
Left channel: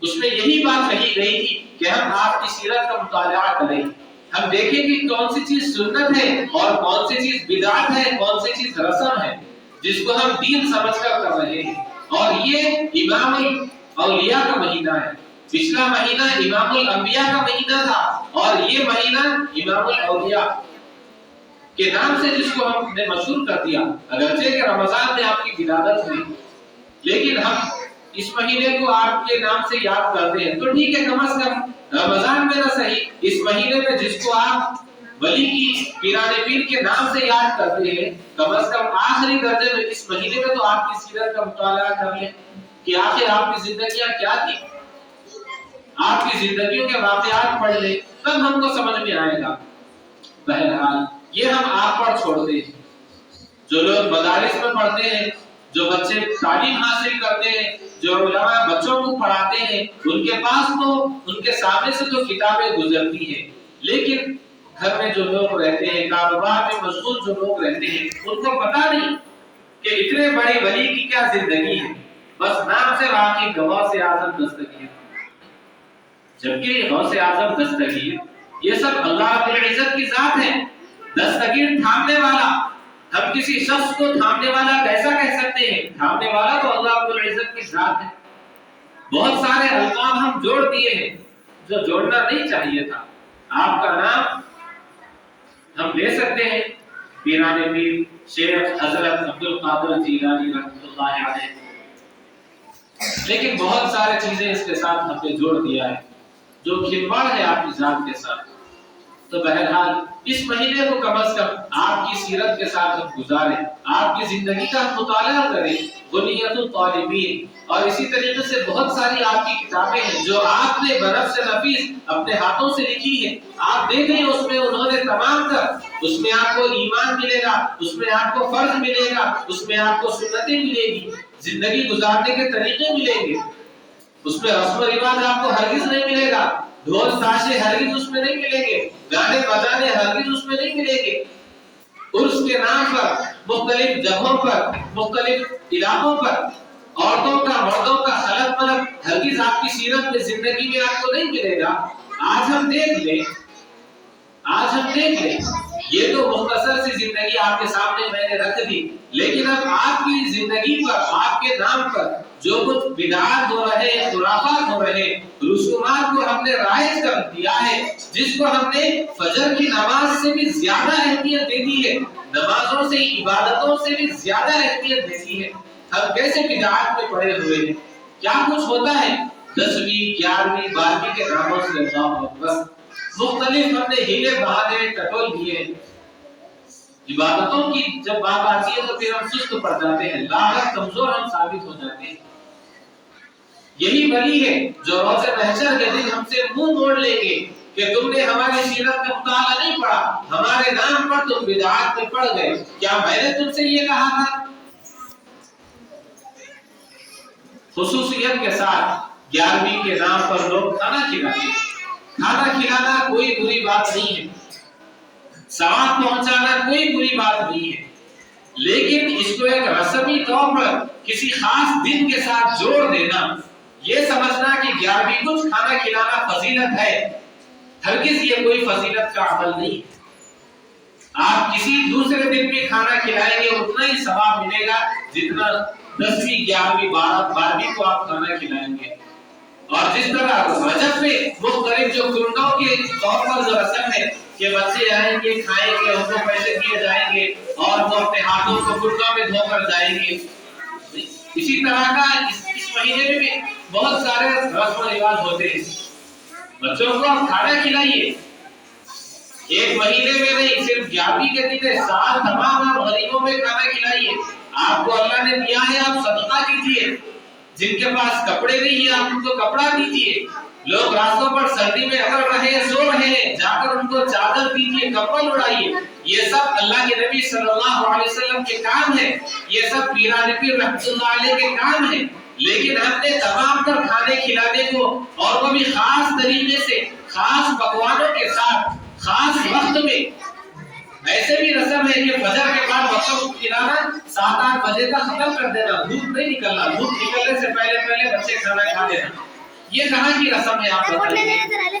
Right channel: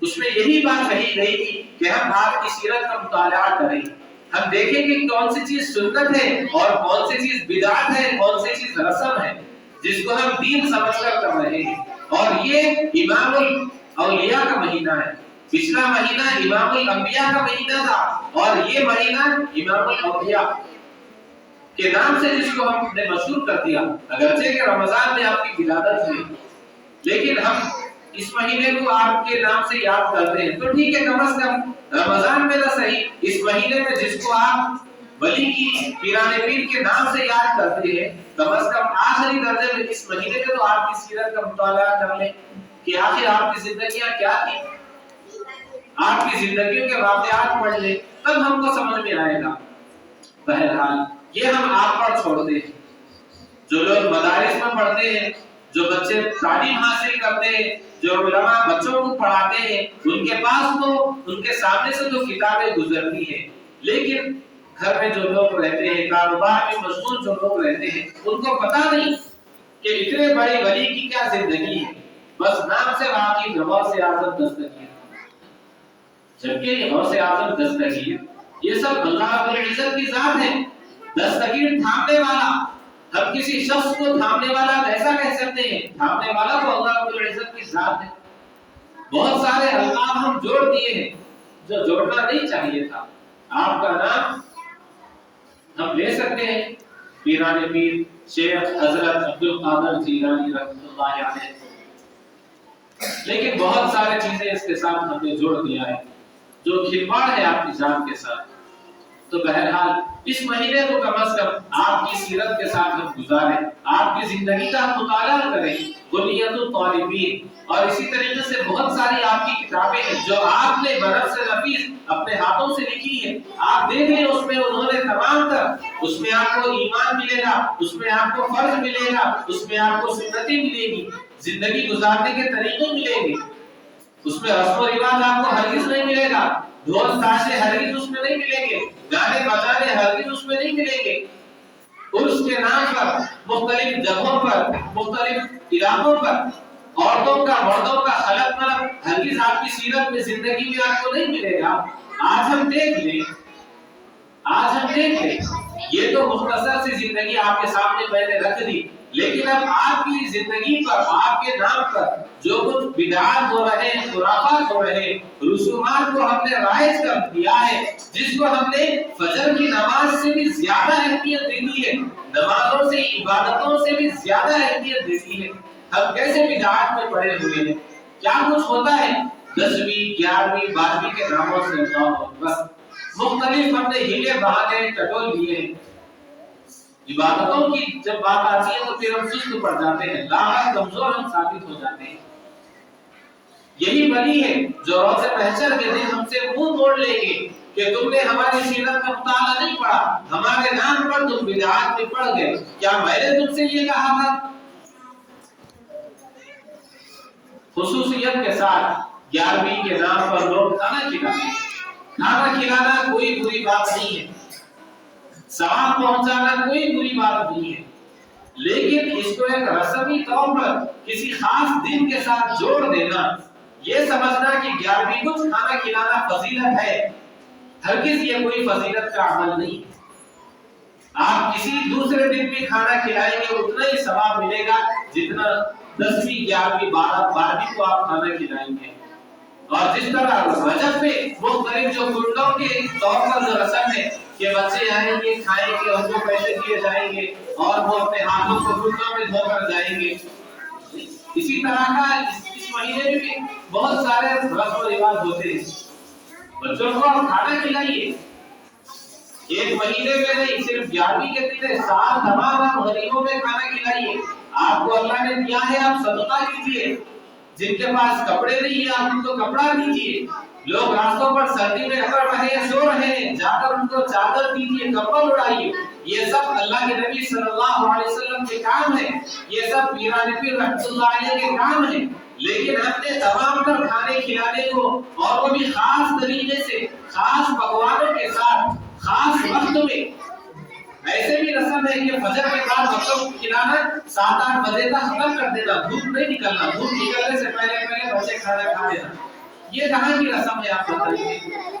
اس میں یہی بات کہی گئی تھی کہ ہم آپ کی سیرت کا مطالعہ کریں، ہم دیکھیں کہ کون سی چیز سنت ہے اور کون سی چیز بدعت ہے، کون سی چیز رسم ہے جس کو ہم دین سمجھ کر کر رہے ہیں۔ اور یہ امام الاولیاء کا مہینہ ہے۔ پچھلا مہینہ امام الانبیاء کا مہینہ تھا اور یہ مہینہ امام الاولیاء کے نام سے جس کو ہم نے مشہور کر دیا، اگرچہ کہ رمضان میں آپ کی ولادت ہوئی، لیکن ہم اس مہینے کو آپ کے نام سے یاد کرتے ہیں۔ تو ٹھیک ہے، کم از کم رمضان میں نہ صحیح، اس مہینے میں جس کو آپ ولی کی پیران پیر کے نام سے یاد کرتے ہیں، کم از کم آخری درجے میں اس مہینے میں تو آپ کی سیرت کا مطالعہ کر لیں کہ آخر آپ کی زندگیاں کیا تھی، آپ کی زندگیوں کے واقعات پڑھ لیں، تب ہم کو سمجھ میں آئے گا۔ بہرحال یہ ہم آپ پر چھوڑتے ہیں۔ جو لوگ مدارس میں پڑھتے ہیں، جو بچے تعلیم حاصل کرتے ہیں، جو علماء بچوں کو پڑھاتے ہیں، ان کے پاس تو ان کے سامنے سے تو کتابیں گزرتی ہیں، لیکن گھر میں جو لوگ رہتے ہیں، کاروبار میں مشغول جو لوگ رہتے ہیں، ان کو پتہ نہیں کہ اتنے بڑے ولی کی کیا زندگی ہے، بس نام سے واقعی غوث اعظم دستگیر، جبکہ یہ غوث اعظم دستگیر یہ سب اللہ رب العزت کی ذات ہے۔ دستگیر تھامنے والا، ہم کسی شخص کو تھامنے والا کیسا کہہ سکتے ہیں؟ تھامنے والا تو اللہ رب العزت کی ذات ہے۔ بہت سارے القاب ہم جوڑ دیے ہیں جو جوڑنا نہیں چاہیے تھا۔ آپ کا نام ہم لے سکتے ہیں، پیران پیر شیخ حضرت عبد القادر جیلانی رحمۃ اللہ علیہ، لیکن بہت سارے چیزیں اس کے ساتھ ہم نے جوڑ دیا ہے جو کھلواڑ ہے آپ کی ذات کے ساتھ۔ تو بہرحال اس مہینے کو کم از کم آپ کی سیرت کے ساتھ ہم گزاریں، آپ کی زندگی کا ہم مطالعہ کریں، بنیت الطالبین، اور اسی طریقے سے بہت ساری آپ کی کتابیں ہیں جو آپ نے بنفس نفیس اپنے ہاتھوں سے لکھی ہے۔ آپ دیکھ لیں اس میں انہوں نے تمام تر، اس میں آپ کو ایمان ملے گا، اس میں آپ کو فرض ملے گا، اس میں آپ کو سنتیں ملے گی، زندگی گزارنے کے طریقے ملیں گے، اس میں رسم و رواج آپ کو ہرگز نہیں ملے گا، ڈھول تاشے ہرگز اس میں نہیں ملیں گے، گانے بجانے ہرگز اس میں نہیں ملیں گے۔ عرس کے نام پر مختلف جگہوں پر، مختلف علاقوں پر عورتوں کا مردوں کا خلط ملط ہرگز آپ کی سیرت میں زندگی میں آپ کو نہیں ملے گا۔ آج ہم دیکھ لیں، یہ تو مختصر سی زندگی آپ کے سامنے میں نے رکھ دی، لیکن اب آپ کی زندگی پر، آپ کے نام پر جو کچھ بدعات ہو رہے ہیں، خرافات ہو رہے ہیں، رسومات کو ہم نے رائج کر دیا ہے، جس کو ہم نے فجر کی نماز سے بھی زیادہ اہمیت دے دی ہے، نمازوں سے، عبادتوں سے بھی زیادہ اہمیت دے دی ہے۔ ہم کیسے بدعات میں پڑے ہوئے ہیں، کیا کچھ ہوتا ہے 10ویں 11ویں 12ویں کے ناموں سے، اللہ اکبر، مختلف ہم نے ہیلے بہانے ٹٹول دیے ہیں۔ عبادتوں کی جب بات آتی ہے تو پھر ہم سست پڑ جاتے ہیں، لاغر کمزور ہم ثابت ہو جاتے ہیں۔ یہی ولی ہے جو روز محشر کے دن ہم سے منہ موڑ لیں گے کہ تم نے ہماری سیرت کا مطالعہ نہیں پڑھا، ہمارے نام پر تم بدعات میں پڑ گئے، کیا میں نے تم سے یہ کہا تھا؟ خصوصیت کے ساتھ 11ویں کے نام پر لوگ کھانا کھلاتے ہیں۔ کھانا کھلانا کوئی بری بات نہیں ہے، ثواب پہنچانا کوئی بری بات نہیں ہے، لیکن اس کو ایک رسمی طور پر کسی خاص دن کے ساتھ جوڑ دینا، یہ سمجھنا کہ 11ویں کچھ کھانا کھلانا فضیلت ہے، ہرگز یہ کوئی فضیلت کا عمل نہیں ہے۔ آپ کسی دوسرے دن بھی کھانا کھلائیں گے اتنا ہی ثواب ملے گا جتنا 10ویں 11ویں 12ویں کو آپ کھانا کھلائیں گے۔ اور جس طرح رجب میں مختلف جو کنڈوں کے طور پر جو رسم ہے کہ بچے آئیں گے، کھائیں گے، ان کو پیسے دیے جائیں گے اور وہ اپنے ہاتھوں کو کنڈوں میں دھو کر جائیں گے، اسی طرح کا اس مہینے میں بھی بہت سارے رسم و رواج ہوتے ہیں۔ بچوں کو آپ کھانا کھلائیے، ایک مہینے میں نہیں، صرف 11ویں کے دن سال تمام آپ غریبوں میں کھانا کھلائیے۔ آپ کو اللہ نے دیا ہے، آپ صدقہ کیجیے، جن کے پاس کپڑے نہیں ہیں آپ ان کو کپڑا دیجیے، لوگ راستوں پر سردی میں اکڑ رہے ہیں، سو رہے ہیں، جا کر ان کو چادر دیجیے، کپڑا اڑائیے، یہ سب اللہ کے نبی صلی اللہ علیہ وسلم کے کام ہے، یہ سب پیران پیر رحمۃ اللہ علیہ کے کام ہے، لیکن ہم نے تمام تر کھانے کھلانے کو، اور وہ بھی خاص طریقے سے، خاص پکوانوں کے ساتھ، خاص وقت میں، ایسے بھی رسم ہے کہ فجر کے بعد بچوں کو کھلانا 7-8 بجے تک ختم کر دینا، دھوپ نہیں نکلنا، دھوپ نکلنے سے پہلے بچے کھانا کھا لینا، یہ کہاں کی رسم ہے آپ بتائیے؟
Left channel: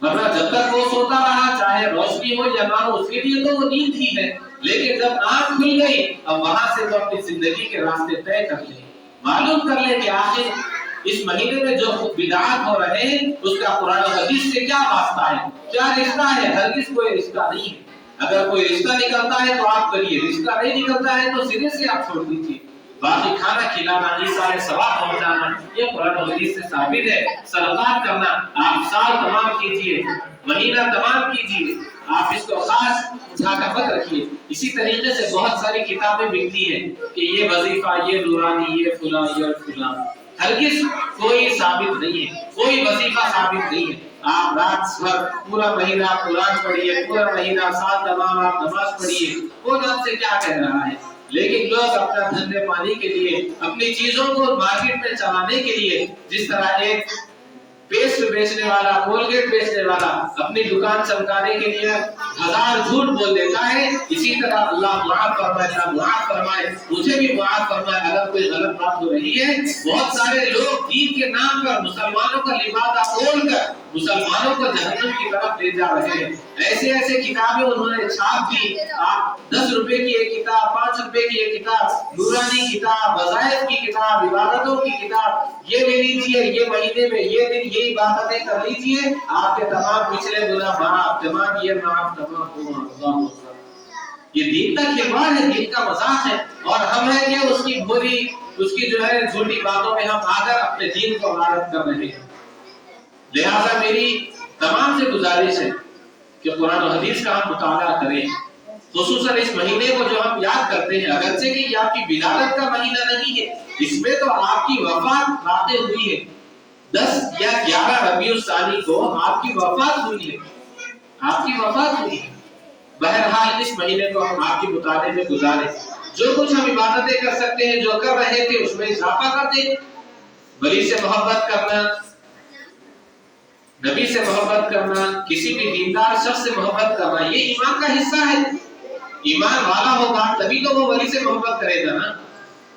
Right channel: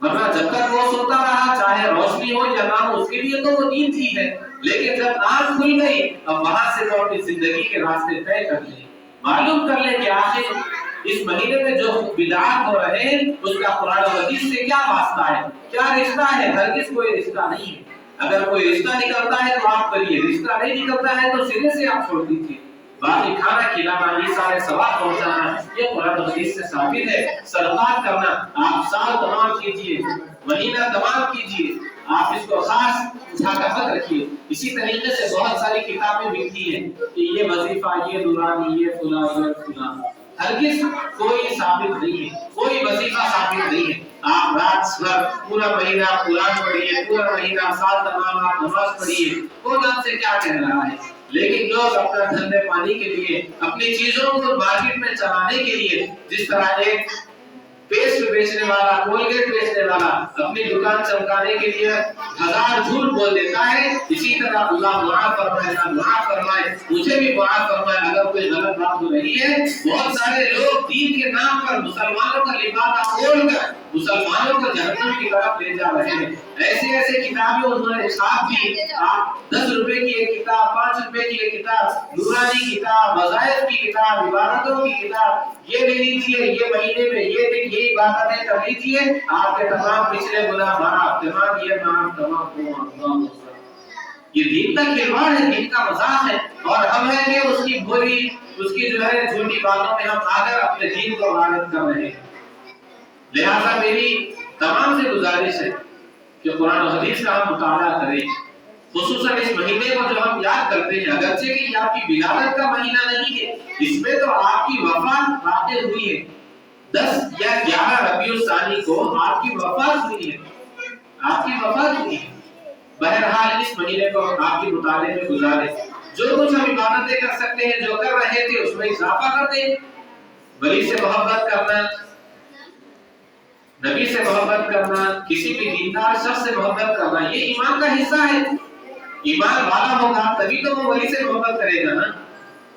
ورنہ جب تک وہ سوتا رہا چاہے روشنی ہو یا نہ ہو اس کے لیے تو وہ نیند ہی ہے، لیکن جب آنکھ کھل گئی اب وہاں سے وہ اپنی زندگی کے راستے طے کر لے، معلوم کر لے کہ آخر اس مہینے میں جو بدعات ہو رہے ہیں اس کا قرآن و حدیث سے کیا واسطہ ہے، کیا رشتہ ہے۔ ہرگز کوئی رشتہ نہیں ہے، اگر کوئی رشتہ نکلتا ہے تو آپ کریے، رشتہ نہیں نکلتا ہے تو سرے سے آپ چھوڑ دیجیے۔ باقی کھانا کھلانا، عیسیٰ ثواب پہنچانا یہ قرآن و حدیث سے ثابت ہے۔ صدقات کرنا آپ سال تمام کیجیے، مہینہ تمام کیجیے، آپ اس کو خاص ثقافت رکھیے۔ اسی طریقے سے بہت ساری کتابیں ملتی ہیں کہ یہ وظیفہ، یہ نورانی، یہ فلاں، یہ فلاں، ہرگز کوئی ثابت نہیں ہے، کوئی وظیفہ ثابت نہیں ہے۔ آپ رات بھر پورا مہینہ قرآن پڑھیے، پورا مہینہ سال تمام آپ نماز پڑھیے، کون آپ سے کیا کہہ رہا ہے؟ لیکن لوگ اپنا دھندے پانی کے لیے، اپنی چیزوں کو مارکیٹ میں چلانے کے لیے، جس طرح ایک پیسٹ بیچنے والا، کولگیٹ بیچنے والا اپنی دکان چمکانے کے لیے ہزار جھوٹ بول دیتا ہے، اسی طرح اللہ معاف فرمائے، اللہ معاف فرمائے، مجھے بھی معاف فرمائے اگر کوئی غلط بات ہو رہی ہے۔ بہت سارے لوگ دین کے نام پر مسلمانوں کا لبادہ کھول کر مسلمانوں کو جہنم کی طرف لے جا رہے ہیں۔ ایسے ایسے کتابیں انہوں نے چھاپ دی، آپ 10 روپے کی ایک کتاب، 5 روپے کی ایک کتاب، نورانی کتاب، وظائف کی کتاب، عبادتوں کی کتاب، یہ لے لیجیے، یہ مہینے میں یہ دن یہ عبادتیں کر لیجیے، آپ کے تمام پچھلے گناہ معاف، تمام یہ معاف، تمام یہ دین کا کھلواڑ ہے، دین کا مذاق ہے، اور ہم ہیں کہ اس کی بری، اس کی جو ہے جھوٹی باتوں میں ہم آ کر اپنے دین کو غارت کر رہے ہیں۔ لہذا میری تمام سے گزارش ہے کہ قرآن و حدیث کا ہم مطالعہ کریں، خصوصاً اس مہینے کو جو ہم یاد کرتے ہیں، اگرچہ کہ یہ آپ کی ولادت کا مہینہ نہیں ہے، اس میں تو آپ کی وفات واقع ہوئی ہے، 10 یا 11 ربیع الثانی کو آپ کی وفات ہوئی ہے، آپ کی وفات ہوئی ہے۔ بہرحال اس مہینے کو ہم آپ کے مطالعے میں گزاریں، جو کچھ ہم عبادتیں کر سکتے ہیں، جو کر رہے تھے اس میں اضافہ کر دیں، ولی سے محبت کرنا، نبی سے محبت کرنا، کسی بھی دیندار شخص سے محبت کرنا، یہ ایمان کا حصہ ہے۔ ایمان والا ہوگا تبھی تو وہ ولی سے محبت کرے گا نا،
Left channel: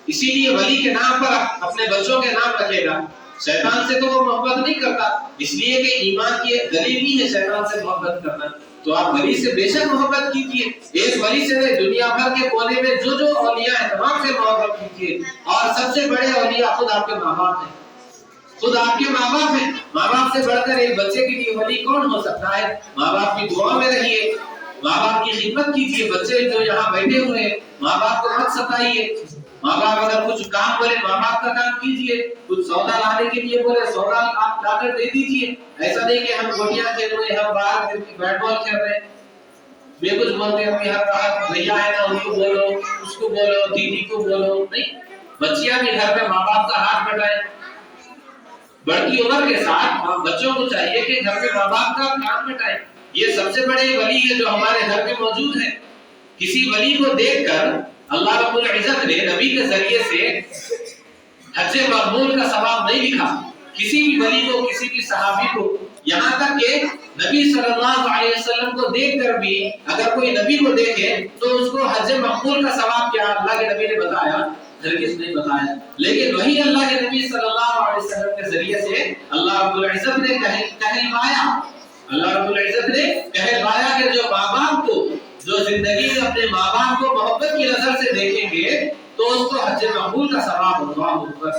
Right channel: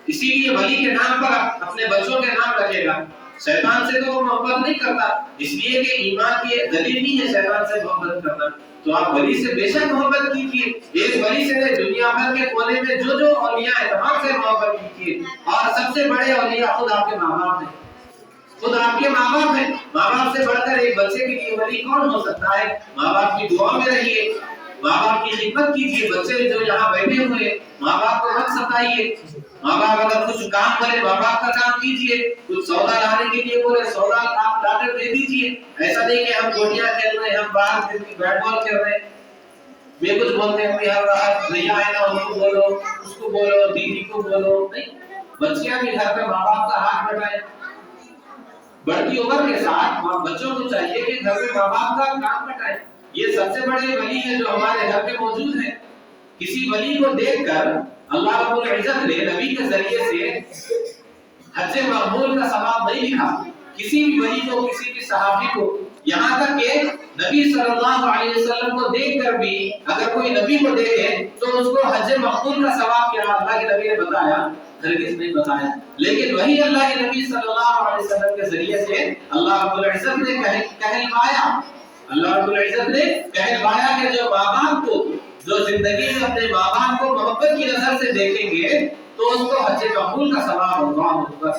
اسی لیے ولی کے نام پر اپنے بچوں کے نام رکھے گا۔ شیطان سے تو وہ محبت نہیں کرتا، اس لیے کہ ایمان کی دلیل نہیں ہے شیطان سے محبت کرنا، تو آپ ولی سے بے شک محبت کیجیے، ایک ولی سے نہیں، دنیا بھر کے کونے میں جو اولیاء ہیں تمام سے محبت کیجیے، اور سب سے بڑے اولیاء خود آپ کے ماں باپ ہیں، خود آپ کے ماں باپ ہیں۔ ماں باپ سے بڑھ کر ایک بچے کے لیے ولی کون ہو سکتا ہے؟ ماں باپ کی دعا میں رہیے، ماں باپ کی خدمت کیجیے، بچے جو یہاں بیٹھے ہوئے ہیں ماں باپ کو مت ستائیے، ماں باپ اگر کچھ کام بولے ماں باپ کا کام کیجیے، کچھ سودا لانے کے لیے بولے سودا آپ لا کر دے دیجیے، ایسا نہیں کہ ہم گوٹیاں کھیل رہے ہیں، ہم باہر بیٹ بال کھیل رہے ہیں، میں کچھ بولتے ہیں ہر بار بھیا ہے نا ان کو بولو، اس کو بولو، دیدی کو بولو، نہیں، بچیاں بھی گھر میں ماں باپ کا ہاتھ بٹائیں۔ بڑھتی عمر کے ساتھ بچوں کو چاہیے کہ گھر میں ماں باپ کا کام بٹائیں، یہ سب سے بڑے ولی ہے جو ہمارے گھر میں موجود ہے۔ کسی ولی کو دیکھ کر اللہ رب العزت نے نبی کے ذریعے سے حج مقبول کا ثواب نہیں لکھا، کسی بھی ولی کو، کسی بھی صحابی کو، یہاں تک کہ نبی صلی اللہ علیہ وسلم کو دیکھ کر بھی اگر کوئی نبی کو دیکھے تو اس کو حج مقبول کا ثواب کیا اللہ کے نبی نے بتایا؟ ہرگز نہیں بتایا، لیکن وہی اللہ کے نبی صلی اللہ علیہ وسلم کے ذریعے سے اللہ رب العزت نے کہلوایا، اللہ رب العزت نے کہلوایا کہ جو ماں باپ کو، جو زندگی میں اپنے ماں باپ کو محبت کی نظر سے دیکھیں گے تو اس کو حج مقبول کا ثواب ہوگا۔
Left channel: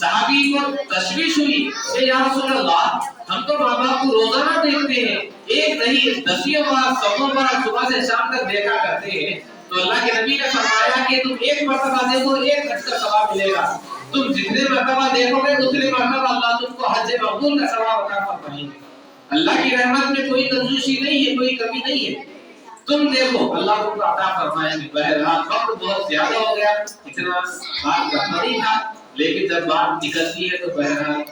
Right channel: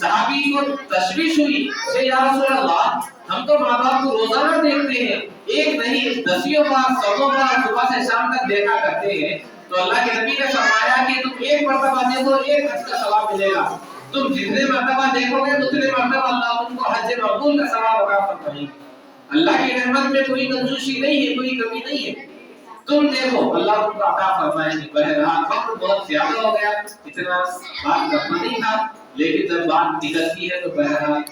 صحابی کو تشویش ہوئی کہ یا رسول اللہ ہم تو ماں باپ کو روزانہ دیکھتے ہیں، ایک نہیں 10 بار 100 بار صبح سے شام تک دیکھا کرتے ہیں، تو اللہ کے نبی نے فرمایا کہ تم ایک مرتبہ دیکھو ایک حج کا ثواب ملے گا، تم جتنے مرتبہ دیکھو گے اتنے مرتبہ اللہ تم کو حج مقبول کا ثواب عطا فرمائے گا۔ اللہ کی رحمت میں کوئی کنجوسی نہیں ہے، کوئی کمی نہیں ہے، تم دیکھو اللہ تم کو عطا فرمائیں گے۔ بہرحال وقت بہت زیادہ ہو گیا، اتنا بات کرنا نہیں تھا، لیکن جب بات نکلتی ہے تو بہرحال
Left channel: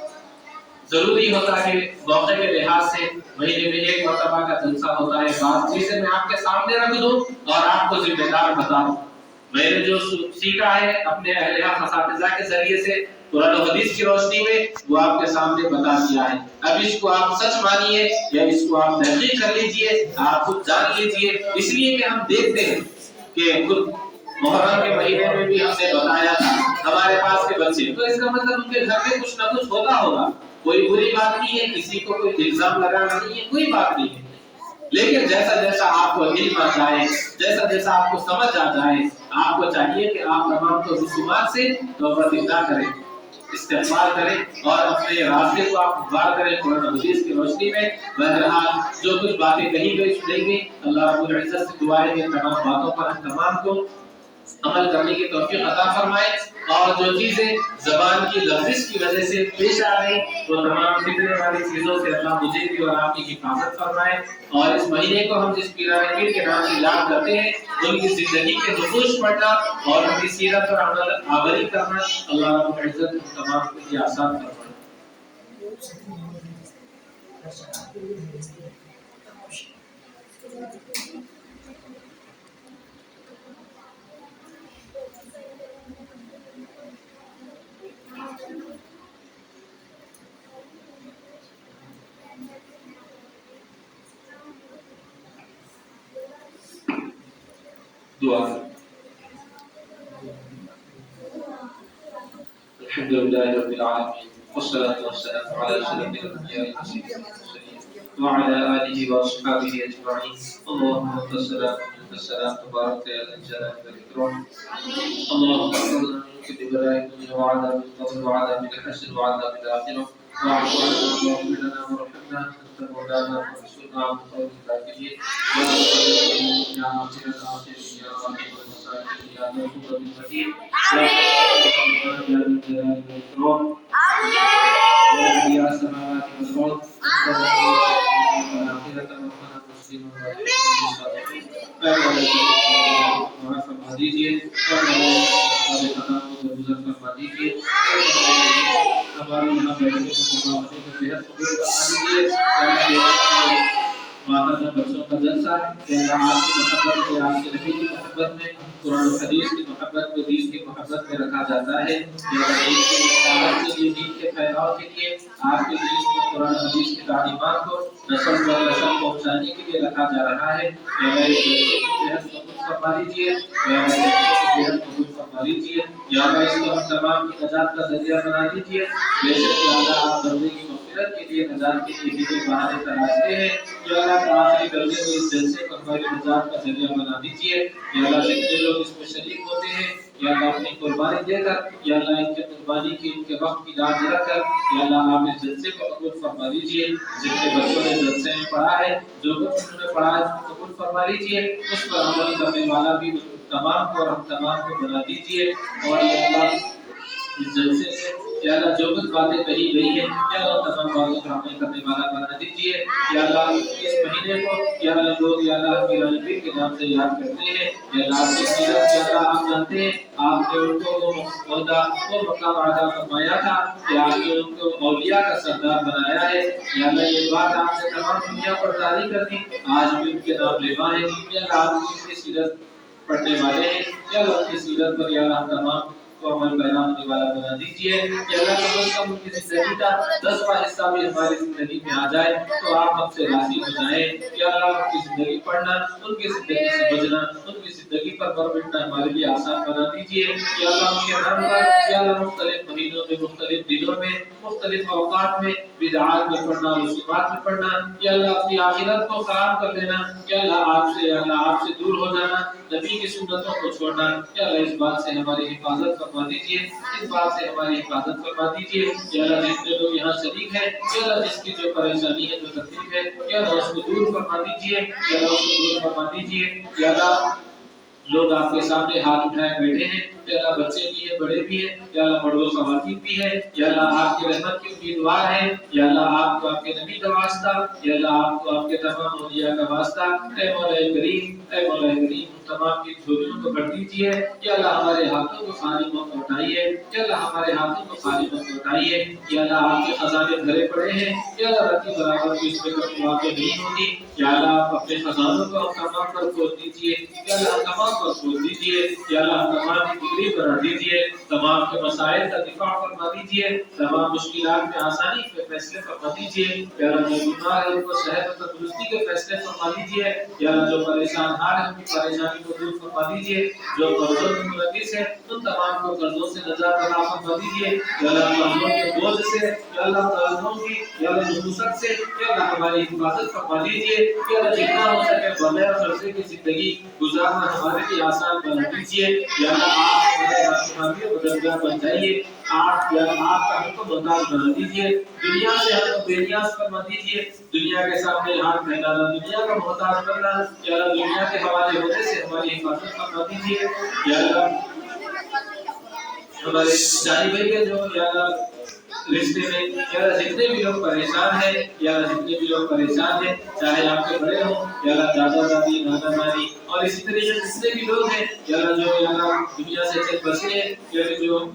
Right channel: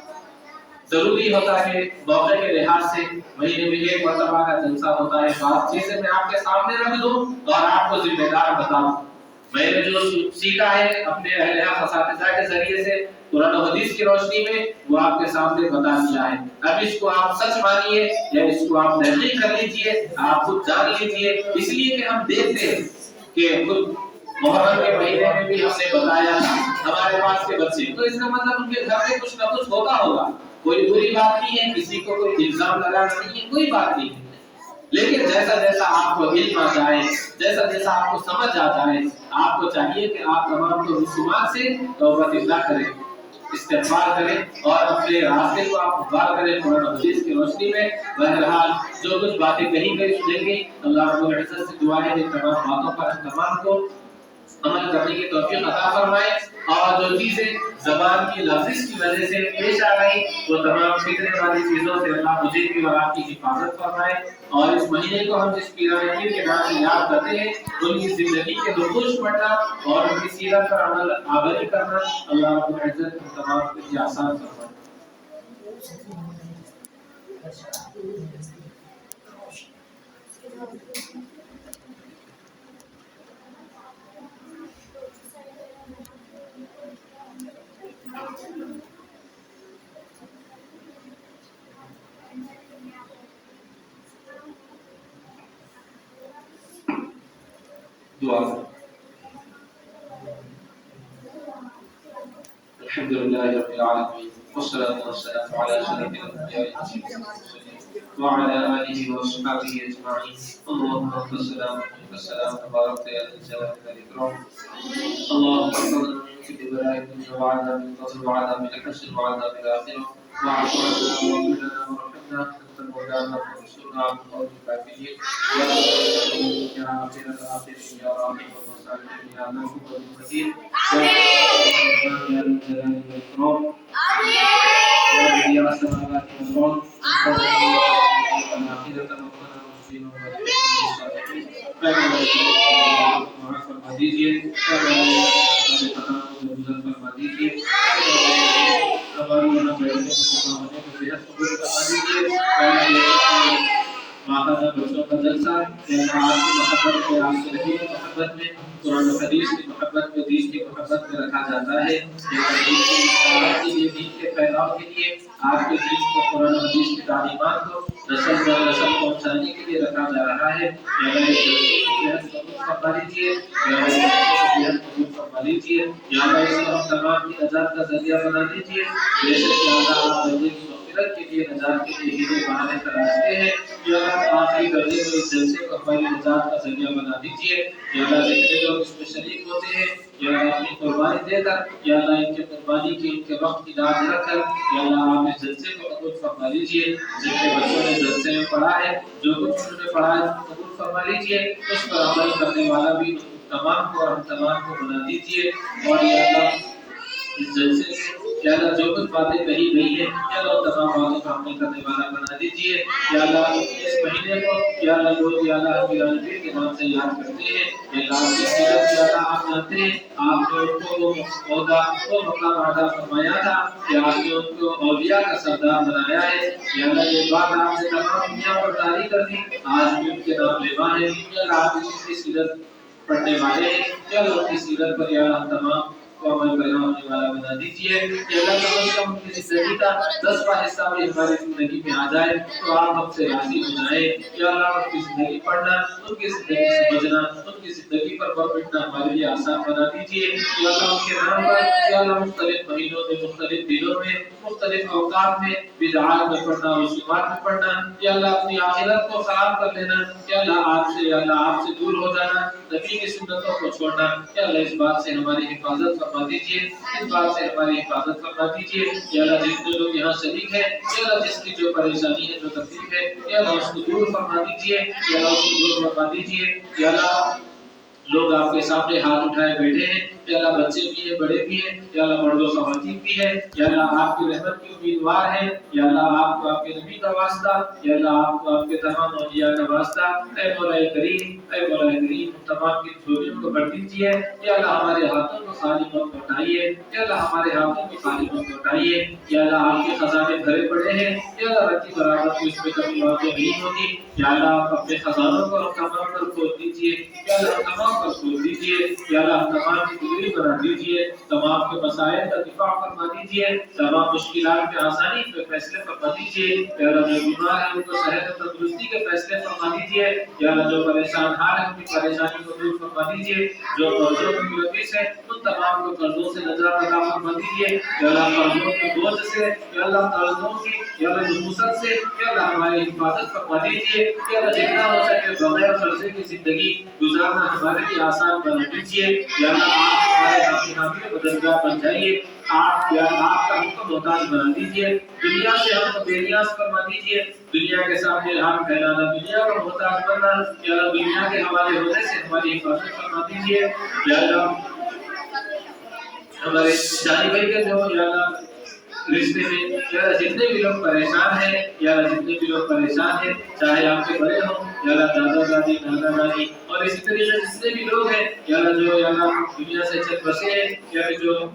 ضروری ہوتا ہے موقع کے لحاظ سے مہینے میں ایک مرتبہ کا جلسہ ہوتا ہے، بات چیزیں میں آپ کے سامنے رکھ دوں اور آپ کو ذمہ دار بتاؤں۔ میں نے جو سیکھا ہے اپنے اہل حق اساتذہ کے ذریعے سے قرآن و حدیث کی روشنی میں وہ آپ کے سامنے بتا دیا ہے، اب اس کو آپ سچ مانیے یا اس کو آپ تحقیق کر لیجئے، آپ خود جان لیجئے، اس لیے کہ ہم دیکھتے ہیں کہ خود محرم کے مہینے میں بھی ہم نے بتایا تھا ہمارے پاس کے بچے، تو اس کا مطلب ان کے گھر میں کچھ نہ کچھ ہوتا ہوگا، کوئی بری بات نہیں ہے، کسی کو کوئی الزام لگانا نہیں ہے، کوئی بات نہیں ہے، لیکن جیسا جیسا آپ کو علم آ جائے، جیسا جیسا آپ کو سمجھ آ جائے، آپ کو چاہیے کہ آپ تمام کو رسومات سے توبہ اطلاع کریں، استغفار کریں اور اپنے راستے کو آپ غور کریں قرآن و حدیث کی روشنی میں۔ بہرحال جو کچھ باتیں کہی گئی سنیں گی، اللہ رب العزت سے دعا ہے کہ تمام باتوں پر ہم تمام کو عمل کرنے کی توفیق عطا فرمائے، اور جو چیزیں زبان کی لفظ کی وجہ سے پیش آ رہی وہ تمام فتنے والی چیزوں سے اللہ مجھے بھی اور آپ کی حفاظت فرمائے، اور اس مہینے کو ہم جس پیران پیر کے نام سے یاد کرتے ہیں ان کی زندگی کے نقوش پڑھنا اور ان کی سیرت پر عمل آوری کرنا اللہ رب العزت ہم تمام کے لیے آسان فرمائے۔ دعا الحمد لله رب العالمين والصلاة والسلام على أشرف الأنبياء والمرسلين وعلى آله وأصحابه أجمعين اللهم أنت السلام ومنك السلام تبارك يا ذا الجلال والإكرام اللهم احفظنا من كل بلاء الدنيا وعذاب القبر وعذاب الحشر وعذاب الآخرة واعف عنا واغفر لنا وارحمنا أنت مولانا فانصرنا على القوم الكافرين يا آخر الآخرين يا راحم المساكين يا موهوب المدين يا ذا الجلال والإكرام يا بديع السماوات والأرض والآخرة ربنا مسلما والصالحين معاف فرما دیجیے، فرما دیجیے، ہمارے یہاں بیٹھنے کو صحت قبول فرما دیجیے، ماہانہ بچوں کا جلسہ آپ کی محبت میں، آپ کے نبی کی محبت میں، قرآن و حدیث کی محبت میں، دین کی محبت میں رکھا جاتا ہے، دین کی اصلاح کے لیے، دین کے پھیلاؤ کے لیے، آپ کے دین کو، قرآن و حدیث کی تعلیمات کو نسل در نسل پہنچانے کے لیے رکھا جا رہا ہے۔ فرما دیجیے، قبول فرما دیجیے، یا اللہ اس کو ہم تمام کی نجات کا ذریعہ بنا دیجیے، جیسے کہ اللہ آپ بندے کی مغفرت کے لیے، نجات کے لیے ہیرے بہانے تراشتے ہیں، یا اللہ آخری درجے میں اس جلسے کو ہماری نجات کا ذریعہ بنا دیجیے، یا اللہ جتنے لوگ اس میں شریک ہوتے ہیں، یا اللہ اپنی قربانی دے کر، یا اللہ ان کے قربانی کی، ان کے وقت کی لاج رکھ کر، یا اللہ آپ اس جلسے کو قبول فرما لیجیے، جتنے بچوں نے جلسے میں پڑھا ہے، جو کچھ انہوں نے پڑھا ہے قبول فرما لیجیے، اس پر عمل کرنے والا بھی تمام کو اور ہم تمام کو بنا دیجیے، اور یا اللہ اس جلسے میں یا اللہ جو کچھ باتیں کہی گئی ہیں یا اللہ تمام باتوں پر عمل کرنے والا بنا دیجیے، یا اللہ اس مہینے کو یا اللہ لوگ یا اللہ پیران پیر کے نام سے یاد کرتے ہیں، یا اللہ آپ کی سیرت یا اللہ آپ جانتے ہیں، آپ نے ان کو وہ عہدہ وہ مقام عطا فرمایا تھا کہ آپ نے ان کو اولیاء کا سردار بنایا ہے، یا اللہ یہ بات آپ نے تمام دنیا پر جاری کر دی، آج بھی ان کے نام لیوا ہے، یا اللہ آپ ان کی سیرت پڑھنے والے ہیں، یا اللہ کی سیرت پر یا اللہ تمام کو عمل کرنا ہونے والا بنا دیجیے، کہ اللہ کم از کم ان کی زندگی کا 10واں حصہ بھی ہماری زندگی میں آ جائے تو آپ ہم سے راضی ہو جائیں، یا اللہ ان کی زندگی پڑھنا، ان کی زندگی سمجھنا، ان کی زندگی پر بیٹھنا ہمارے لیے آسان بنا دیجیے، یا اللہ ان کے نام پر یا اللہ مختلف مہینوں میں، مختلف دنوں میں، مختلف اوقات میں بدعات میں پڑھنا، رسومات میں پڑھنا، یا اللہ اپنی آخرت کو خراب کر دینا، یا اللہ آپ سے دور ہو جانا، نبی کی سنتوں کو چھوڑنا، یا اللہ اس بات سے ہماری حفاظت فرما دیجیے، اس بات سے ہماری حفاظت فرما دیجیے، یا اللہ جتنے لوگ یہاں شریک ہیں، یا اللہ جس کی جو پریشانی ہے، جو تکلیف ہے، یا اللہ اس کو دور فرما دیجیے، یا اللہ اس کو دور فرما دیجیے، یا اللہ لوگ آپ کے سامنے ہاتھ اٹھائے بیٹھے ہیں، یا اللہ بچے بھی ہیں، بڑے بھی ہیں، یا اللہ مرد و خواتین بھی ہیں، یا اللہ آپ کی رحمت کے امیدوار ہیں، یا اللہ آپ کو آپ کے نبی کا واسطہ، یا اللہ آپ کو آپ کے تمام اولیاء کا واسطہ، اے مولا کریم، اے مولا کریم تمام کی جھولیوں کو بھر دیجیے، یا اللہ ہمارے ہاتھوں کو خالی مت لوٹائیے، یا اللہ ہمارے ہاتھوں کو خالی مت لوٹائیے، یا اللہ آپ کے خزانے بھرے پڑے ہیں، یا اللہ رتی برابر کو اس میں کبھی واقع نہیں ہوتی، یا اللہ آپ اپنے خزانوں کو ہم تمام پر کھول دیجیے، یا اللہ تمام پر کھول دیجیے، یا اللہ تمام کی دلی بنا دیجیے، تمام کے مسائل کا دفاع فرما دیجیے، تمام مشکلات میں آسانی کے فیصلے فرما دیجیے، یا اللہ جو بیمار ہے ان کو صحت و تندرستی کے فیصلے فرما دیجیے، یا اللہ جو پریشان حال ہے ان کی پریشانی کو دور فرما دیجیے۔ دیجیے، جو قرضوں میں ملوث ہیں ان تمام کو قرضوں سے نجات عطا فرما دیجیے، یا اللہ قرضوں کے بوجھ سے، یا اللہ قرضوں کی یا اللہ نحوست سے، یا اللہ ہماری حفاظت فرما دیجیے، یا اللہ جتنا ہو سکے بغیر قرضے کی زندگی گزارنا ہمارے لیے آسان بنا دیجیے، یا اللہ آپ ہمارے حامی و مددگار بن جائیے، آپ یا آپ کا ہم کو محتاج بنا دیجیے، دنیا سے ہم کو بے نیاز فرما دیجیے، دنیا کے سامنے ہاتھ پھیلانا، دنیا کا محتاج بننا، یا اللہ دنیا کے حوالے ہونے سے ہماری حفاظت فرما دیجیے، یا اللہ ہمارے جانی بھائی کے جو یا اللہ رشتے میں یا اللہ جتنے بھی لوگ پریشان ہیں، یا اللہ جتنے بھی لوگ پریشان ہیں، چاہے آپ کے بڑے ہوں یا اللہ دادا دادی نانا نانی اور اسی طریقے سے جتنے بھی لوگ ہیں یا اللہ جو یا اللہ دنیا سے چل بسے ہیں یا پھر جو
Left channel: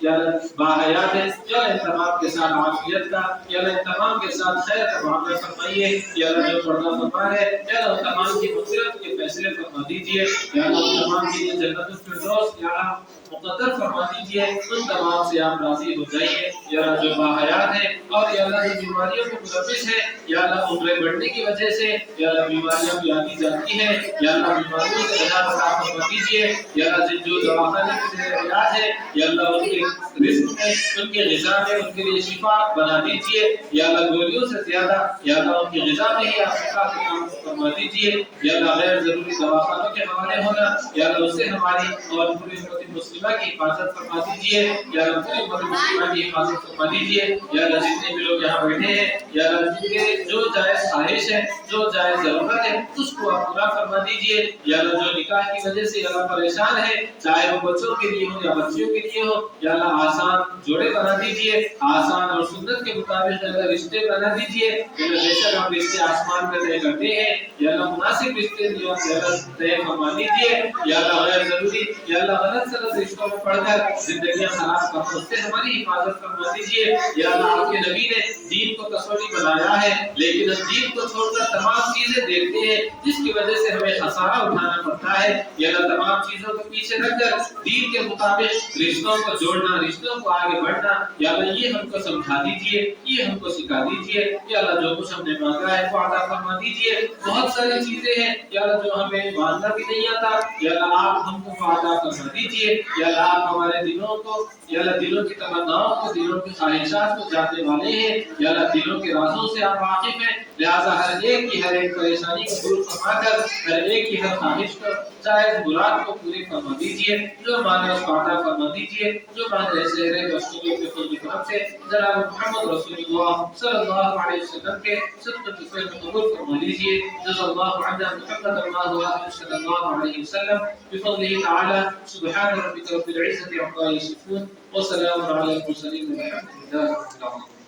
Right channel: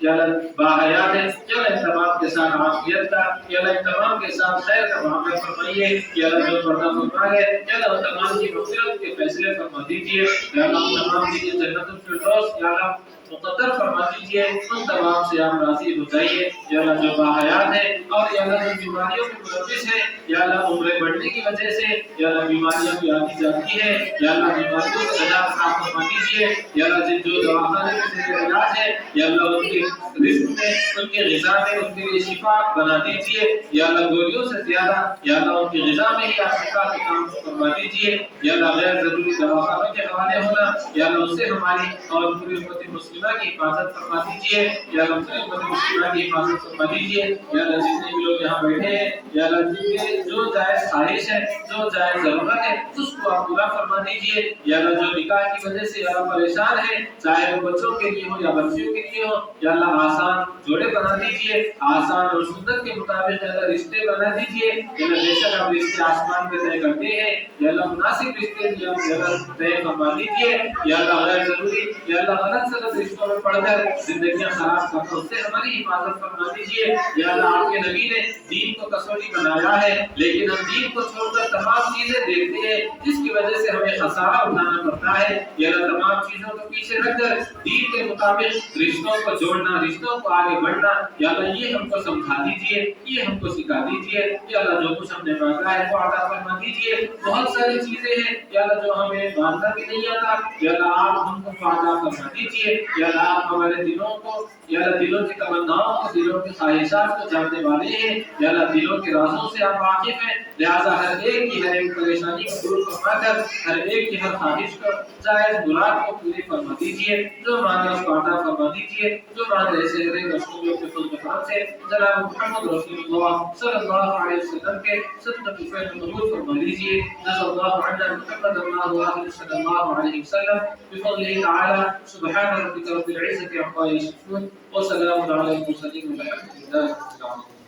یا اللہ باحیات ہیں، یا اللہ ان تمام کے ساتھ عافیت کا، یا اللہ ان تمام کے ساتھ خیر کا معاملہ فرمائیے، یا اللہ جو پردہ فرما ہے یا اللہ ان تمام کی مغفرت کے فیصلے فرما دیجیے، یا اللہ ان تمام کی جنت الفردوس یا اللہ مقدر فرما دیجیے، ان تمام سے آپ راضی ہو جائیے، یا اللہ جو باحیات ہیں اور یا اللہ جو بیماریوں میں ملوث ہیں، یا اللہ عمریں بڑھنے کی وجہ سے یا اللہ بیماریاں بھی آتی جاتی ہیں، یا اللہ بیماریوں سے نجات عطا فرما دیجیے، یا اللہ جن جو دواخانے میں زیر علاج ہے یا اللہ ان کے رزق میں، ان کے غذا میں ان کے لیے شفا بنا دیجیے، یا اللہ گولیوں سے زیادہ یا اللہ ان کی غذا میں ہی آپ شفا کے کام فرما دیجیے، یا اللہ غیر ضروری دواخانوں کے حوالے ہونا یا اللہ اس سے ہماری اور پوری امت مسلمہ کی حفاظت فرما دیجیے، یا اللہ پوری امت مسلمہ کی حفاظت فرما دیجیے، یا اللہ جتنے بھی لوگ یہاں بیٹھے ہیں یا اللہ جن کے جو جائز خواہش ہے، جو جائز ضرورت ہے اس کو آپ پورا فرما دیجیے، یا اللہ جو نکاح کی وجہ سے یا اللہ پریشان ہے، چاہے وہ بچوں کے لیے ہو یا بچیوں کے لیے ہو، یا اللہ آسان جوڑے بنا دیجیے، آسان اور سنت کے مطابق یا اللہ رشتے بنا دیجیے، یا اللہ بے شک آپ رشتے آسمان میں طے کرتے ہیں، یا اللہ مناسب رشتے یا اللہ طے فرما دیجیے، یا اللہ غیر ضروری یا اللہ غلط سلط رشتوں میں پڑھ کر زندگیاں خراب کرنے سے ہماری حفاظت فرما دیجیے، یا اللہ آپ کے نبی نے دین کو تصوری بنایا ہے لیکن ہم دین کو چھوڑ کر تمام چیزیں دیکھتے ہیں جس کی وجہ سے ہمیں خسارہ اٹھانا پڑتا ہے، یا اللہ تمام چیزوں کو پیچھے رکھ کر دین کے مطابق رشتوں کو جوڑنا، رشتوں کو آگے بڑھنا، یا اللہ یہ ہم کو سمجھا دیجیے، یہ ہم کو سکھا دیجیے، یا اللہ جو کچھ ہم نے مانگا ہے وہ عطا فرما دیجیے، بہت ساری چیزیں ہیں یا اللہ جو ہمیں مانگنا بھی نہیں آتا، یا اللہ آپ ہم کو عطا فرما دیجیے، یا اللہ آپ ہمارے دلوں کو یا اللہ دلوں کی تمناؤں کو، دلوں کی خواہشات کو جاننے والے ہیں، یا اللہ دلوں کے رازوں سے آپ واقف ہیں، لہذا ہر ایک کی ہر ایک پریشانی کو دور فرما کر ہر ایک کی ہر خواہش کو جائز مراد کو پوری فرما دیجیے، جو مانگے اس کو عطا فرما دیجیے، جو مانگے شہر رسول کے فضل کرم سے جناب محمد رسول اللہ صلی اللہ علیہ وسلم کے صدقہ کی فیض قبول فرما لیجیے، جزا اللہ عنا محمد اللہ صلی اللہ علیہ وسلم بفضله تعالی، سبحان ربک رب العزة عما یصفون وسلام علی المرسلین والحمد لله رب العالمین۔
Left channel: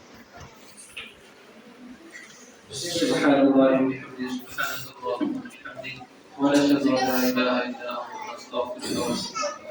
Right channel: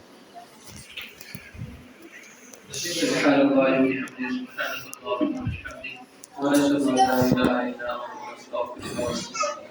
سبحان الله وبحمده، سبحانك اللهم وبحمدك، ونشهد ان لا اله الا انت، نستغفرك ونتوب اليك۔